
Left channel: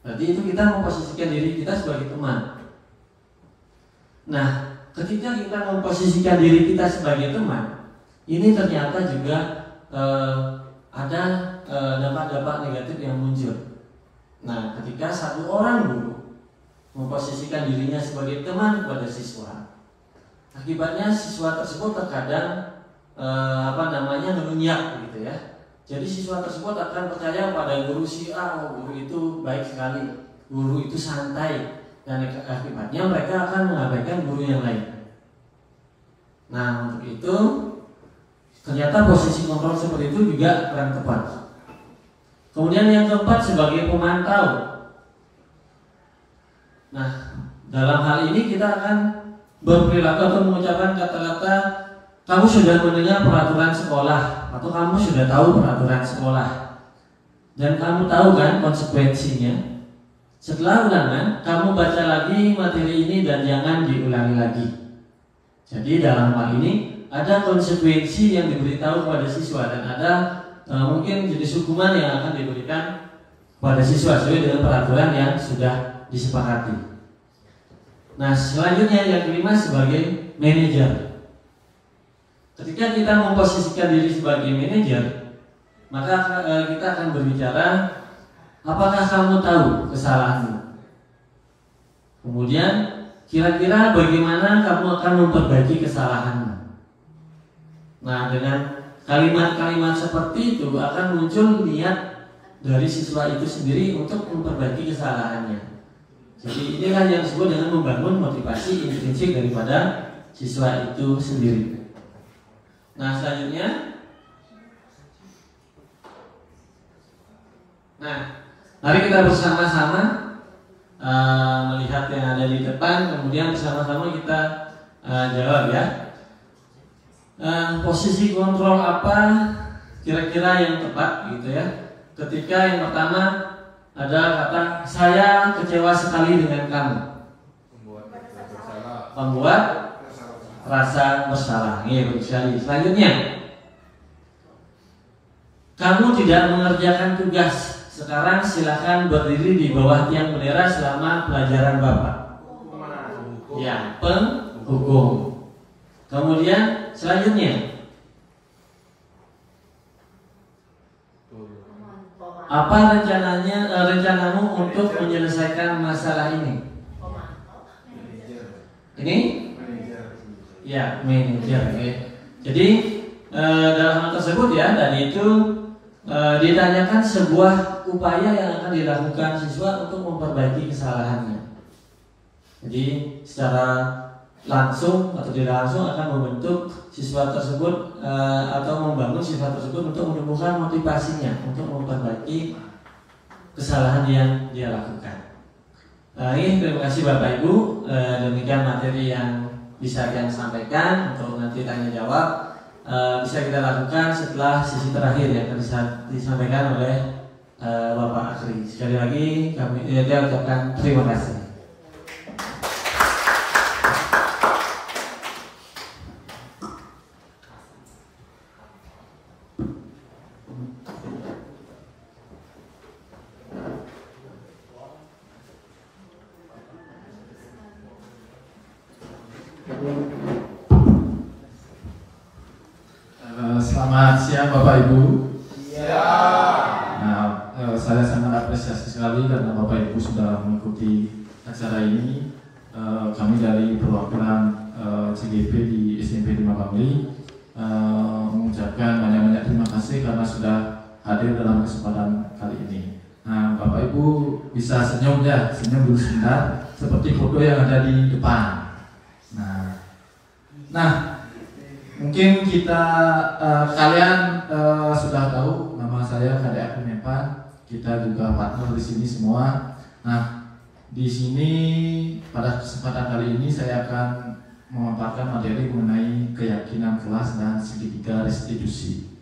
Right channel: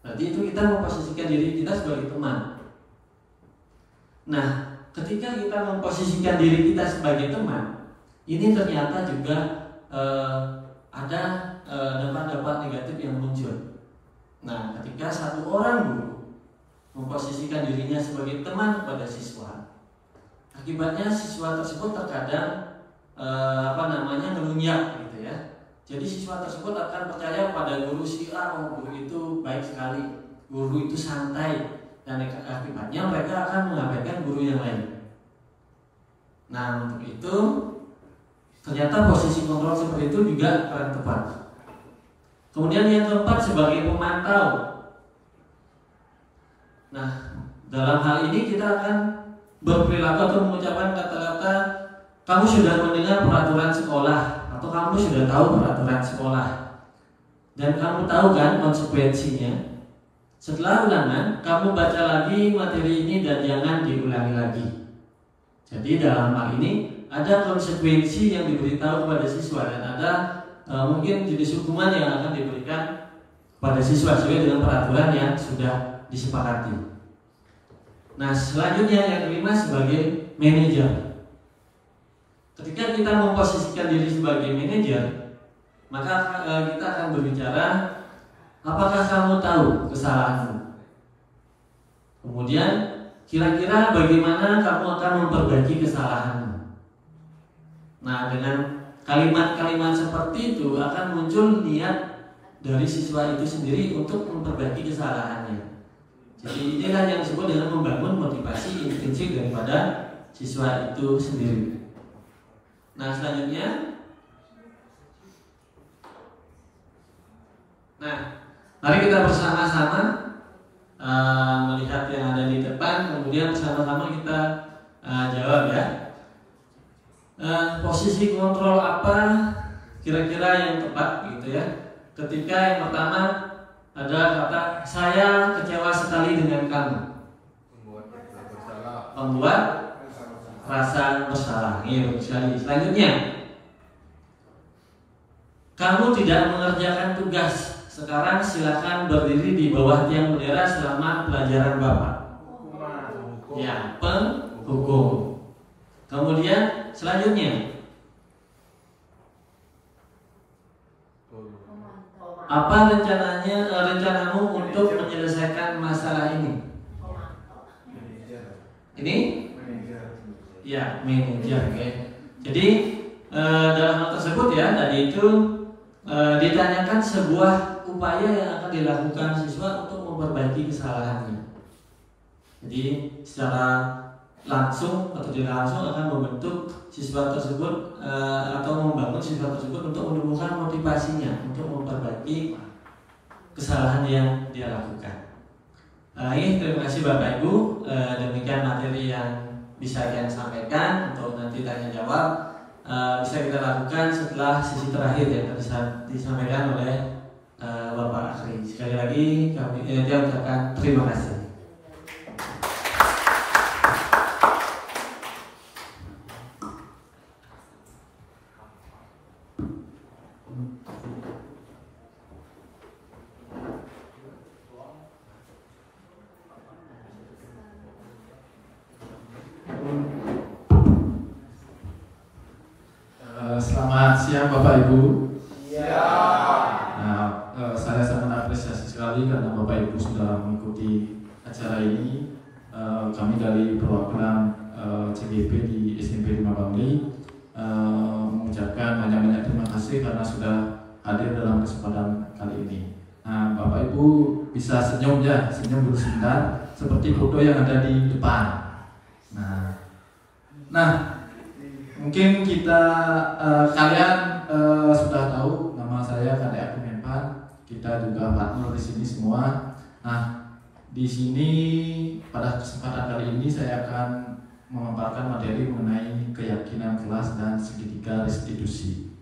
Berarti itu kita memposisikan diri kita sebagai teman. Nah, ketika kita memposisikan diri kita sebagai teman, ini ternyata juga ada dampak-dampak negatif yang muncul. Nah, ketika satu orang guru memposisikan dirinya sebagai teman kepada siswa, akibatnya siswa tersebut terkadang ngelunjak gitu ya. Jadi siswa tersebut akan percaya pada guru si A, oh guru itu baik sekali, guru itu santai, dan akibatnya mereka akan mengabaikan guru yang lain. Nah untuk itu ternyata posisi kontrol seperti itu juga kurang tepat. Kemudian yang keempat sebagai pemantau. Nah dalam hal ini kita akan berperilaku atau mengucapkan kata-kata, kamu sudah mendengar peraturan sekolah atau kamu sudah tahu peraturan sekolah dan kamu tahu kan konsekuensinya. Setelah ulangan, kamu baca lagi materi ini dan jangan diulangi lagi. Jadi dalam hal ini ada konsekuensi yang diberitahu kepada siswa dan ada mungkin jenis hukuman yang akan diberikan pada siswa sesuai dengan peraturan yang sudah disepakati. Nah, selanjutnya yang kelima sebagai manajer. Ketika kita memposisikan diri sebagai manajer, maka kita akan berbicara, apakah kamu tahu kesalahanmu? Kemudian kira-kira bagaimana kamu akan memperbaiki kesalahanmu? Nah, dengan kalimat-kalimat seperti itu akan muncul niat dari siswa itu sendiri untuk memperbaiki kesalahannya. Jadi inilah yang disebut dengan membangun motivasi intrinsik daripada siswa itu sendiri. Nah, selanjutnya, mari kita bersama-sama melihat yang ada di depan, kemudian bersama-sama kita jawab ya. Posisi kontrol apa kira-kira yang tepat gitu ya? Ketika yang pertama ada kata saya kecewa sekali dengan kamu. Membuat rasa bersalah. Iya, sekali. Selanjutnya, kamu tidak mengerjakan tugas. Sekarang silakan berdiri di bawah tiang bendera selama pelajaran Bapak. Ya, penghukum. Kemudian selanjutnya, apa rencanamu untuk menyelesaikan masalah ini? Ini? Ya, manajer. Okay. Jadi dalam hal tersebut ya, tadi itu ditanyakan sebuah upaya yang akan dilakukan siswa untuk memperbaiki kesalahannya. Jadi secara langsung atau tidak langsung akan membentuk siswa tersebut atau membangun siswa tersebut untuk menumbuhkan motivasinya untuk memperbaiki kesalahan yang dia lakukan. Terima kasih Bapak Ibu. Demikian materi yang bisa saya sampaikan. Untuk nanti tanya jawab bisa kita lakukan setelah sesi terakhir yang bisa disampaikan oleh Bapak Akhri. Sekali lagi kami ucapkan terima kasih. Selamat siang Bapak Ibu. Ya. Nah, saya sangat apresiasi sekali karena Bapak Ibu sudah mengikuti acara ini. Kami dari perwakilan CGP di SMP 5 Bangli mengucapkan banyak-banyak terima kasih karena sudah hadir dalam kesempatan kali ini. Nah, Bapak Ibu bisa senyum ya, senyum dulu sebentar, seperti foto yang ada di depan. Nah, mungkin kita kalian sudah tahu nama saya KDA Kemenpan. Kita juga partner di sini semua. Nah, di sini pada kesempatan kali ini saya akan memaparkan materi mengenai keyakinan kelas dan segitiga restitusi.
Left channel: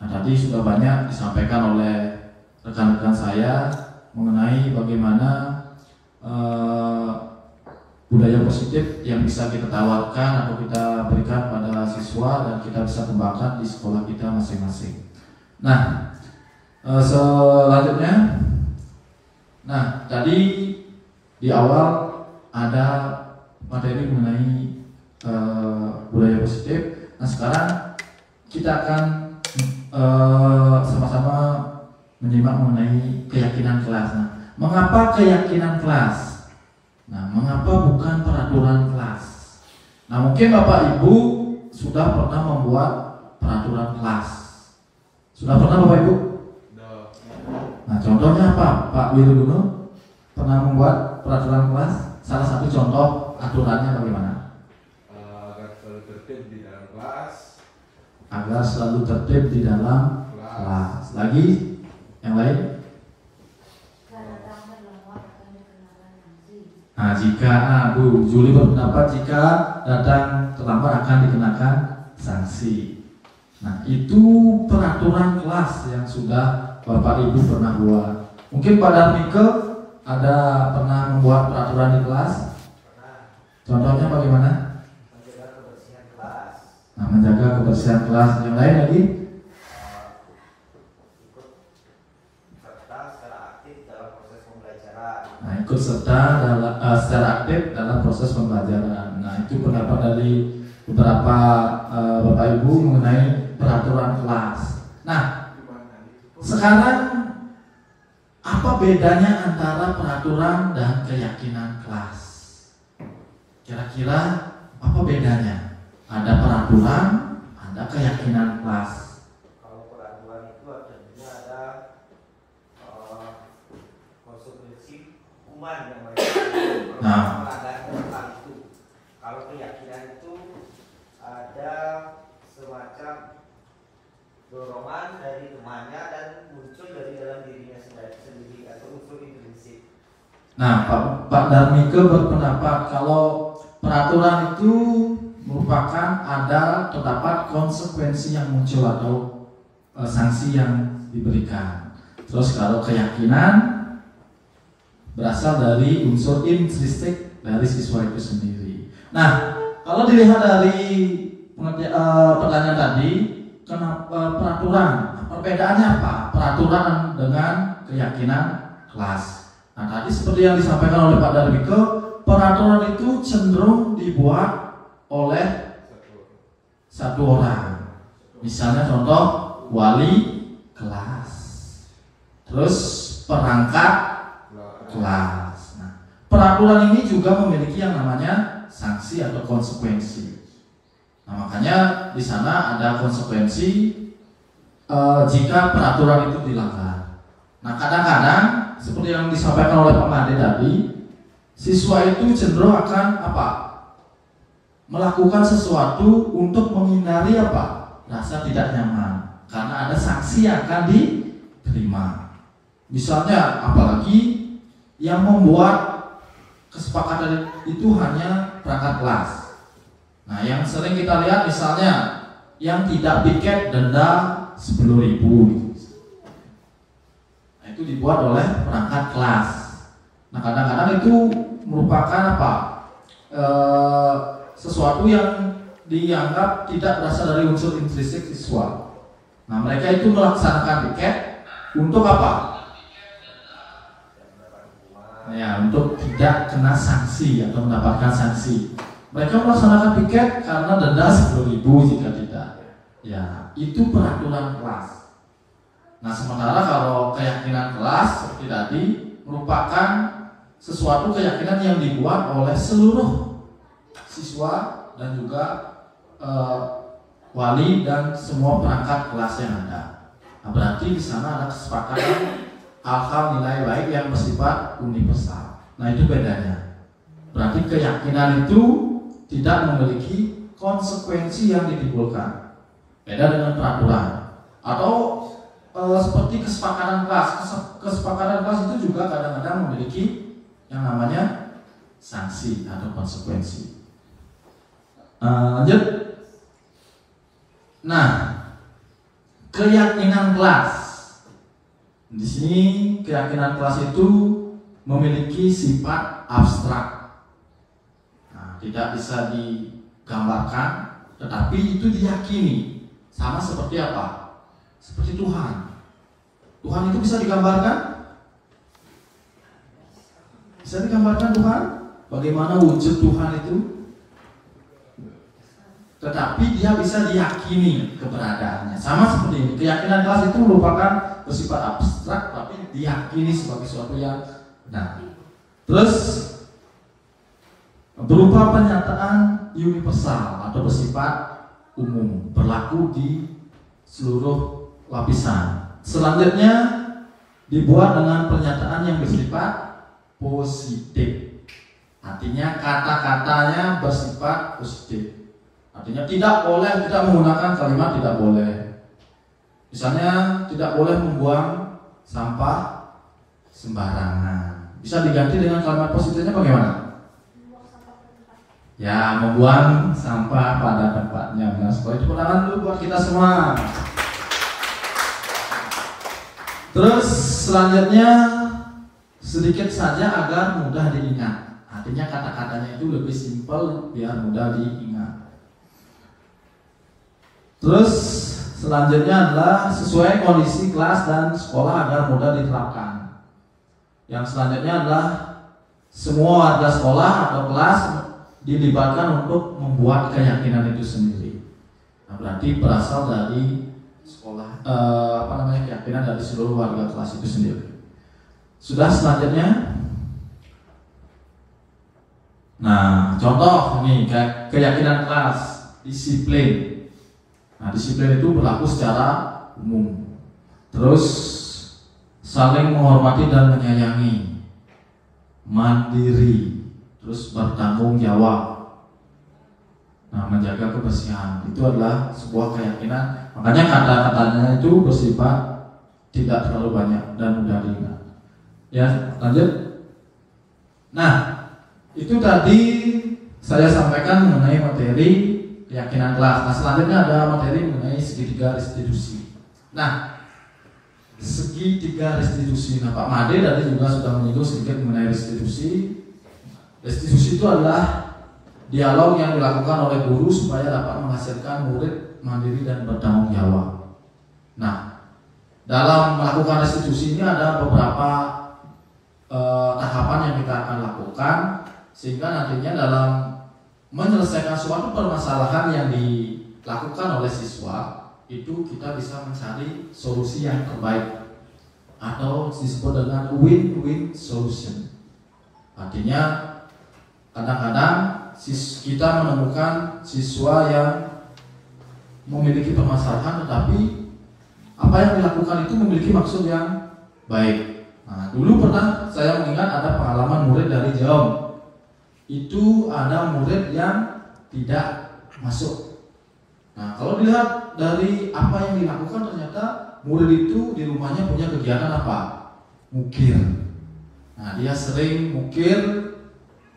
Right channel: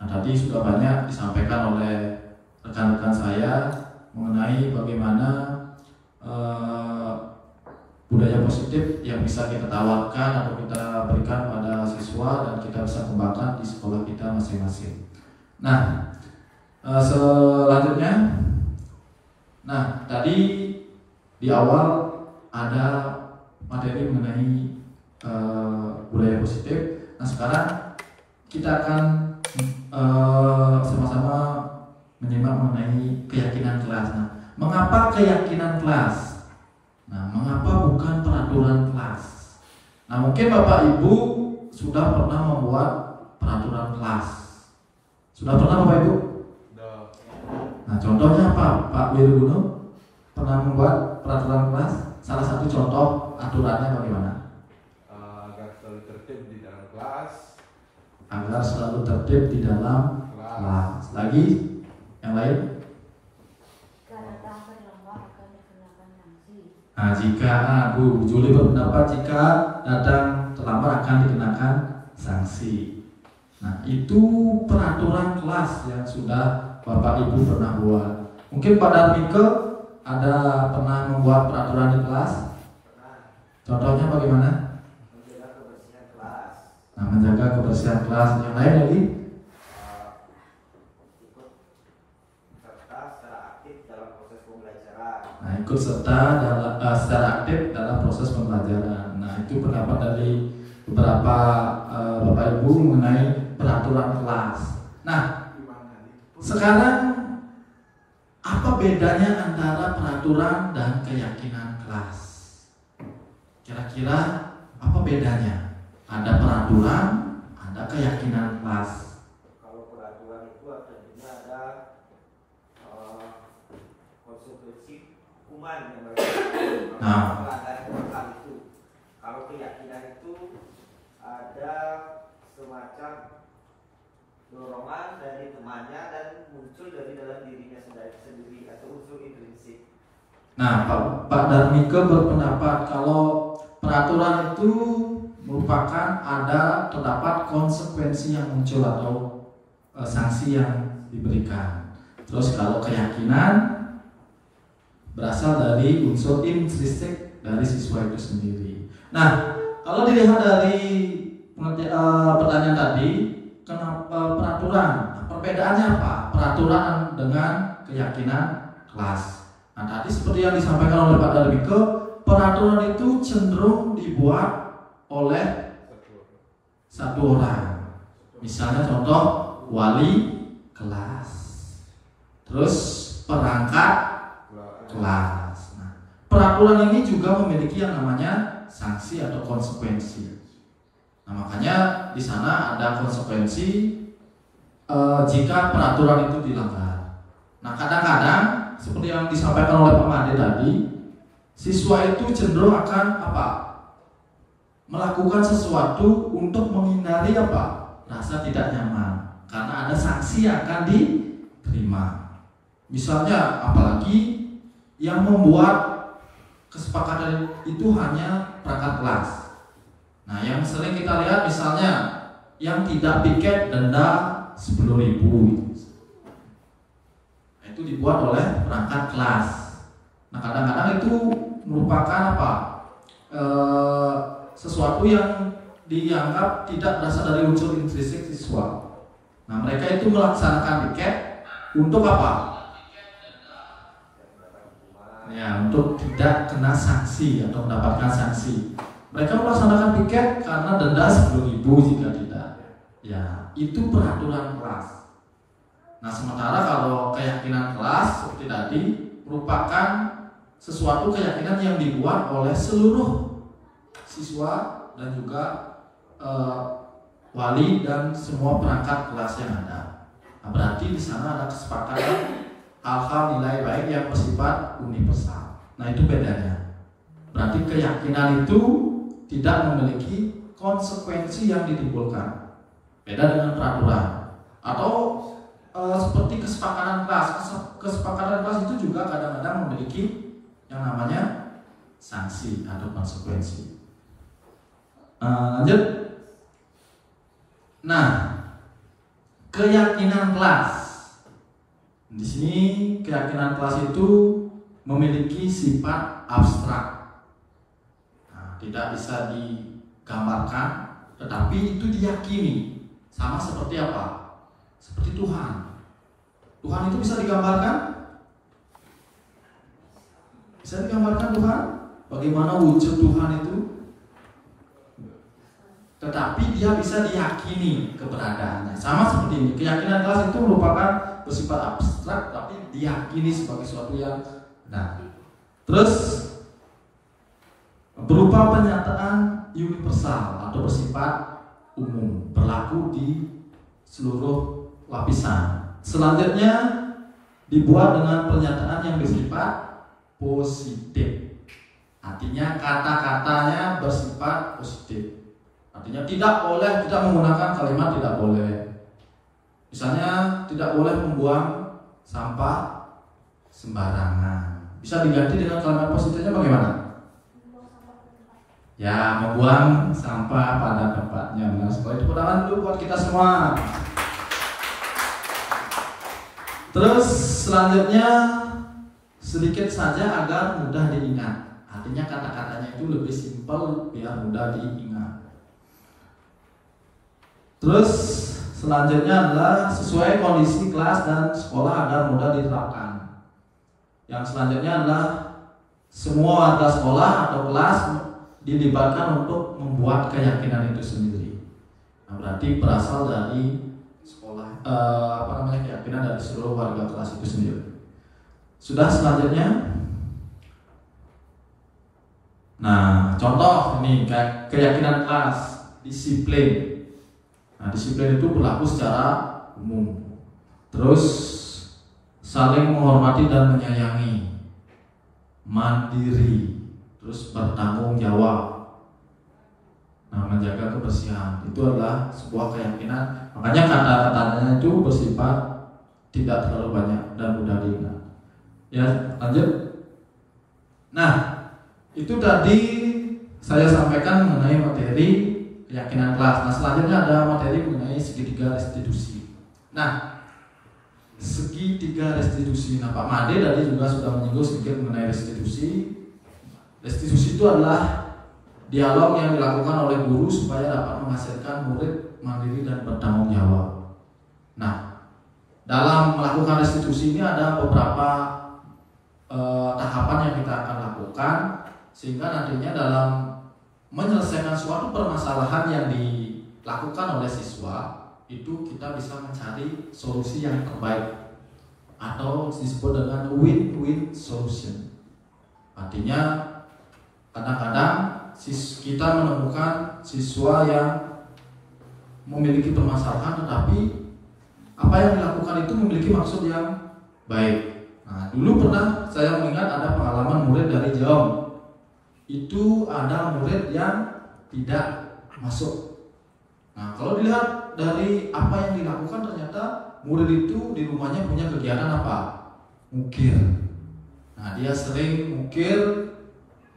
Nah, tadi sudah banyak disampaikan oleh rekan-rekan saya mengenai bagaimana budaya positif yang bisa kita tawarkan atau kita berikan pada siswa dan kita bisa kembangkan di sekolah kita masing-masing. Nah, selanjutnya, tadi di awal ada materi mengenai budaya positif. Nah, sekarang kita akan sama-sama menyimak mengenai keyakinan kelas. Nah, mengapa keyakinan kelas? Nah, mengapa bukan peraturan kelas? Nah, mungkin Bapak Ibu sudah pernah membuat peraturan kelas. Sudah pernah Bapak Ibu? Nah, contohnya apa? Pak Wirudono pernah membuat peraturan kelas. Salah satu contoh aturannya bagaimana? Agar selalu tertib di dalam kelas. Agar selalu tertib di dalam kelas. Lagi? Yang lain? Nah, jika Bu Juli berpendapat jika datang terlambat akan dikenakan sanksi. Nah, itu peraturan kelas yang sudah Bapak Ibu pernah buat. Mungkin pada Mika ada pernah membuat peraturan di kelas. Contohnya bagaimana? Menjaga kebersihan kelas. Nah, menjaga kebersihan kelas. Yang lain lagi? Nah, ikut serta secara aktif dalam proses pembelajaran. Nah, itu pendapat dari beberapa Bapak Ibu mengenai peraturan kelas. Nah, sekarang apa bedanya antara peraturan dan keyakinan kelas? Kira-kira apa bedanya? Ada peraturan, ada keyakinan kelas. Kalau peraturan itu artinya ada konsekuensi hukuman yang mereka melanggar peraturan itu. Kalau keyakinan itu ada semacam dorongan dari temannya dan muncul dari dalam dirinya sendiri atau unsur intrinsik. Nah, Pak Darmiko berpendapat kalau peraturan itu merupakan ada terdapat konsekuensi yang muncul atau sanksi yang diberikan. Terus kalau keyakinan berasal dari unsur intrinsik dari siswa itu sendiri. Nah, kalau dilihat dari pertanyaan tadi, kenapa peraturan? Perbedaannya apa? Peraturan dengan keyakinan kelas. Nah, tadi seperti yang disampaikan oleh Pak Darmiko, peraturan itu cenderung dibuat oleh satu orang. Misalnya contoh wali kelas, terus perangkat kelas. Nah, peraturan ini juga memiliki yang namanya sanksi atau konsekuensi. Nah, makanya di sana ada konsekuensi jika peraturan itu dilanggar. Nah, kadang-kadang seperti yang disampaikan oleh Pak Made tadi, siswa itu cenderung akan apa? Melakukan sesuatu untuk menghindari apa? Rasa tidak nyaman, karena ada sanksi yang akan diterima. Misalnya, apalagi yang membuat kesepakatan itu hanya perangkat kelas. Nah, yang sering kita lihat misalnya yang tidak piket denda 10.000. Nah, itu dibuat oleh perangkat kelas. Nah, kadang-kadang itu merupakan apa? Sesuatu yang dianggap tidak berasal dari unsur intrinsik siswa. Nah, mereka itu melaksanakan piket untuk apa? Ya, untuk tidak kena sanksi atau mendapatkan sanksi. Mereka melaksanakan piket karena denda 10.000 jika tidak. Ya, itu peraturan kelas. Nah, sementara kalau keyakinan kelas seperti tadi merupakan sesuatu keyakinan yang dibuat oleh seluruh siswa dan juga wali dan semua perangkat kelas yang ada. Nah, berarti di sana ada kesepakatan hal-hal nilai baik yang bersifat universal. Nah, itu bedanya. Berarti keyakinan itu tidak memiliki konsekuensi yang ditimbulkan. Beda dengan peraturan. Atau seperti kesepakatan kelas. Kesepakatan kelas itu juga kadang-kadang memiliki yang namanya sanksi atau konsekuensi. Lanjut. Nah, keyakinan kelas. Di sini keyakinan kelas itu memiliki sifat abstrak. Nah, tidak bisa digambarkan, tetapi itu diyakini. Sama seperti apa? Seperti Tuhan. Tuhan itu bisa digambarkan? Bisa digambarkan Tuhan? Bagaimana wujud Tuhan itu? Tetapi dia bisa diyakini keberadaannya. Sama seperti ini. Keyakinan kelas itu merupakan bersifat abstrak, tapi diyakini sebagai sesuatu yang benar. Terus berupa pernyataan universal atau bersifat umum, berlaku di seluruh lapisan. Selanjutnya dibuat dengan pernyataan yang bersifat positif. Artinya kata-katanya bersifat positif. Artinya tidak boleh kita menggunakan kalimat tidak boleh. Misalnya tidak boleh membuang sampah sembarangan. Bisa diganti dengan kalimat positifnya bagaimana? Ya, membuang sampah pada tempatnya. Nah, supaya itu perangan dulu buat kita semua. Terus selanjutnya sedikit saja agar mudah diingat. Artinya kata-katanya itu lebih simpel biar mudah diingat. Terus selanjutnya adalah sesuai kondisi kelas dan sekolah agar mudah diterapkan. Yang selanjutnya adalah semua warga sekolah atau kelas dilibatkan untuk membuat keyakinan itu sendiri. Nah, berarti berasal dari sekolah, keyakinan dari seluruh warga kelas itu sendiri. Sudah, selanjutnya. Nah, contoh ini keyakinan kelas, disiplin. Nah, disiplin itu berlaku secara umum. Terus saling menghormati dan menyayangi, mandiri, terus bertanggung jawab. Nah, menjaga kebersihan itu adalah sebuah keyakinan. Makanya kata-katanya itu bersifat tidak terlalu banyak dan mudah diingat. Ya, lanjut. Nah, itu tadi saya sampaikan mengenai materi keyakinan kelas. Nah, selanjutnya ada materi mengenai segitiga restitusi. Nah, segitiga restitusi. Nah, Pak Made tadi juga sudah menyinggung sedikit mengenai restitusi. Restitusi itu adalah dialog yang dilakukan oleh guru supaya dapat menghasilkan murid mandiri dan bertanggung jawab. Nah, dalam melakukan restitusi ini ada beberapa tahapan yang kita akan lakukan, sehingga nantinya dalam menyelesaikan suatu permasalahan yang dilakukan oleh siswa itu kita bisa mencari solusi yang terbaik atau disebut dengan win-win solution. Artinya kadang-kadang kita menemukan siswa yang memiliki permasalahan, tetapi apa yang dilakukan itu memiliki maksud yang baik. Nah, dulu pernah saya mengingat ada pengalaman murid dari Jaom. Itu ada murid yang tidak masuk. Nah, kalau dilihat dari apa yang dilakukan, ternyata murid itu di rumahnya punya kegiatan apa? Mukir. Nah, dia sering mukir,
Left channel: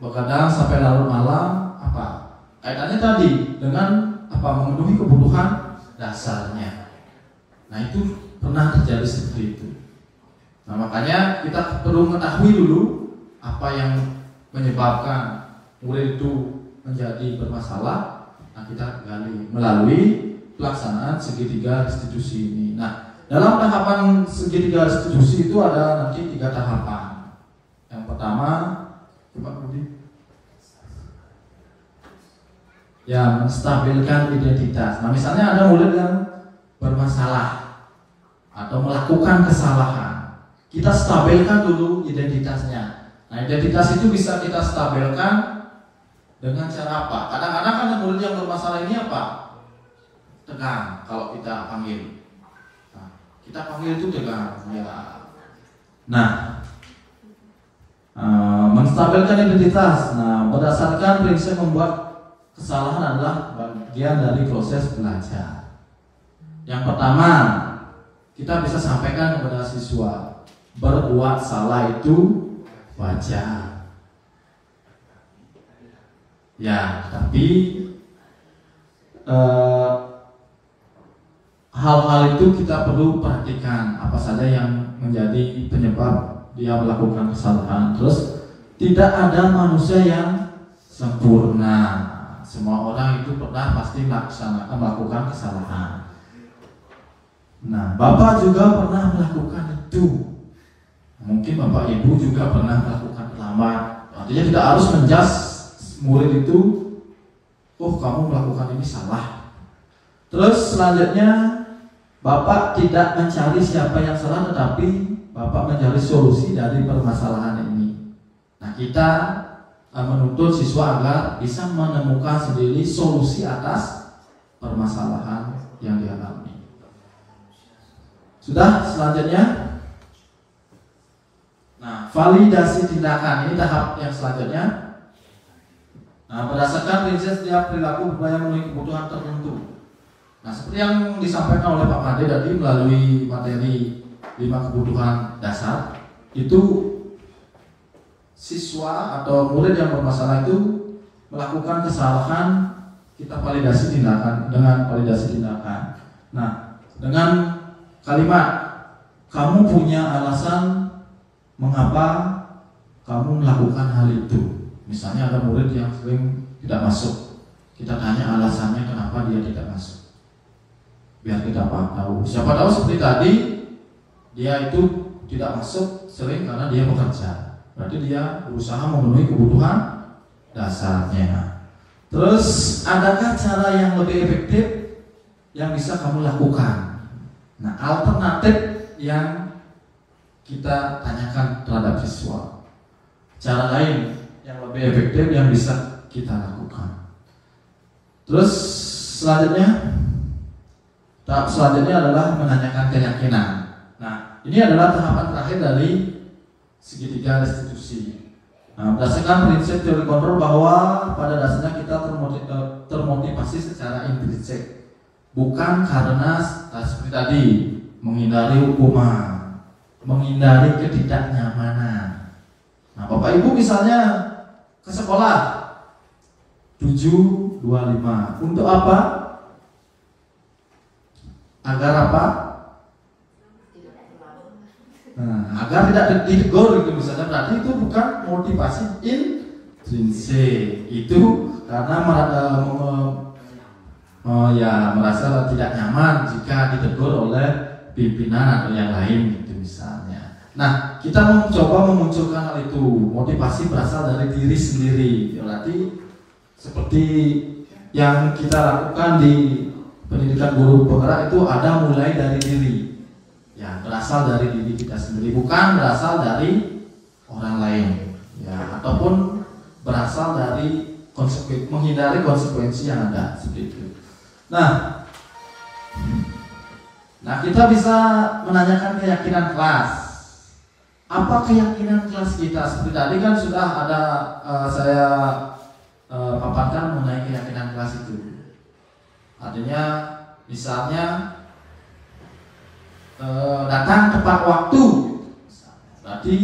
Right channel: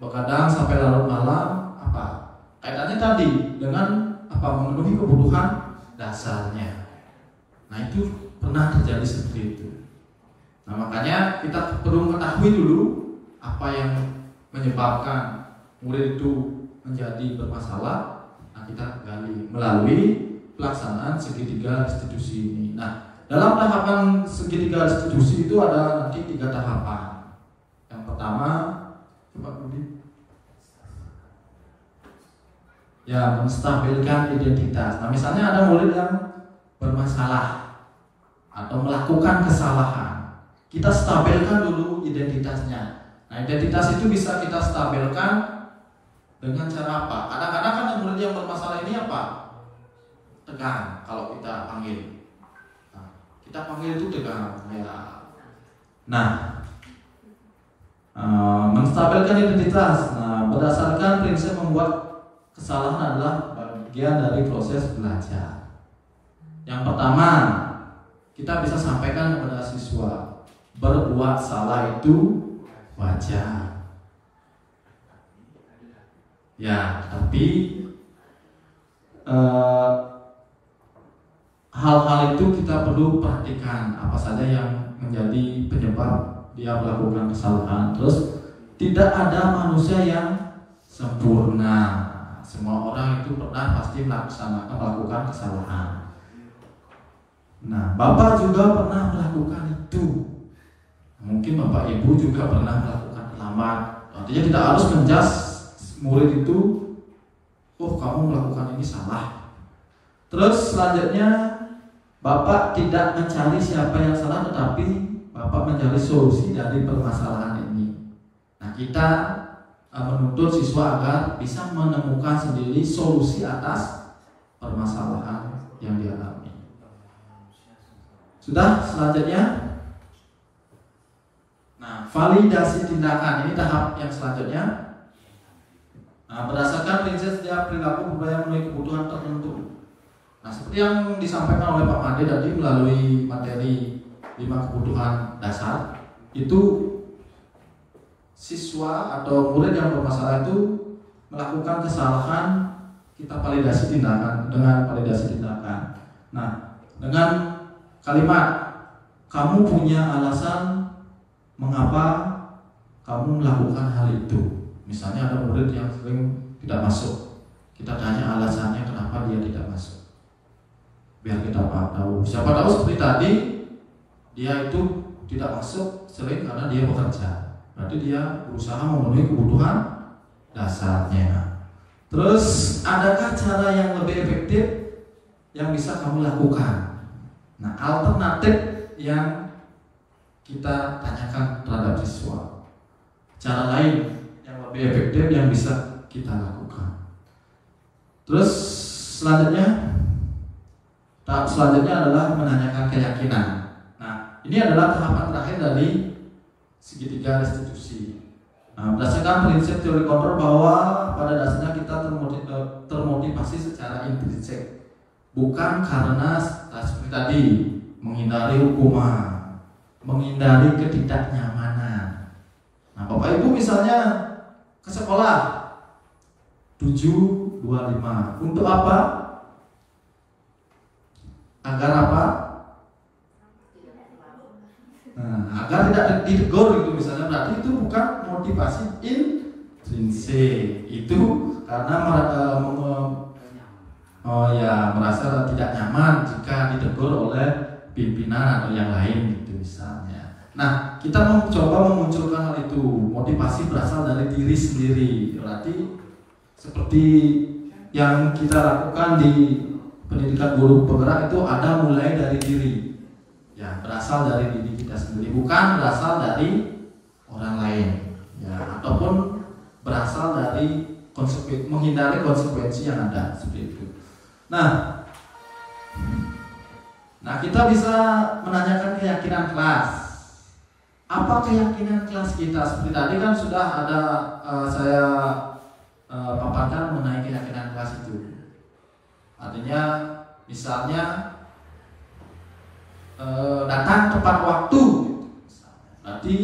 begadang sampai larut malam. Apa? Kaitannya tadi dengan apa? Memenuhi kebutuhan dasarnya. Nah, itu pernah terjadi seperti itu. Nah, makanya kita perlu mengetahui dulu apa yang menyebabkan murid itu menjadi bermasalah. Nah, kita gali melalui pelaksanaan segitiga restitusi ini. Nah, dalam tahapan segitiga restitusi itu ada nanti 3 tahapan. Yang pertama, Pak Budi, ya, menstabilkan identitas. Nah, misalnya ada murid yang bermasalah atau melakukan kesalahan, kita stabilkan dulu identitasnya. Nah, identitas itu bisa kita stabilkan dengan cara apa? Kadang-kadang kan murid yang bermasalah ini apa? Tegang kalau kita panggil. Nah, kita panggil itu tegang. Ya. Nah, menstabilkan identitas. Nah, berdasarkan prinsip membuat kesalahan adalah bagian dari proses belajar. Yang pertama, kita bisa sampaikan kepada siswa, berbuat salah itu wajar. Ya, tapi hal-hal itu kita perlu perhatikan apa saja yang menjadi penyebab dia melakukan kesalahan. Terus tidak ada manusia yang sempurna. Semua orang itu pernah pasti melakukan kesalahan. Nah, Bapak juga pernah melakukan itu. Mungkin Bapak Ibu juga pernah melakukan terlambat. Artinya tidak harus menjas murid itu, oh kamu melakukan ini salah. Terus selanjutnya Bapak tidak mencari siapa yang salah, tetapi Bapak mencari solusi dari permasalahan ini. Nah, kita menuntut siswa agar bisa menemukan sendiri solusi atas permasalahan yang dialami. Sudah, selanjutnya. Nah, validasi tindakan ini tahap yang selanjutnya. Nah, berdasarkan prinsip setiap perilaku berupaya memenuhi kebutuhan tertentu. Nah, seperti yang disampaikan oleh Pak Made tadi melalui materi 5 kebutuhan dasar, itu siswa atau murid yang bermasalah itu melakukan kesalahan, kita validasi tindakan dengan validasi tindakan. Nah, dengan kalimat, kamu punya alasan mengapa kamu melakukan hal itu. Misalnya ada murid yang sering tidak masuk, kita tanya alasannya kenapa dia tidak masuk, biar kita tahu. Siapa tahu seperti tadi, dia itu tidak masuk sering karena dia bekerja. Berarti dia berusaha memenuhi kebutuhan dasarnya. Terus adakah cara yang lebih efektif yang bisa kamu lakukan? Nah, alternatif yang kita tanyakan terhadap siswa. Cara lain yang lebih efektif yang bisa kita lakukan. Terus tahap selanjutnya adalah menanyakan keyakinan. Nah, ini adalah tahapan terakhir dari segitiga restitusi. Nah, berdasarkan prinsip teori kontrol bahwa pada dasarnya kita termotivasi secara intrinsik, bukan karena seperti tadi menghindari hukuman, menghindari ketidaknyamanan. Nah, Bapak Ibu misalnya ke sekolah 7.25 untuk apa? Agar apa? Nah, agar tidak ditegur gitu misalnya, berarti itu bukan motivasi intrinsik. Itu karena merasa tidak nyaman jika ditegur oleh pimpinan atau yang lain gitu misalnya. Nah, kita mencoba memunculkan hal itu, motivasi berasal dari diri sendiri. Berarti seperti yang kita lakukan di pendidikan guru penggerak itu ada mulai dari diri. Ya, berasal dari diri kita sendiri, bukan berasal dari orang lain. Ya, ataupun berasal dari menghindari konsekuensi yang ada seperti itu. Nah, kita bisa menanyakan keyakinan kelas. Apa keyakinan kelas kita? Seperti tadi kan sudah ada saya paparkan mengenai keyakinan kelas itu. Artinya, misalnya datang tepat waktu, berarti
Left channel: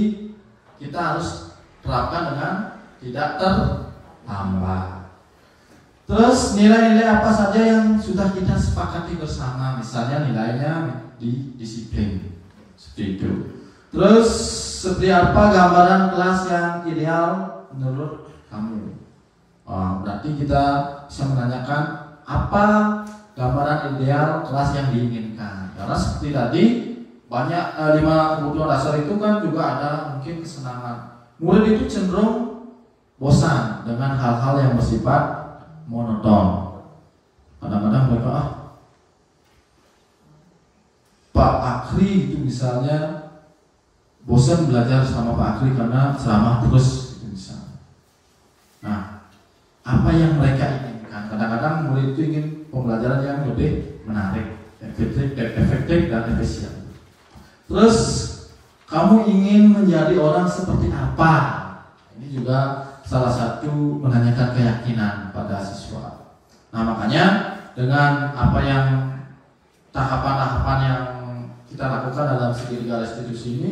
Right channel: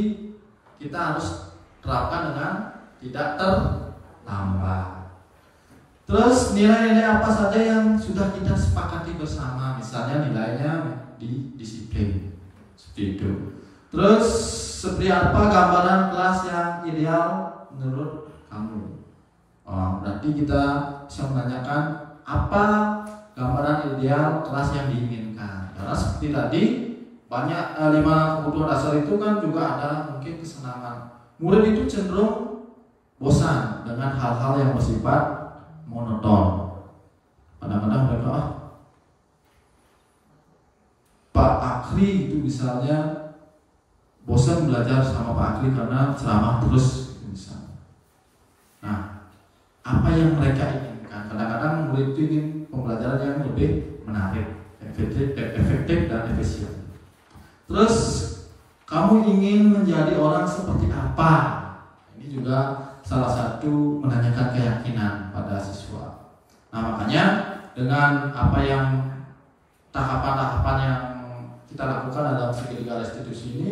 kita harus terapkan dengan tidak terlambat. Terus nilai-nilai apa saja yang sudah kita sepakati bersama, misalnya nilainya di disiplin, seperti itu. Terus seperti apa gambaran kelas yang ideal menurut kamu? Berarti kita bisa menanyakan apa gambaran ideal kelas yang diinginkan. Karena seperti tadi banyak 5 kebutuhan dasar itu kan juga ada mungkin kesenangan. Murid itu cenderung bosan dengan hal-hal yang bersifat monoton. Kadang-kadang mereka Pak Akri itu misalnya bosan belajar sama Pak Akri karena ceramah terus gitu misalnya. Nah, apa yang mereka inginkan? Kadang-kadang murid itu ingin pembelajaran yang lebih menarik, efektif dan efisien. Terus kamu ingin menjadi orang seperti apa? Ini juga salah satu menanyakan keyakinan pada siswa. Nah, makanya dengan apa yang tahapan-tahapan yang kita lakukan dalam segitiga restitusi ini,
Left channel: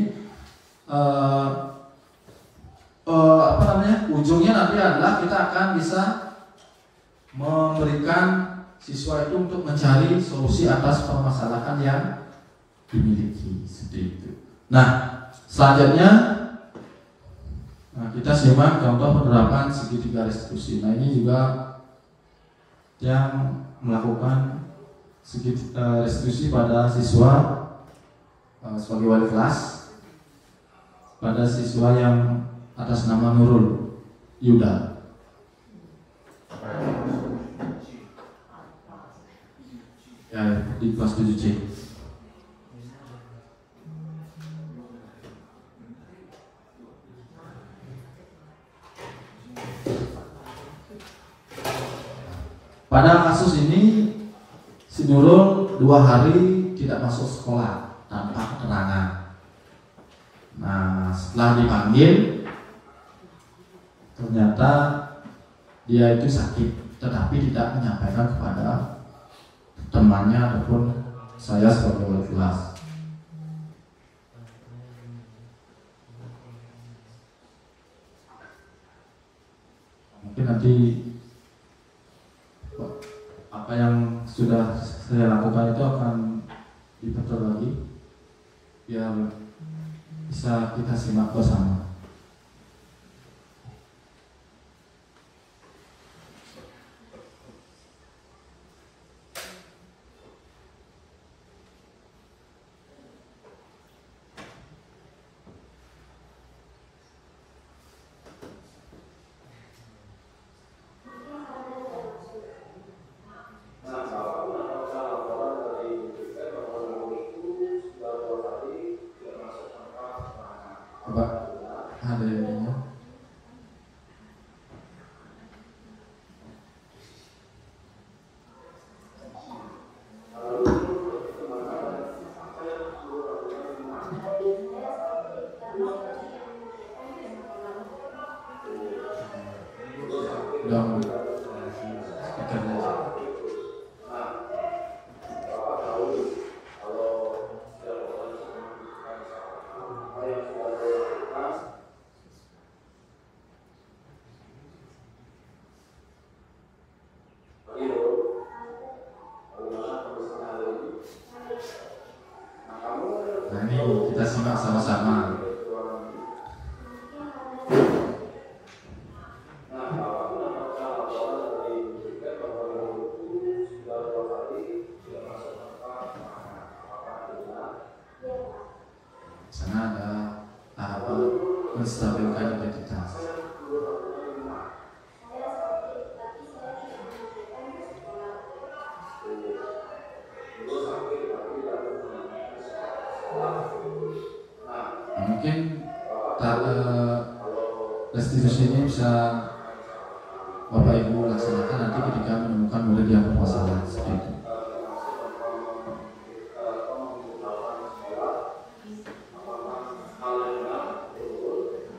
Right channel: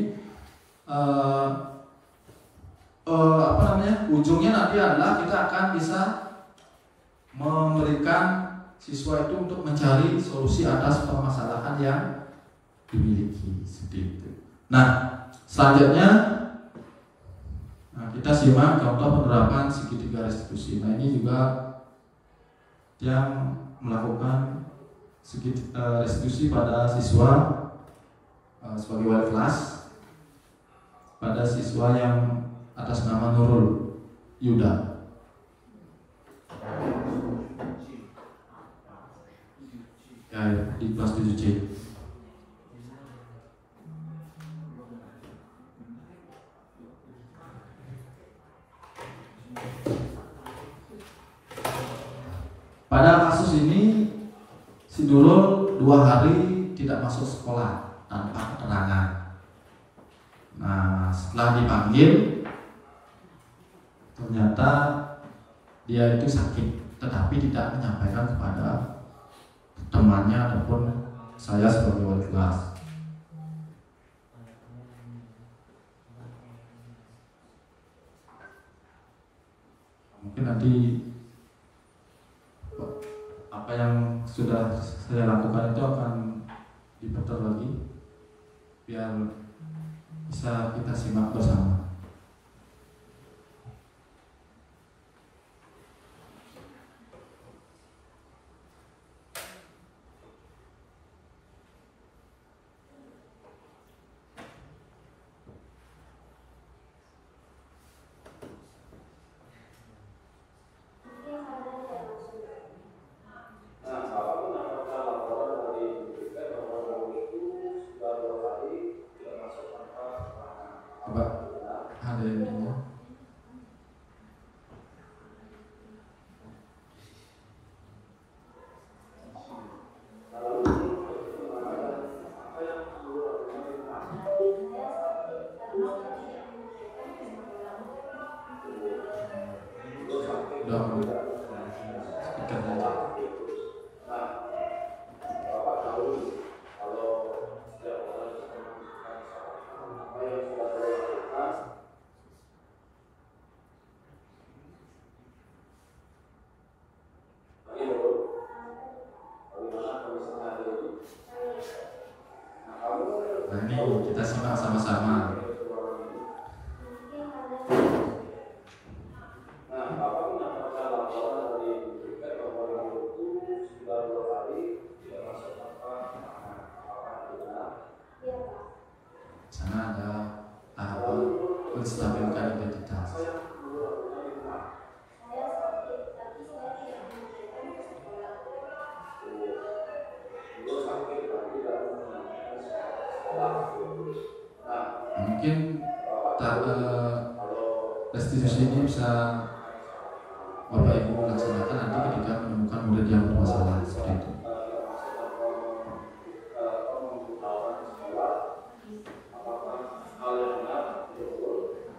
ujungnya nanti adalah kita akan bisa memberikan siswa itu untuk mencari solusi atas permasalahan yang dimiliki, seperti itu. Nah, selanjutnya kita simak contoh penerapan segitiga restitusi. Nah, ini juga yang melakukan restitusi pada siswa sebagai wali kelas pada siswa yang atas nama Nurul Yuda. Ya, di kelas 7C. Pada kasus ini, si Nurul 2 hari tidak masuk sekolah tanpa keterangan. Nah, setelah dipanggil, ternyata dia itu sakit, tetapi tidak menyampaikan kepada temannya ataupun saya sebagai wali kelas. Mungkin nanti apa yang sudah saya lakukan itu akan diputar lagi biar bisa kita simak bersama. Dong. Speaker aja. Nah, ini kita simak sama-sama. Sana ada tahapan menstabilkan identitas. Mungkin restitusi ini bisa Bapak Ibu laksanakan nanti ketika menemukan murid yang bermasalah seperti itu.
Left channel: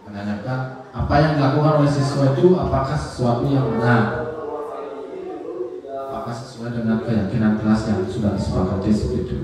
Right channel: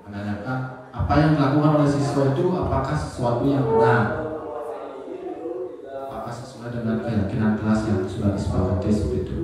Menanyakan apa yang dilakukan oleh siswa itu apakah sesuatu yang benar, apakah sesuai dengan keyakinan kelas yang sudah disepakati seperti itu.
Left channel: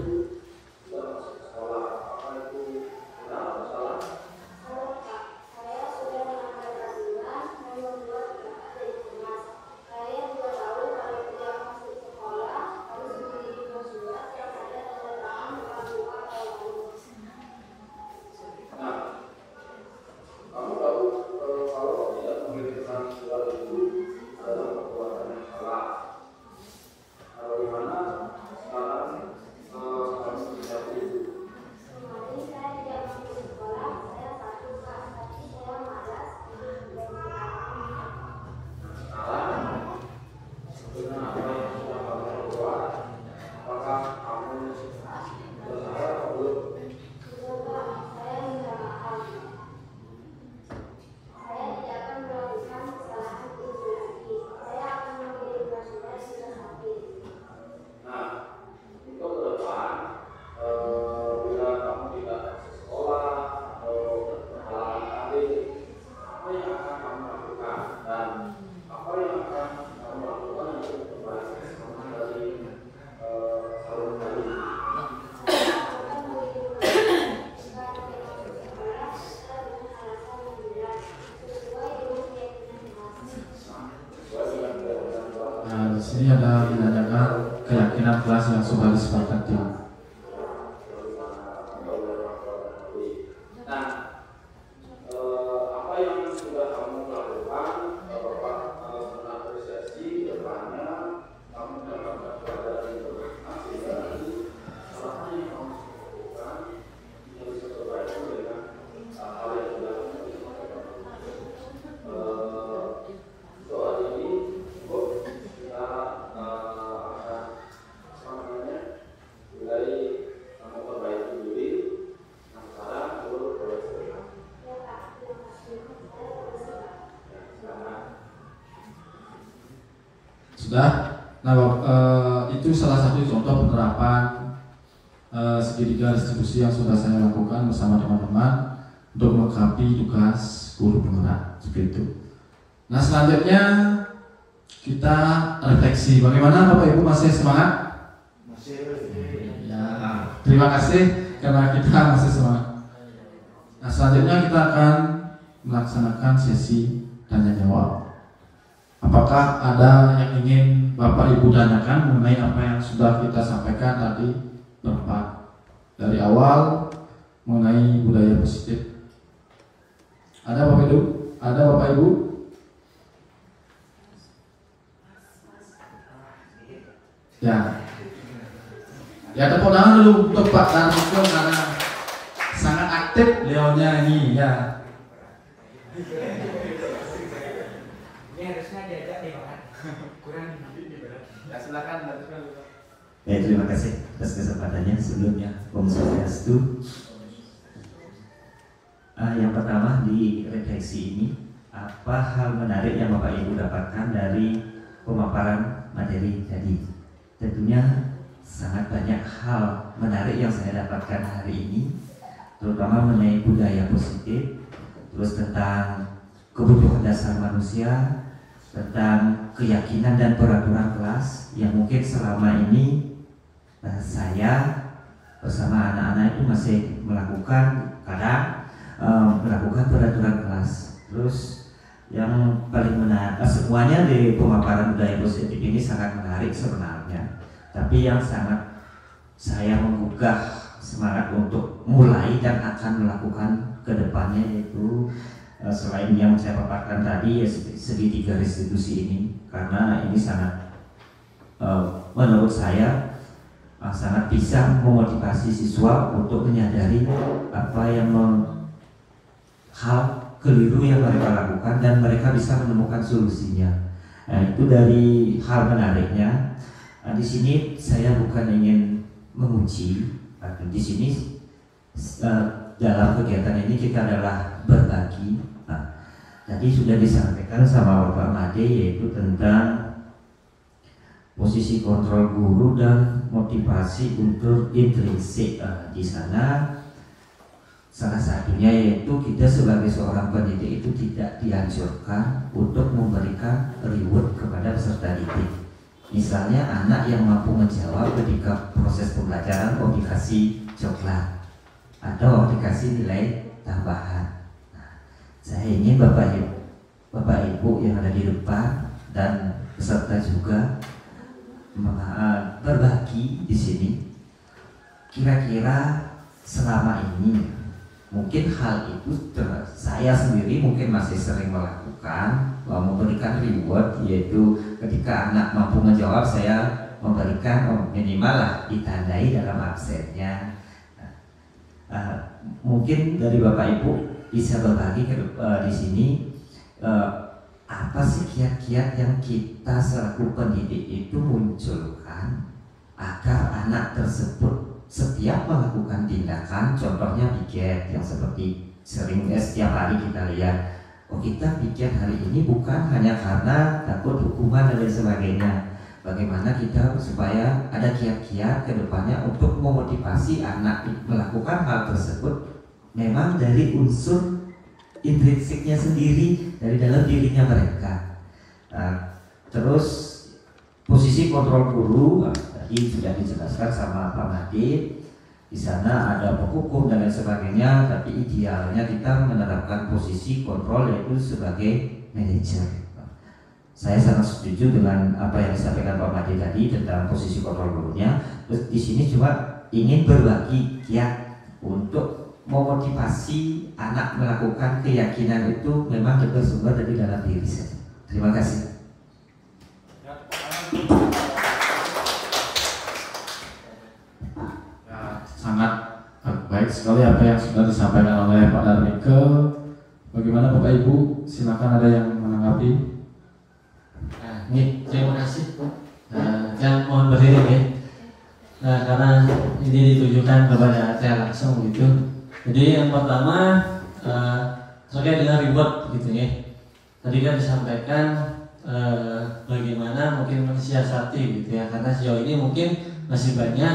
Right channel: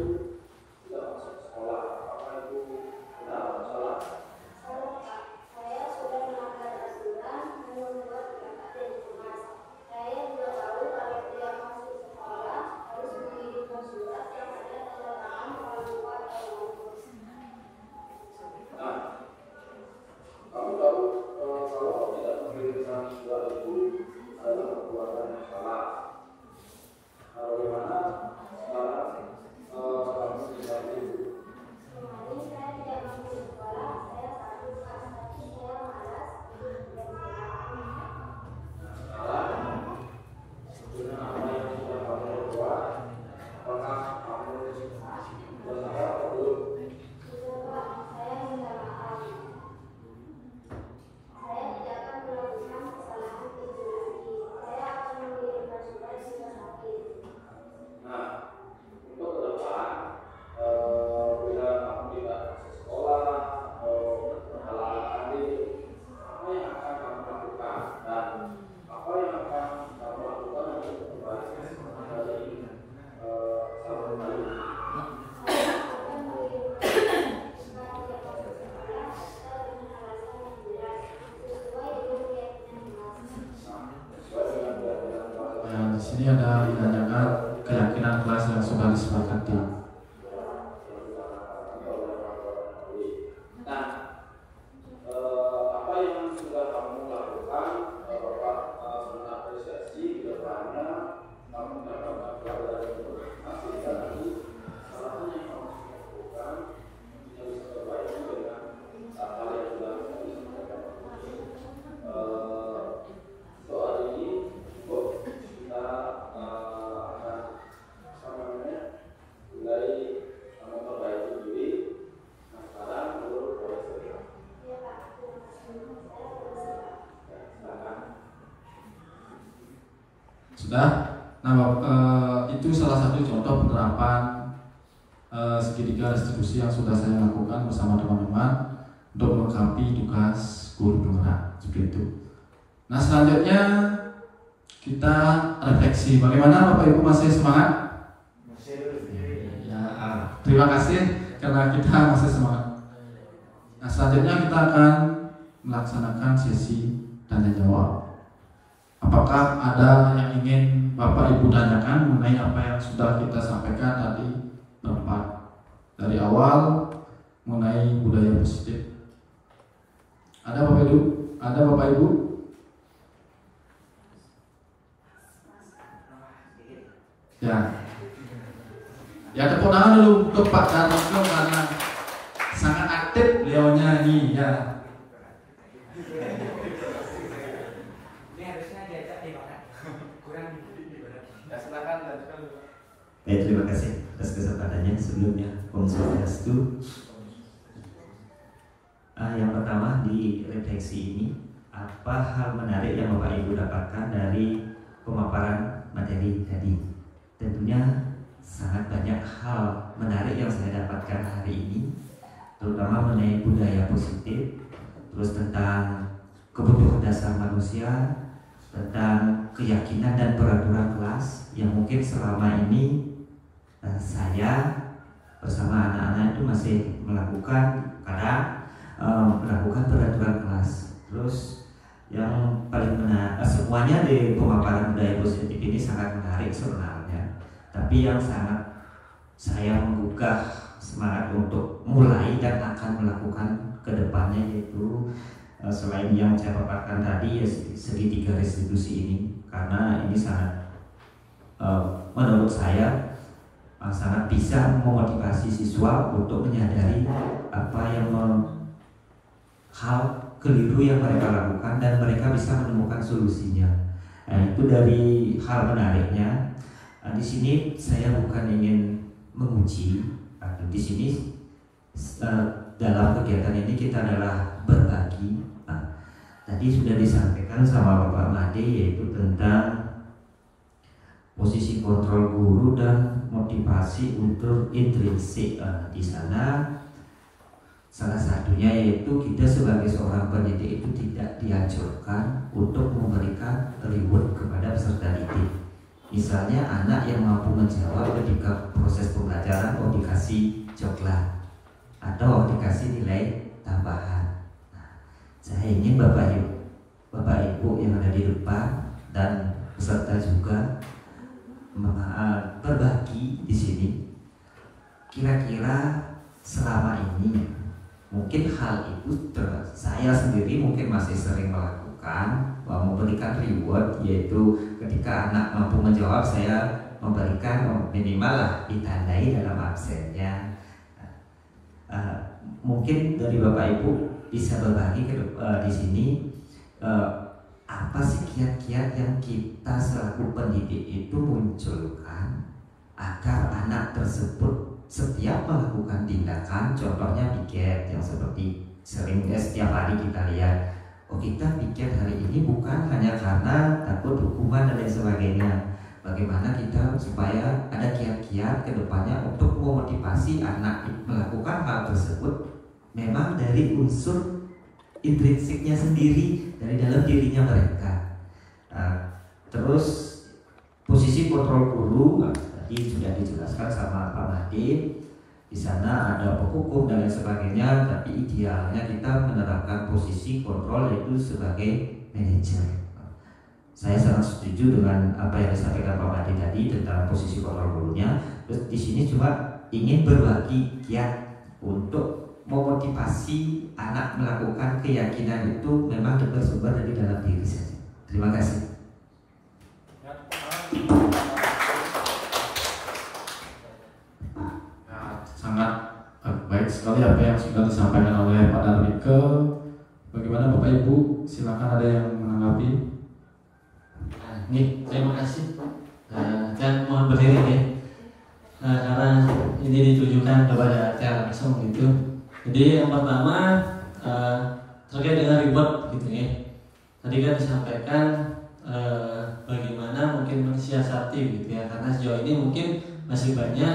Di sini ada menanyakan keyakinan kelas yang sudah disepakati. Apa yang sudah kamu lakukan, Bapak mengapresiasi di depannya, kamu mendapatkan pelajaran informasi dan salahnya yang kamu lakukan yang bisa terbaik dengan hal yang sudah disampaikan. Soal ini, kita mulai memperbaiki diri. Nah, sekarang menurut Profesor. Sudah? Nah, itu salah satu contoh penerapan segitiga restitusi yang sudah saya lakukan bersama teman-teman untuk melengkapi tugas guru penggerak seperti itu. Nah, selanjutnya kita refleksi. Bagaimana Bapak Ibu, masih semangat? Ya, terima kasih karena kita masih semangat. Nah, selanjutnya kita akan melaksanakan sesi tanya jawab. Apakah ada yang ingin Bapak Ibu tanyakan mengenai apa yang sudah kita sampaikan tadi berempat dari awal mengenai budaya positif? Ada Bapak Ibu? Ada Bapak Ibu? Ya. Ya, tepuk tangan dulu untuk Pak Darmoko karena sangat aktif beliaunya ini ya. Ini harusnya diajak nih Pak. Kurang ya, silakan. Ya, terima kasih atas kesempatannya. Sebelumnya Om Swastiastu. Yang pertama di refleksi ini, apa hal menarik yang Bapak Ibu dapatkan dari pemaparan materi tadi? Tentunya sangat banyak hal menarik yang saya dapatkan hari ini, terutama mengenai budaya positif, terus tentang kebutuhan dasar manusia, tentang keyakinan dan peraturan kelas yang mungkin selama ini saya bersama anak-anak itu masih melakukan melakukan peraturan kelas. Terus yang paling menarik, semuanya di pemaparan budaya positif ini sangat menarik sebenarnya. Tapi yang sangat saya menggugah semangat untuk mulai dan akan melakukan ke depannya yaitu selain yang saya paparkan tadi ya segitiga restitusi ini, karena ini sangat menurut saya sangat bisa memotivasi siswa untuk menyadari apa yang hal keliru yang mereka lakukan dan mereka bisa menemukan solusinya. Nah, itu dari hal menariknya. Nah, di sini saya bukan ingin menguji. Di sini dalam kegiatan ini kita adalah berbagi. Nah, tadi sudah disampaikan sama Bapak Made yaitu tentang posisi kontrol guru dan motivasi untuk intrinsik. Di sana salah satunya yaitu kita sebagai seorang pendidik itu tidak dianjurkan untuk memberikan reward kepada peserta didik. Misalnya anak yang mampu menjawab ketika proses pembelajaran dikasih coklat atau dikasih nilai tambahan. Nah, saya ingin Bapak Ibu yang ada di depan dan peserta juga berbagi di sini. Kira-kira selama ini mungkin hal itu saya sendiri mungkin masih sering melakukan, memberikan reward, yaitu ketika anak mampu menjawab saya memberikan minimal lah ditandai dalam absennya. Mungkin dari Bapak Ibu bisa berbagi di sini apa sih kiat-kiat yang kita selaku pendidik itu munculkan agar anak tersebut setiap melakukan tindakan, contohnya piket yang seperti sering setiap hari kita lihat, kita piket hari ini bukan hanya karena takut hukuman dan lain sebagainya. Bagaimana kita supaya ada kiat-kiat ke depannya untuk memotivasi anak melakukan hal tersebut memang dari unsur intrinsiknya sendiri dari dalam dirinya mereka. Terus posisi kontrol guru tadi sudah dijelaskan sama Pak Made. Di sana ada penghukum dan lain sebagainya, tapi idealnya kita menerapkan posisi kontrol yaitu sebagai manajer. Saya sangat setuju dengan apa yang disampaikan Pak Made tadi tentang posisi kontrol gurunya. Terus di sini cuma ingin berbagi kiat untuk memotivasi anak melakukan keyakinan itu memang bersumber dari dalam diri saya. Terima kasih. Sangat baik sekali apa yang sudah disampaikan oleh Pak Darmike. Bagaimana Bapak Ibu? Silakan ada yang menanggapi. Ini terima kasih. Jangan mohon berdiri ya. Karena ini ditujukan kepada saya langsung gitu. Jadi yang pertama terkait dengan reward gitu ya. Tadi kan disampaikan bagaimana mungkin mensiasati gitu ya. Karena sejauh ini mungkin masih banyak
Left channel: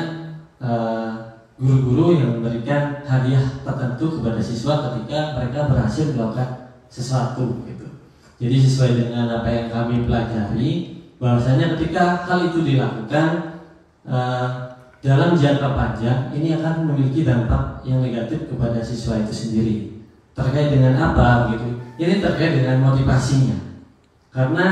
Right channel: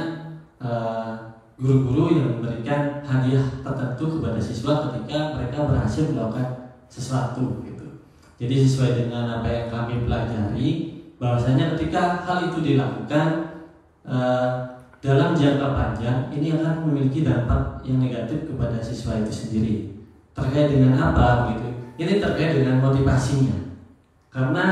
guru-guru yang memberikan hadiah tertentu kepada siswa ketika mereka berhasil melakukan sesuatu gitu. Jadi sesuai dengan apa yang kami pelajari, bahwasanya ketika hal itu dilakukan dalam jangka panjang ini akan memiliki dampak yang negatif kepada siswa itu sendiri. Terkait dengan apa gitu? Ini terkait dengan motivasinya. Karena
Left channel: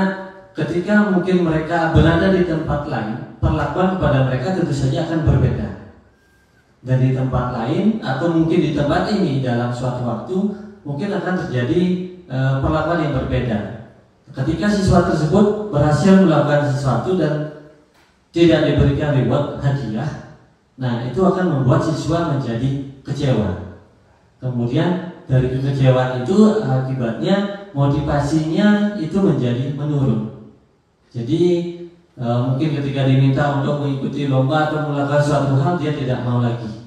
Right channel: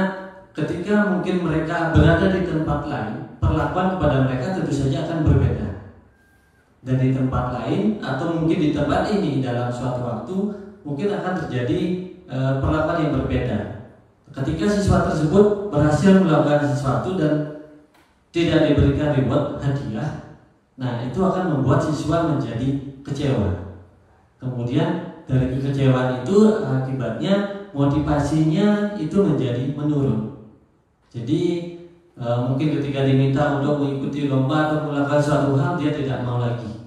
ketika mungkin mereka berada di tempat lain, perlakuan kepada mereka tentu saja akan berbeda. Dan di tempat lain atau mungkin di tempat ini dalam suatu waktu mungkin akan terjadi perlakuan yang berbeda. Ketika siswa tersebut berhasil melakukan sesuatu dan tidak diberikan reward hadiah, nah itu akan membuat siswa menjadi kecewa. Kemudian dari kekecewaan itu akibatnya motivasinya itu menjadi menurun. Jadi mungkin ketika diminta untuk mengikuti lomba atau melakukan suatu hal dia tidak mau lagi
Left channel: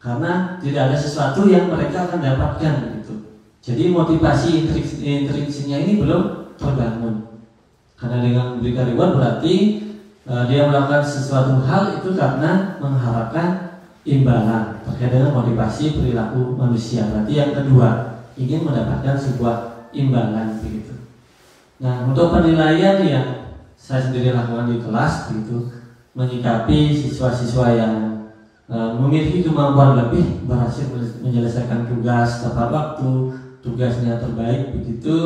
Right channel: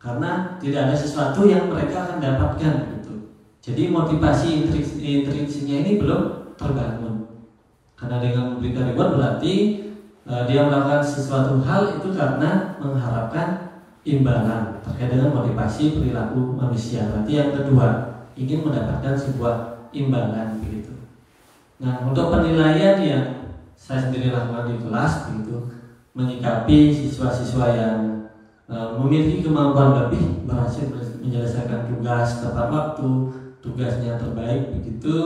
karena tidak ada sesuatu yang mereka akan dapatkan gitu. Jadi motivasi intrinsiknya ini belum terbangun. Karena dengan memberikan reward berarti dia melakukan sesuatu hal itu karena mengharapkan imbalan terkait dengan motivasi perilaku manusia. Berarti yang kedua ingin mendapatkan sebuah imbalan begitu. Nah, untuk penilaian yang saya sendiri lakukan di kelas begitu, menyikapi siswa-siswa yang memiliki kemampuan lebih, berhasil menyelesaikan tugas tepat waktu, tugasnya terbaik begitu,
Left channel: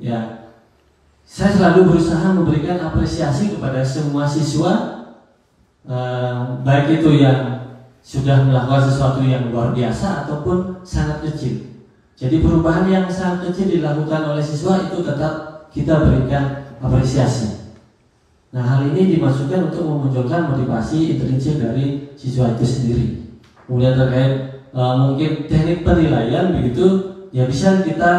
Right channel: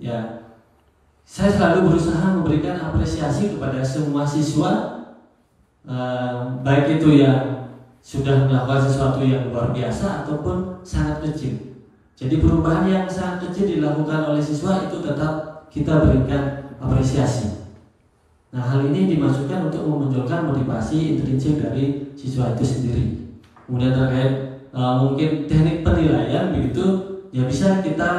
ya saya selalu berusaha memberikan apresiasi kepada semua siswa, baik itu yang sudah melakukan sesuatu yang luar biasa ataupun sangat kecil. Jadi perubahan yang sangat kecil dilakukan oleh siswa itu tetap kita berikan apresiasi. Nah, hal ini dimaksudkan untuk memunculkan motivasi intrinsik dari siswa itu sendiri. Kemudian terkait mungkin teknik penilaian begitu, ya bisa kita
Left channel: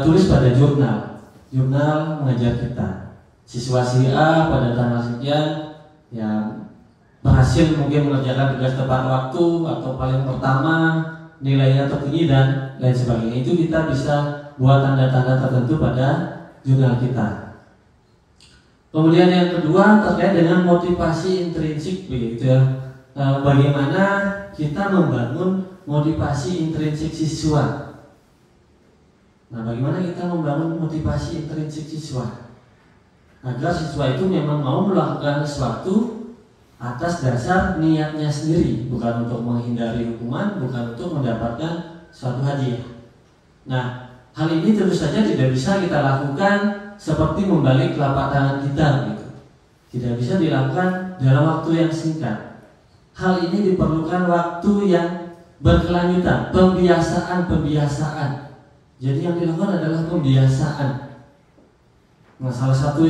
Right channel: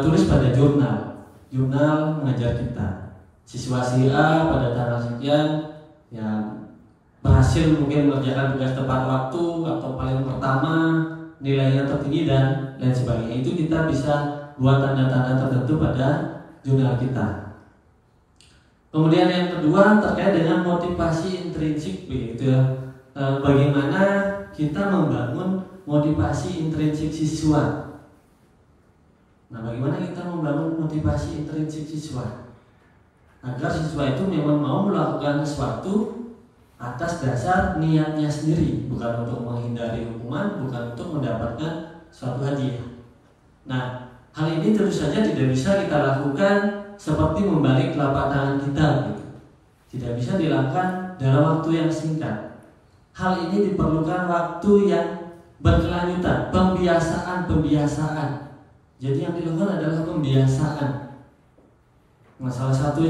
tulis pada jurnal mengajar kita. Siswa si A pada tanggal sekian ya berhasil mungkin mengerjakan tugas tepat waktu atau paling pertama, nilainya tertinggi dan lain sebagainya. Itu kita bisa buat tanda-tanda tertentu pada jurnal kita. Kemudian yang kedua terkait dengan motivasi intrinsik begitu ya. Bagaimana kita membangun motivasi intrinsik siswa. Nah, bagaimana kita membangun motivasi intrinsik siswa agar siswa itu memang mau melakukan sesuatu atas dasar niatnya sendiri, bukan untuk menghindari hukuman, bukan untuk mendapatkan suatu hadiah. Nah, hal ini tentu saja tidak bisa kita lakukan seperti membalik telapak tangan kita gitu. Tidak bisa dilakukan dalam waktu yang singkat. Hal ini diperlukan waktu yang berkelanjutan, pembiasaan. Jadi yang dilakukan adalah pembiasaan. Nah, salah satu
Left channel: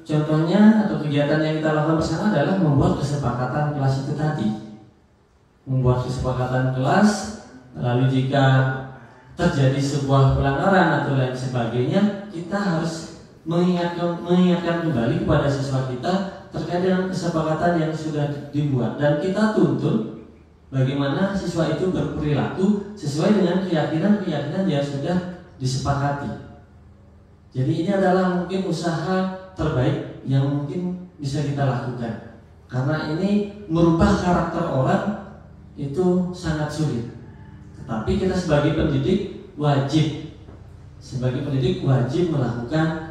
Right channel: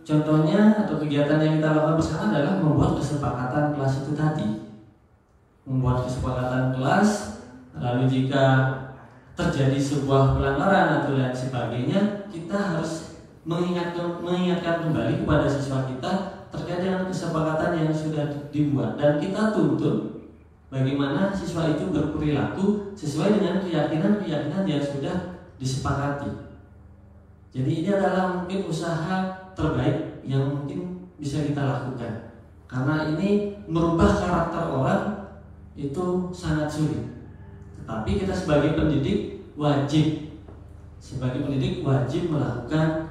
contohnya atau kegiatan yang kita lakukan bersama adalah membuat kesepakatan kelas itu tadi. Membuat kesepakatan kelas, lalu jika terjadi sebuah pelanggaran atau lain sebagainya, kita harus mengingatkan kembali kepada siswa kita terkait dengan kesepakatan yang sudah dibuat, dan kita tuntut bagaimana siswa itu berperilaku sesuai dengan keyakinan yang sudah disepakati. Jadi ini adalah mungkin usaha terbaik yang mungkin bisa kita lakukan, karena ini merubah karakter orang itu sangat sulit. Tetapi kita sebagai pendidik wajib melakukan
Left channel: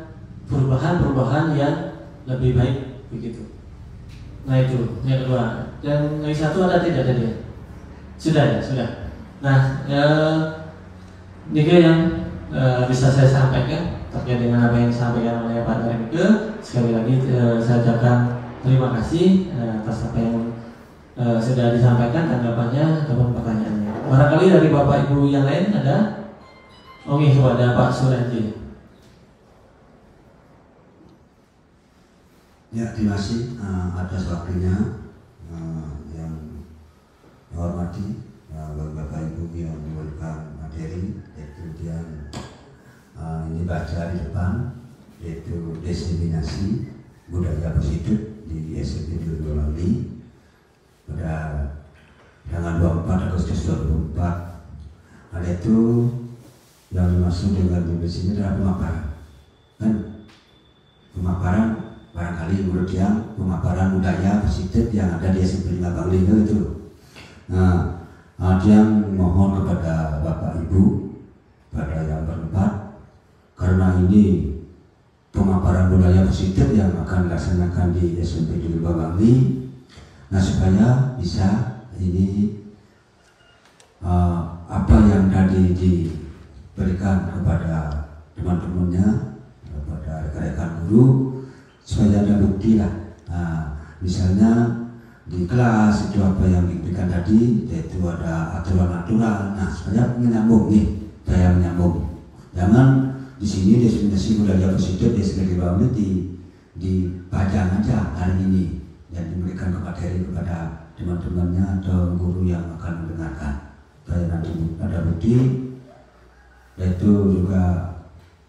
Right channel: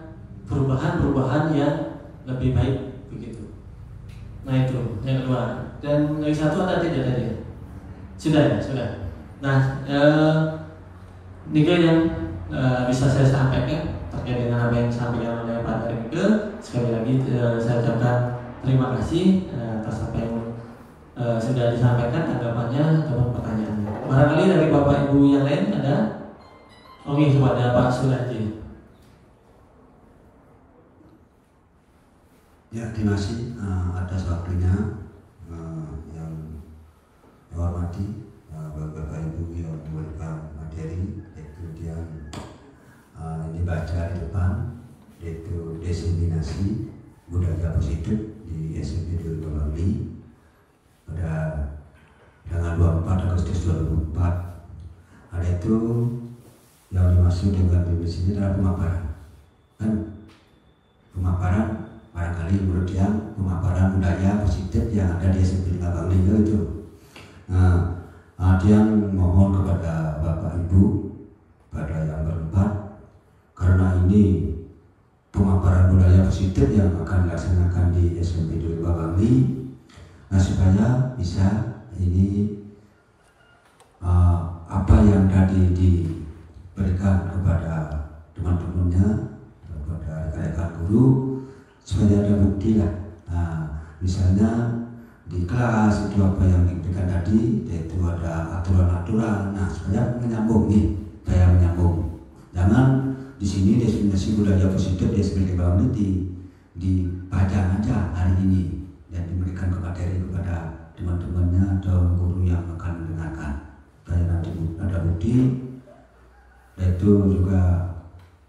perubahan yang lebih baik begitu. Nah, itu yang kedua. Dan yang satu ada tidak tadi? Sudah. Nah, ini yang bisa saya sampaikan terkait dengan apa yang disampaikan oleh Pak Renke. Sekali lagi saya ucapkan terima kasih atas apa yang sudah disampaikan, tanggapannya ataupun pertanyaannya. Barangkali dari Bapak Ibu yang lain ada? Oke, kepada Pak Suradi. Ya, terima kasih atas waktunya yang hormati Bapak Ibu yang memberikan materi, kemudian ini baca di depan, yaitu diseminasi budaya positif di SMP Bali pada tanggal 24 Agustus 2004. Ada itu yang dimaksud dengan di sini adalah pemaparan, kan? Pemaparan barangkali menurut yang pemaparan budaya positif yang ada di SMP Bali itu. Nah, ada yang mohon kepada Bapak Ibu pada yang berempat, karena ini pemaparan budaya positif yang akan dilaksanakan di SMP Bali. Nah, supaya bisa ini apa yang tadi diberikan kepada teman-temannya, kepada rekan-rekan guru, supaya ada bukti lah. Nah, misalnya di kelas itu apa yang diberikan tadi, yaitu ada aturan-aturan. Nah, supaya menyambung nih, supaya menyambung. Jangan di sini definisi budaya positif dia sudah dibangun dibaca aja hari ini dan diberikan kepada teman-temannya atau guru yang akan mendengarkan. Supaya nanti ada bukti, yaitu juga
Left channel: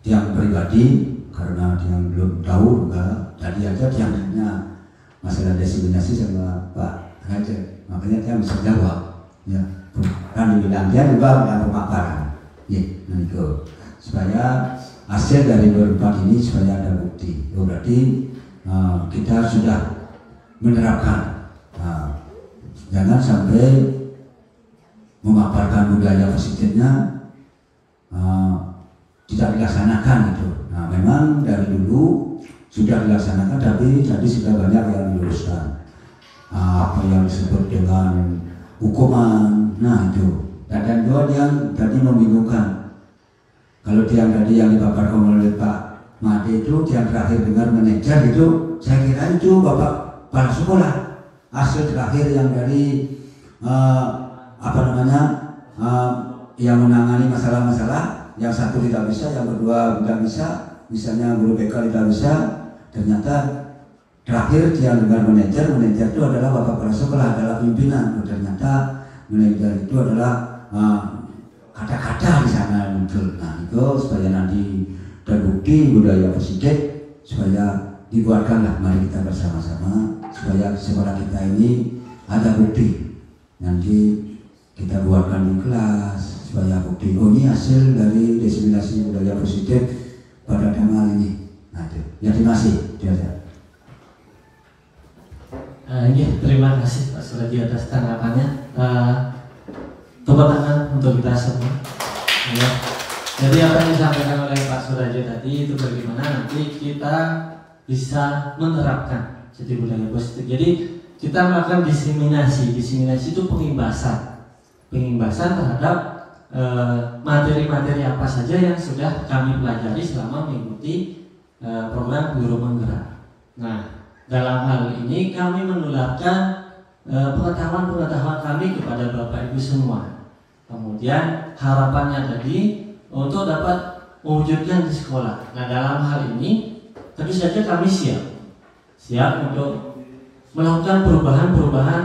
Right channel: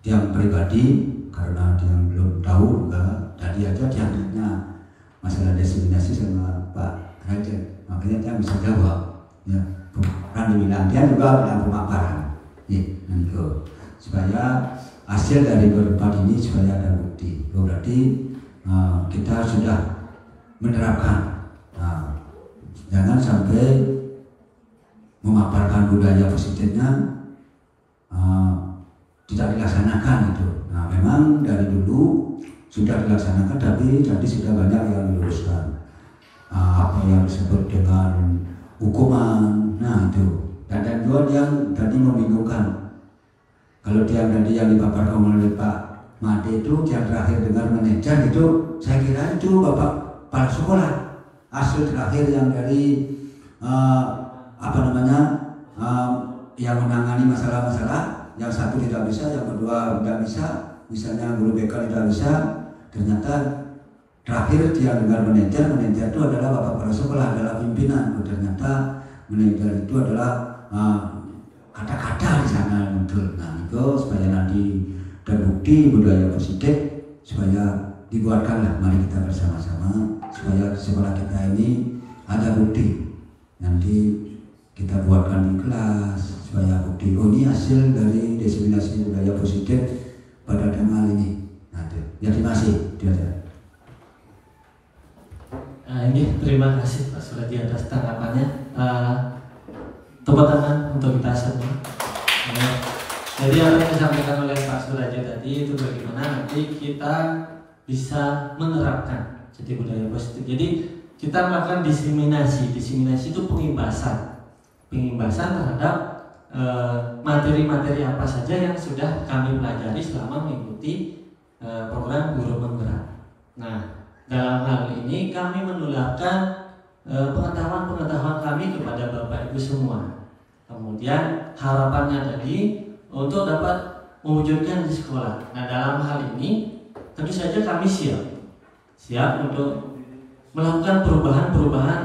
yang pribadi, karena yang belum tahu juga tadi aja dianggapnya masalah diseminasi sama Pak Raja, makanya saya bisa jawab ya, kan dibilang dia juga yang pemaparan nih, supaya hasil dari berempat ini supaya ada bukti. Berarti kita sudah menerapkan. Jangan sampai memaparkan budaya positifnya tidak dilaksanakan itu. Nah, memang memang dari dulu sudah dilaksanakan, tapi sudah banyak yang diluruskan. Apa yang disebut dengan hukuman, nah itu. Dan dua yang tadi membingungkan. Kalau yang tadi yang dipaparkan oleh Pak Made itu yang terakhir dengan manajer itu, saya kira itu Bapak kepala sekolah. Hasil terakhir yang dari yang menangani masalah-masalah, yang satu tidak bisa, yang kedua tidak bisa, misalnya guru BK tidak bisa, ternyata terakhir dia dengan manajer itu adalah Bapak kepala sekolah, adalah pimpinan. Ternyata manajer itu adalah kata-kata di sana muncul. Nah itu supaya nanti terbukti budaya positif, supaya dibuatkanlah, mari kita bersama-sama supaya sekolah kita ini ada bukti. Nanti kita buatkan di kelas supaya bukti, oh ini hasil dari diseminasi budaya positif pada tanggal ini. Nah itu, ya terima kasih. Ini terima kasih Pak Suradi atas tanggapannya. Tepuk tangan untuk kita semua. Ya. Jadi apa yang disampaikan oleh Pak Surajo tadi itu bagaimana nanti kita bisa menerapkan jadi budaya positif. Jadi kita melakukan diseminasi itu pengimbasan terhadap materi-materi apa saja yang sudah kami pelajari selama mengikuti program Guru Menggerak. Nah, dalam hal ini kami menularkan pengetahuan-pengetahuan kami kepada Bapak Ibu semua. Kemudian harapannya tadi untuk dapat mewujudkan di sekolah. Nah, dalam hal ini tentu saja kami siap untuk melakukan perubahan-perubahan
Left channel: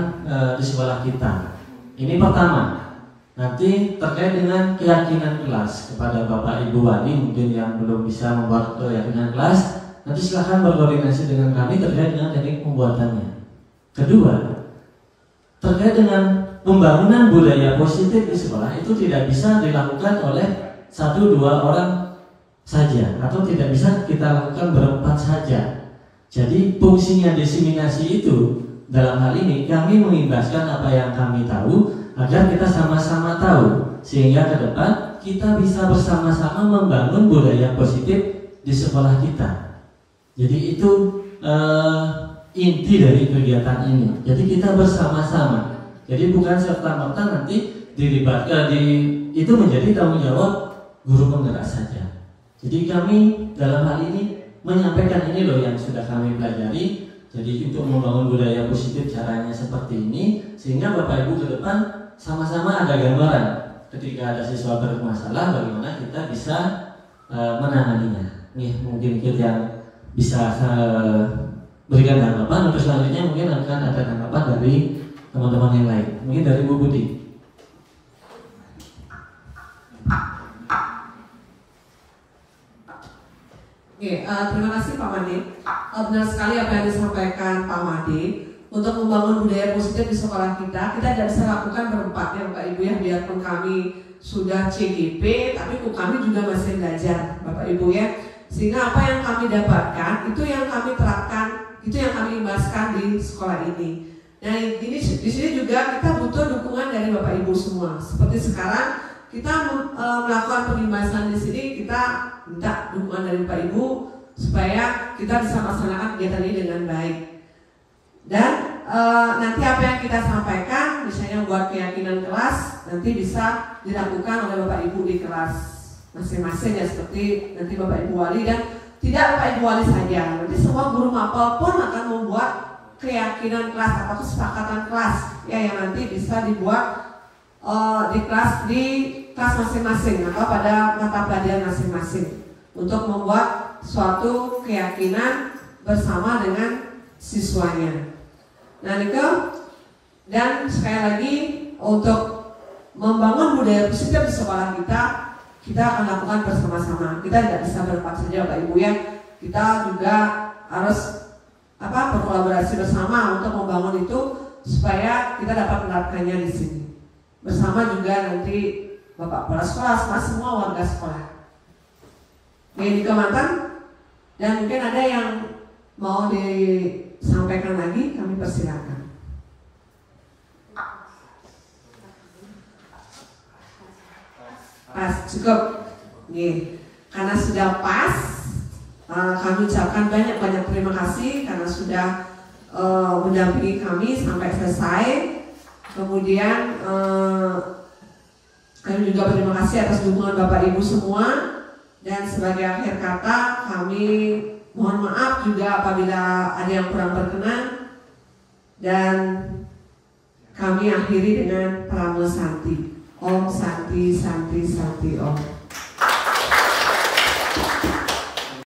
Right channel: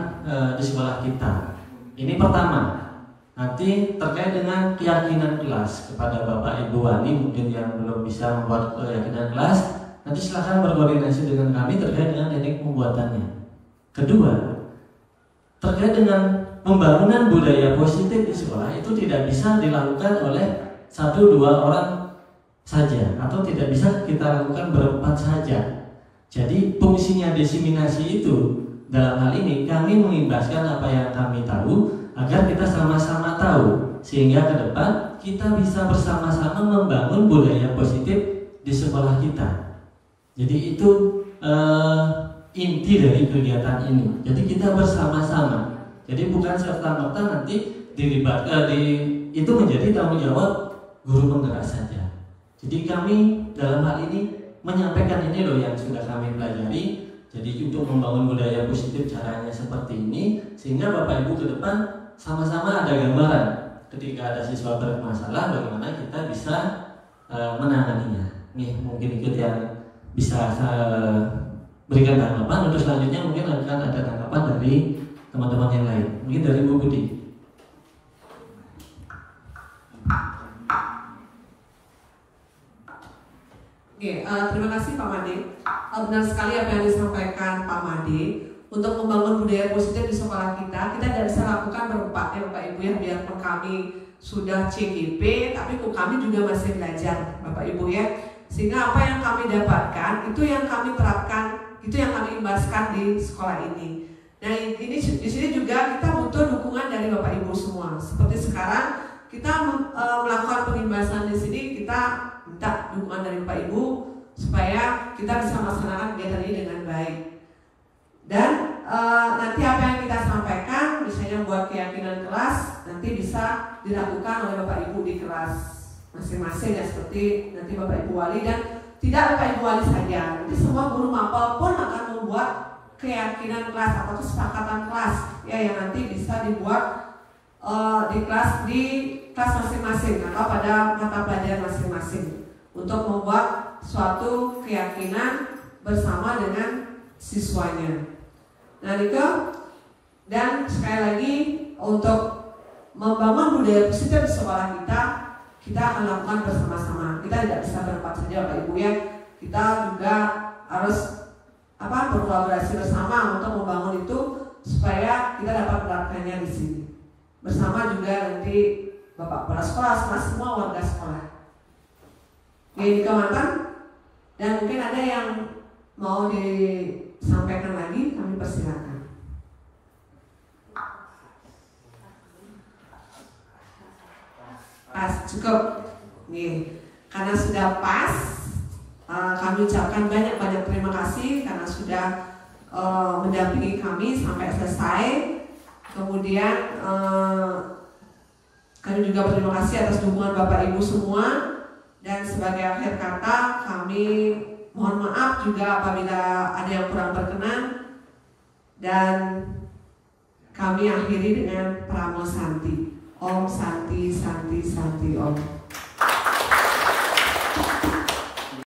di sekolah kita. Ini pertama. Nanti terkait dengan keyakinan kelas kepada Bapak Ibu wali mungkin yang belum bisa membuat keyakinan kelas, nanti silahkan berkoordinasi dengan kami terkait dengan teknik pembuatannya. Kedua, terkait dengan pembangunan budaya positif di sekolah itu tidak bisa dilakukan oleh 1-2 orang saja, atau tidak bisa kita lakukan berempat saja. Jadi fungsinya diseminasi itu dalam hal ini kami mengimbaskan apa yang kami tahu agar kita sama-sama tahu, sehingga ke depan kita bisa bersama-sama membangun budaya positif di sekolah kita. Jadi itu inti dari kegiatan ini. Jadi kita bersama-sama. Jadi bukan serta-merta nanti itu menjadi tanggung jawab guru penggerak saja. Jadi kami dalam hal ini menyampaikan ini loh yang sudah kami pelajari. Jadi untuk membangun budaya positif caranya seperti ini, sehingga Bapak Ibu ke depan sama-sama ada gambaran ketika ada siswa bermasalah bagaimana kita bisa menanganinya. Nih mungkin itu yang bisa berikan tanggapan. Untuk selanjutnya mungkin akan ada tanggapan dari teman-teman yang lain. Mungkin dari Bu Budi. Oke, terima kasih Pak Made. Benar sekali apa yang disampaikan Pak Made. Untuk membangun budaya positif di sekolah kita tidak bisa lakukan berempat ya Bapak Ibu ya. Biarpun kami sudah CGP, tapi kami juga masih belajar Bapak Ibu ya. Sehingga apa yang kami dapatkan itu yang kami terapkan, itu yang kami imbaskan di sekolah ini. Nah ini di sini juga kita butuh dukungan dari Bapak Ibu semua. Seperti sekarang kita melakukan pengimbasan di sini, kita minta dukungan dari Bapak Ibu supaya kita bisa melaksanakan kegiatan ini dengan baik. Dan nanti apa yang kita sampaikan, misalnya buat keyakinan kelas, nanti bisa dilakukan oleh Bapak Ibu di kelas masing-masing ya, seperti nanti Bapak Ibu wali, dan tidak Bapak Ibu wali saja, nanti semua guru mapel pun akan membuat keyakinan kelas atau kesepakatan kelas ya, yang nanti bisa dibuat di kelas masing-masing atau pada mata pelajaran masing-masing untuk membuat suatu keyakinan bersama dengan siswanya. Nah Niko, dan sekali lagi untuk membangun budaya positif di sekolah kita akan lakukan bersama-sama. Kita tidak bisa berempat saja Bapak Ibu ya. Kita juga harus berkolaborasi bersama untuk membangun itu supaya kita dapat menerapkannya di sini. Bersama juga nanti Bapak kepala sekolah, semua warga sekolah. Ini Mantan, dan mungkin ada yang mau disampaikan lagi, kami persilakan. Pas, cukup. Nih, karena sudah pas, kami ucapkan banyak-banyak terima kasih karena sudah mendampingi kami sampai selesai. Kemudian kami juga berterima kasih atas dukungan Bapak Ibu semua. Dan sebagai akhir kata, kami mohon maaf juga apabila ada yang kurang berkenan. Dan kami akhiri dengan Pramo Santi. Om Santi Santi Santi Om.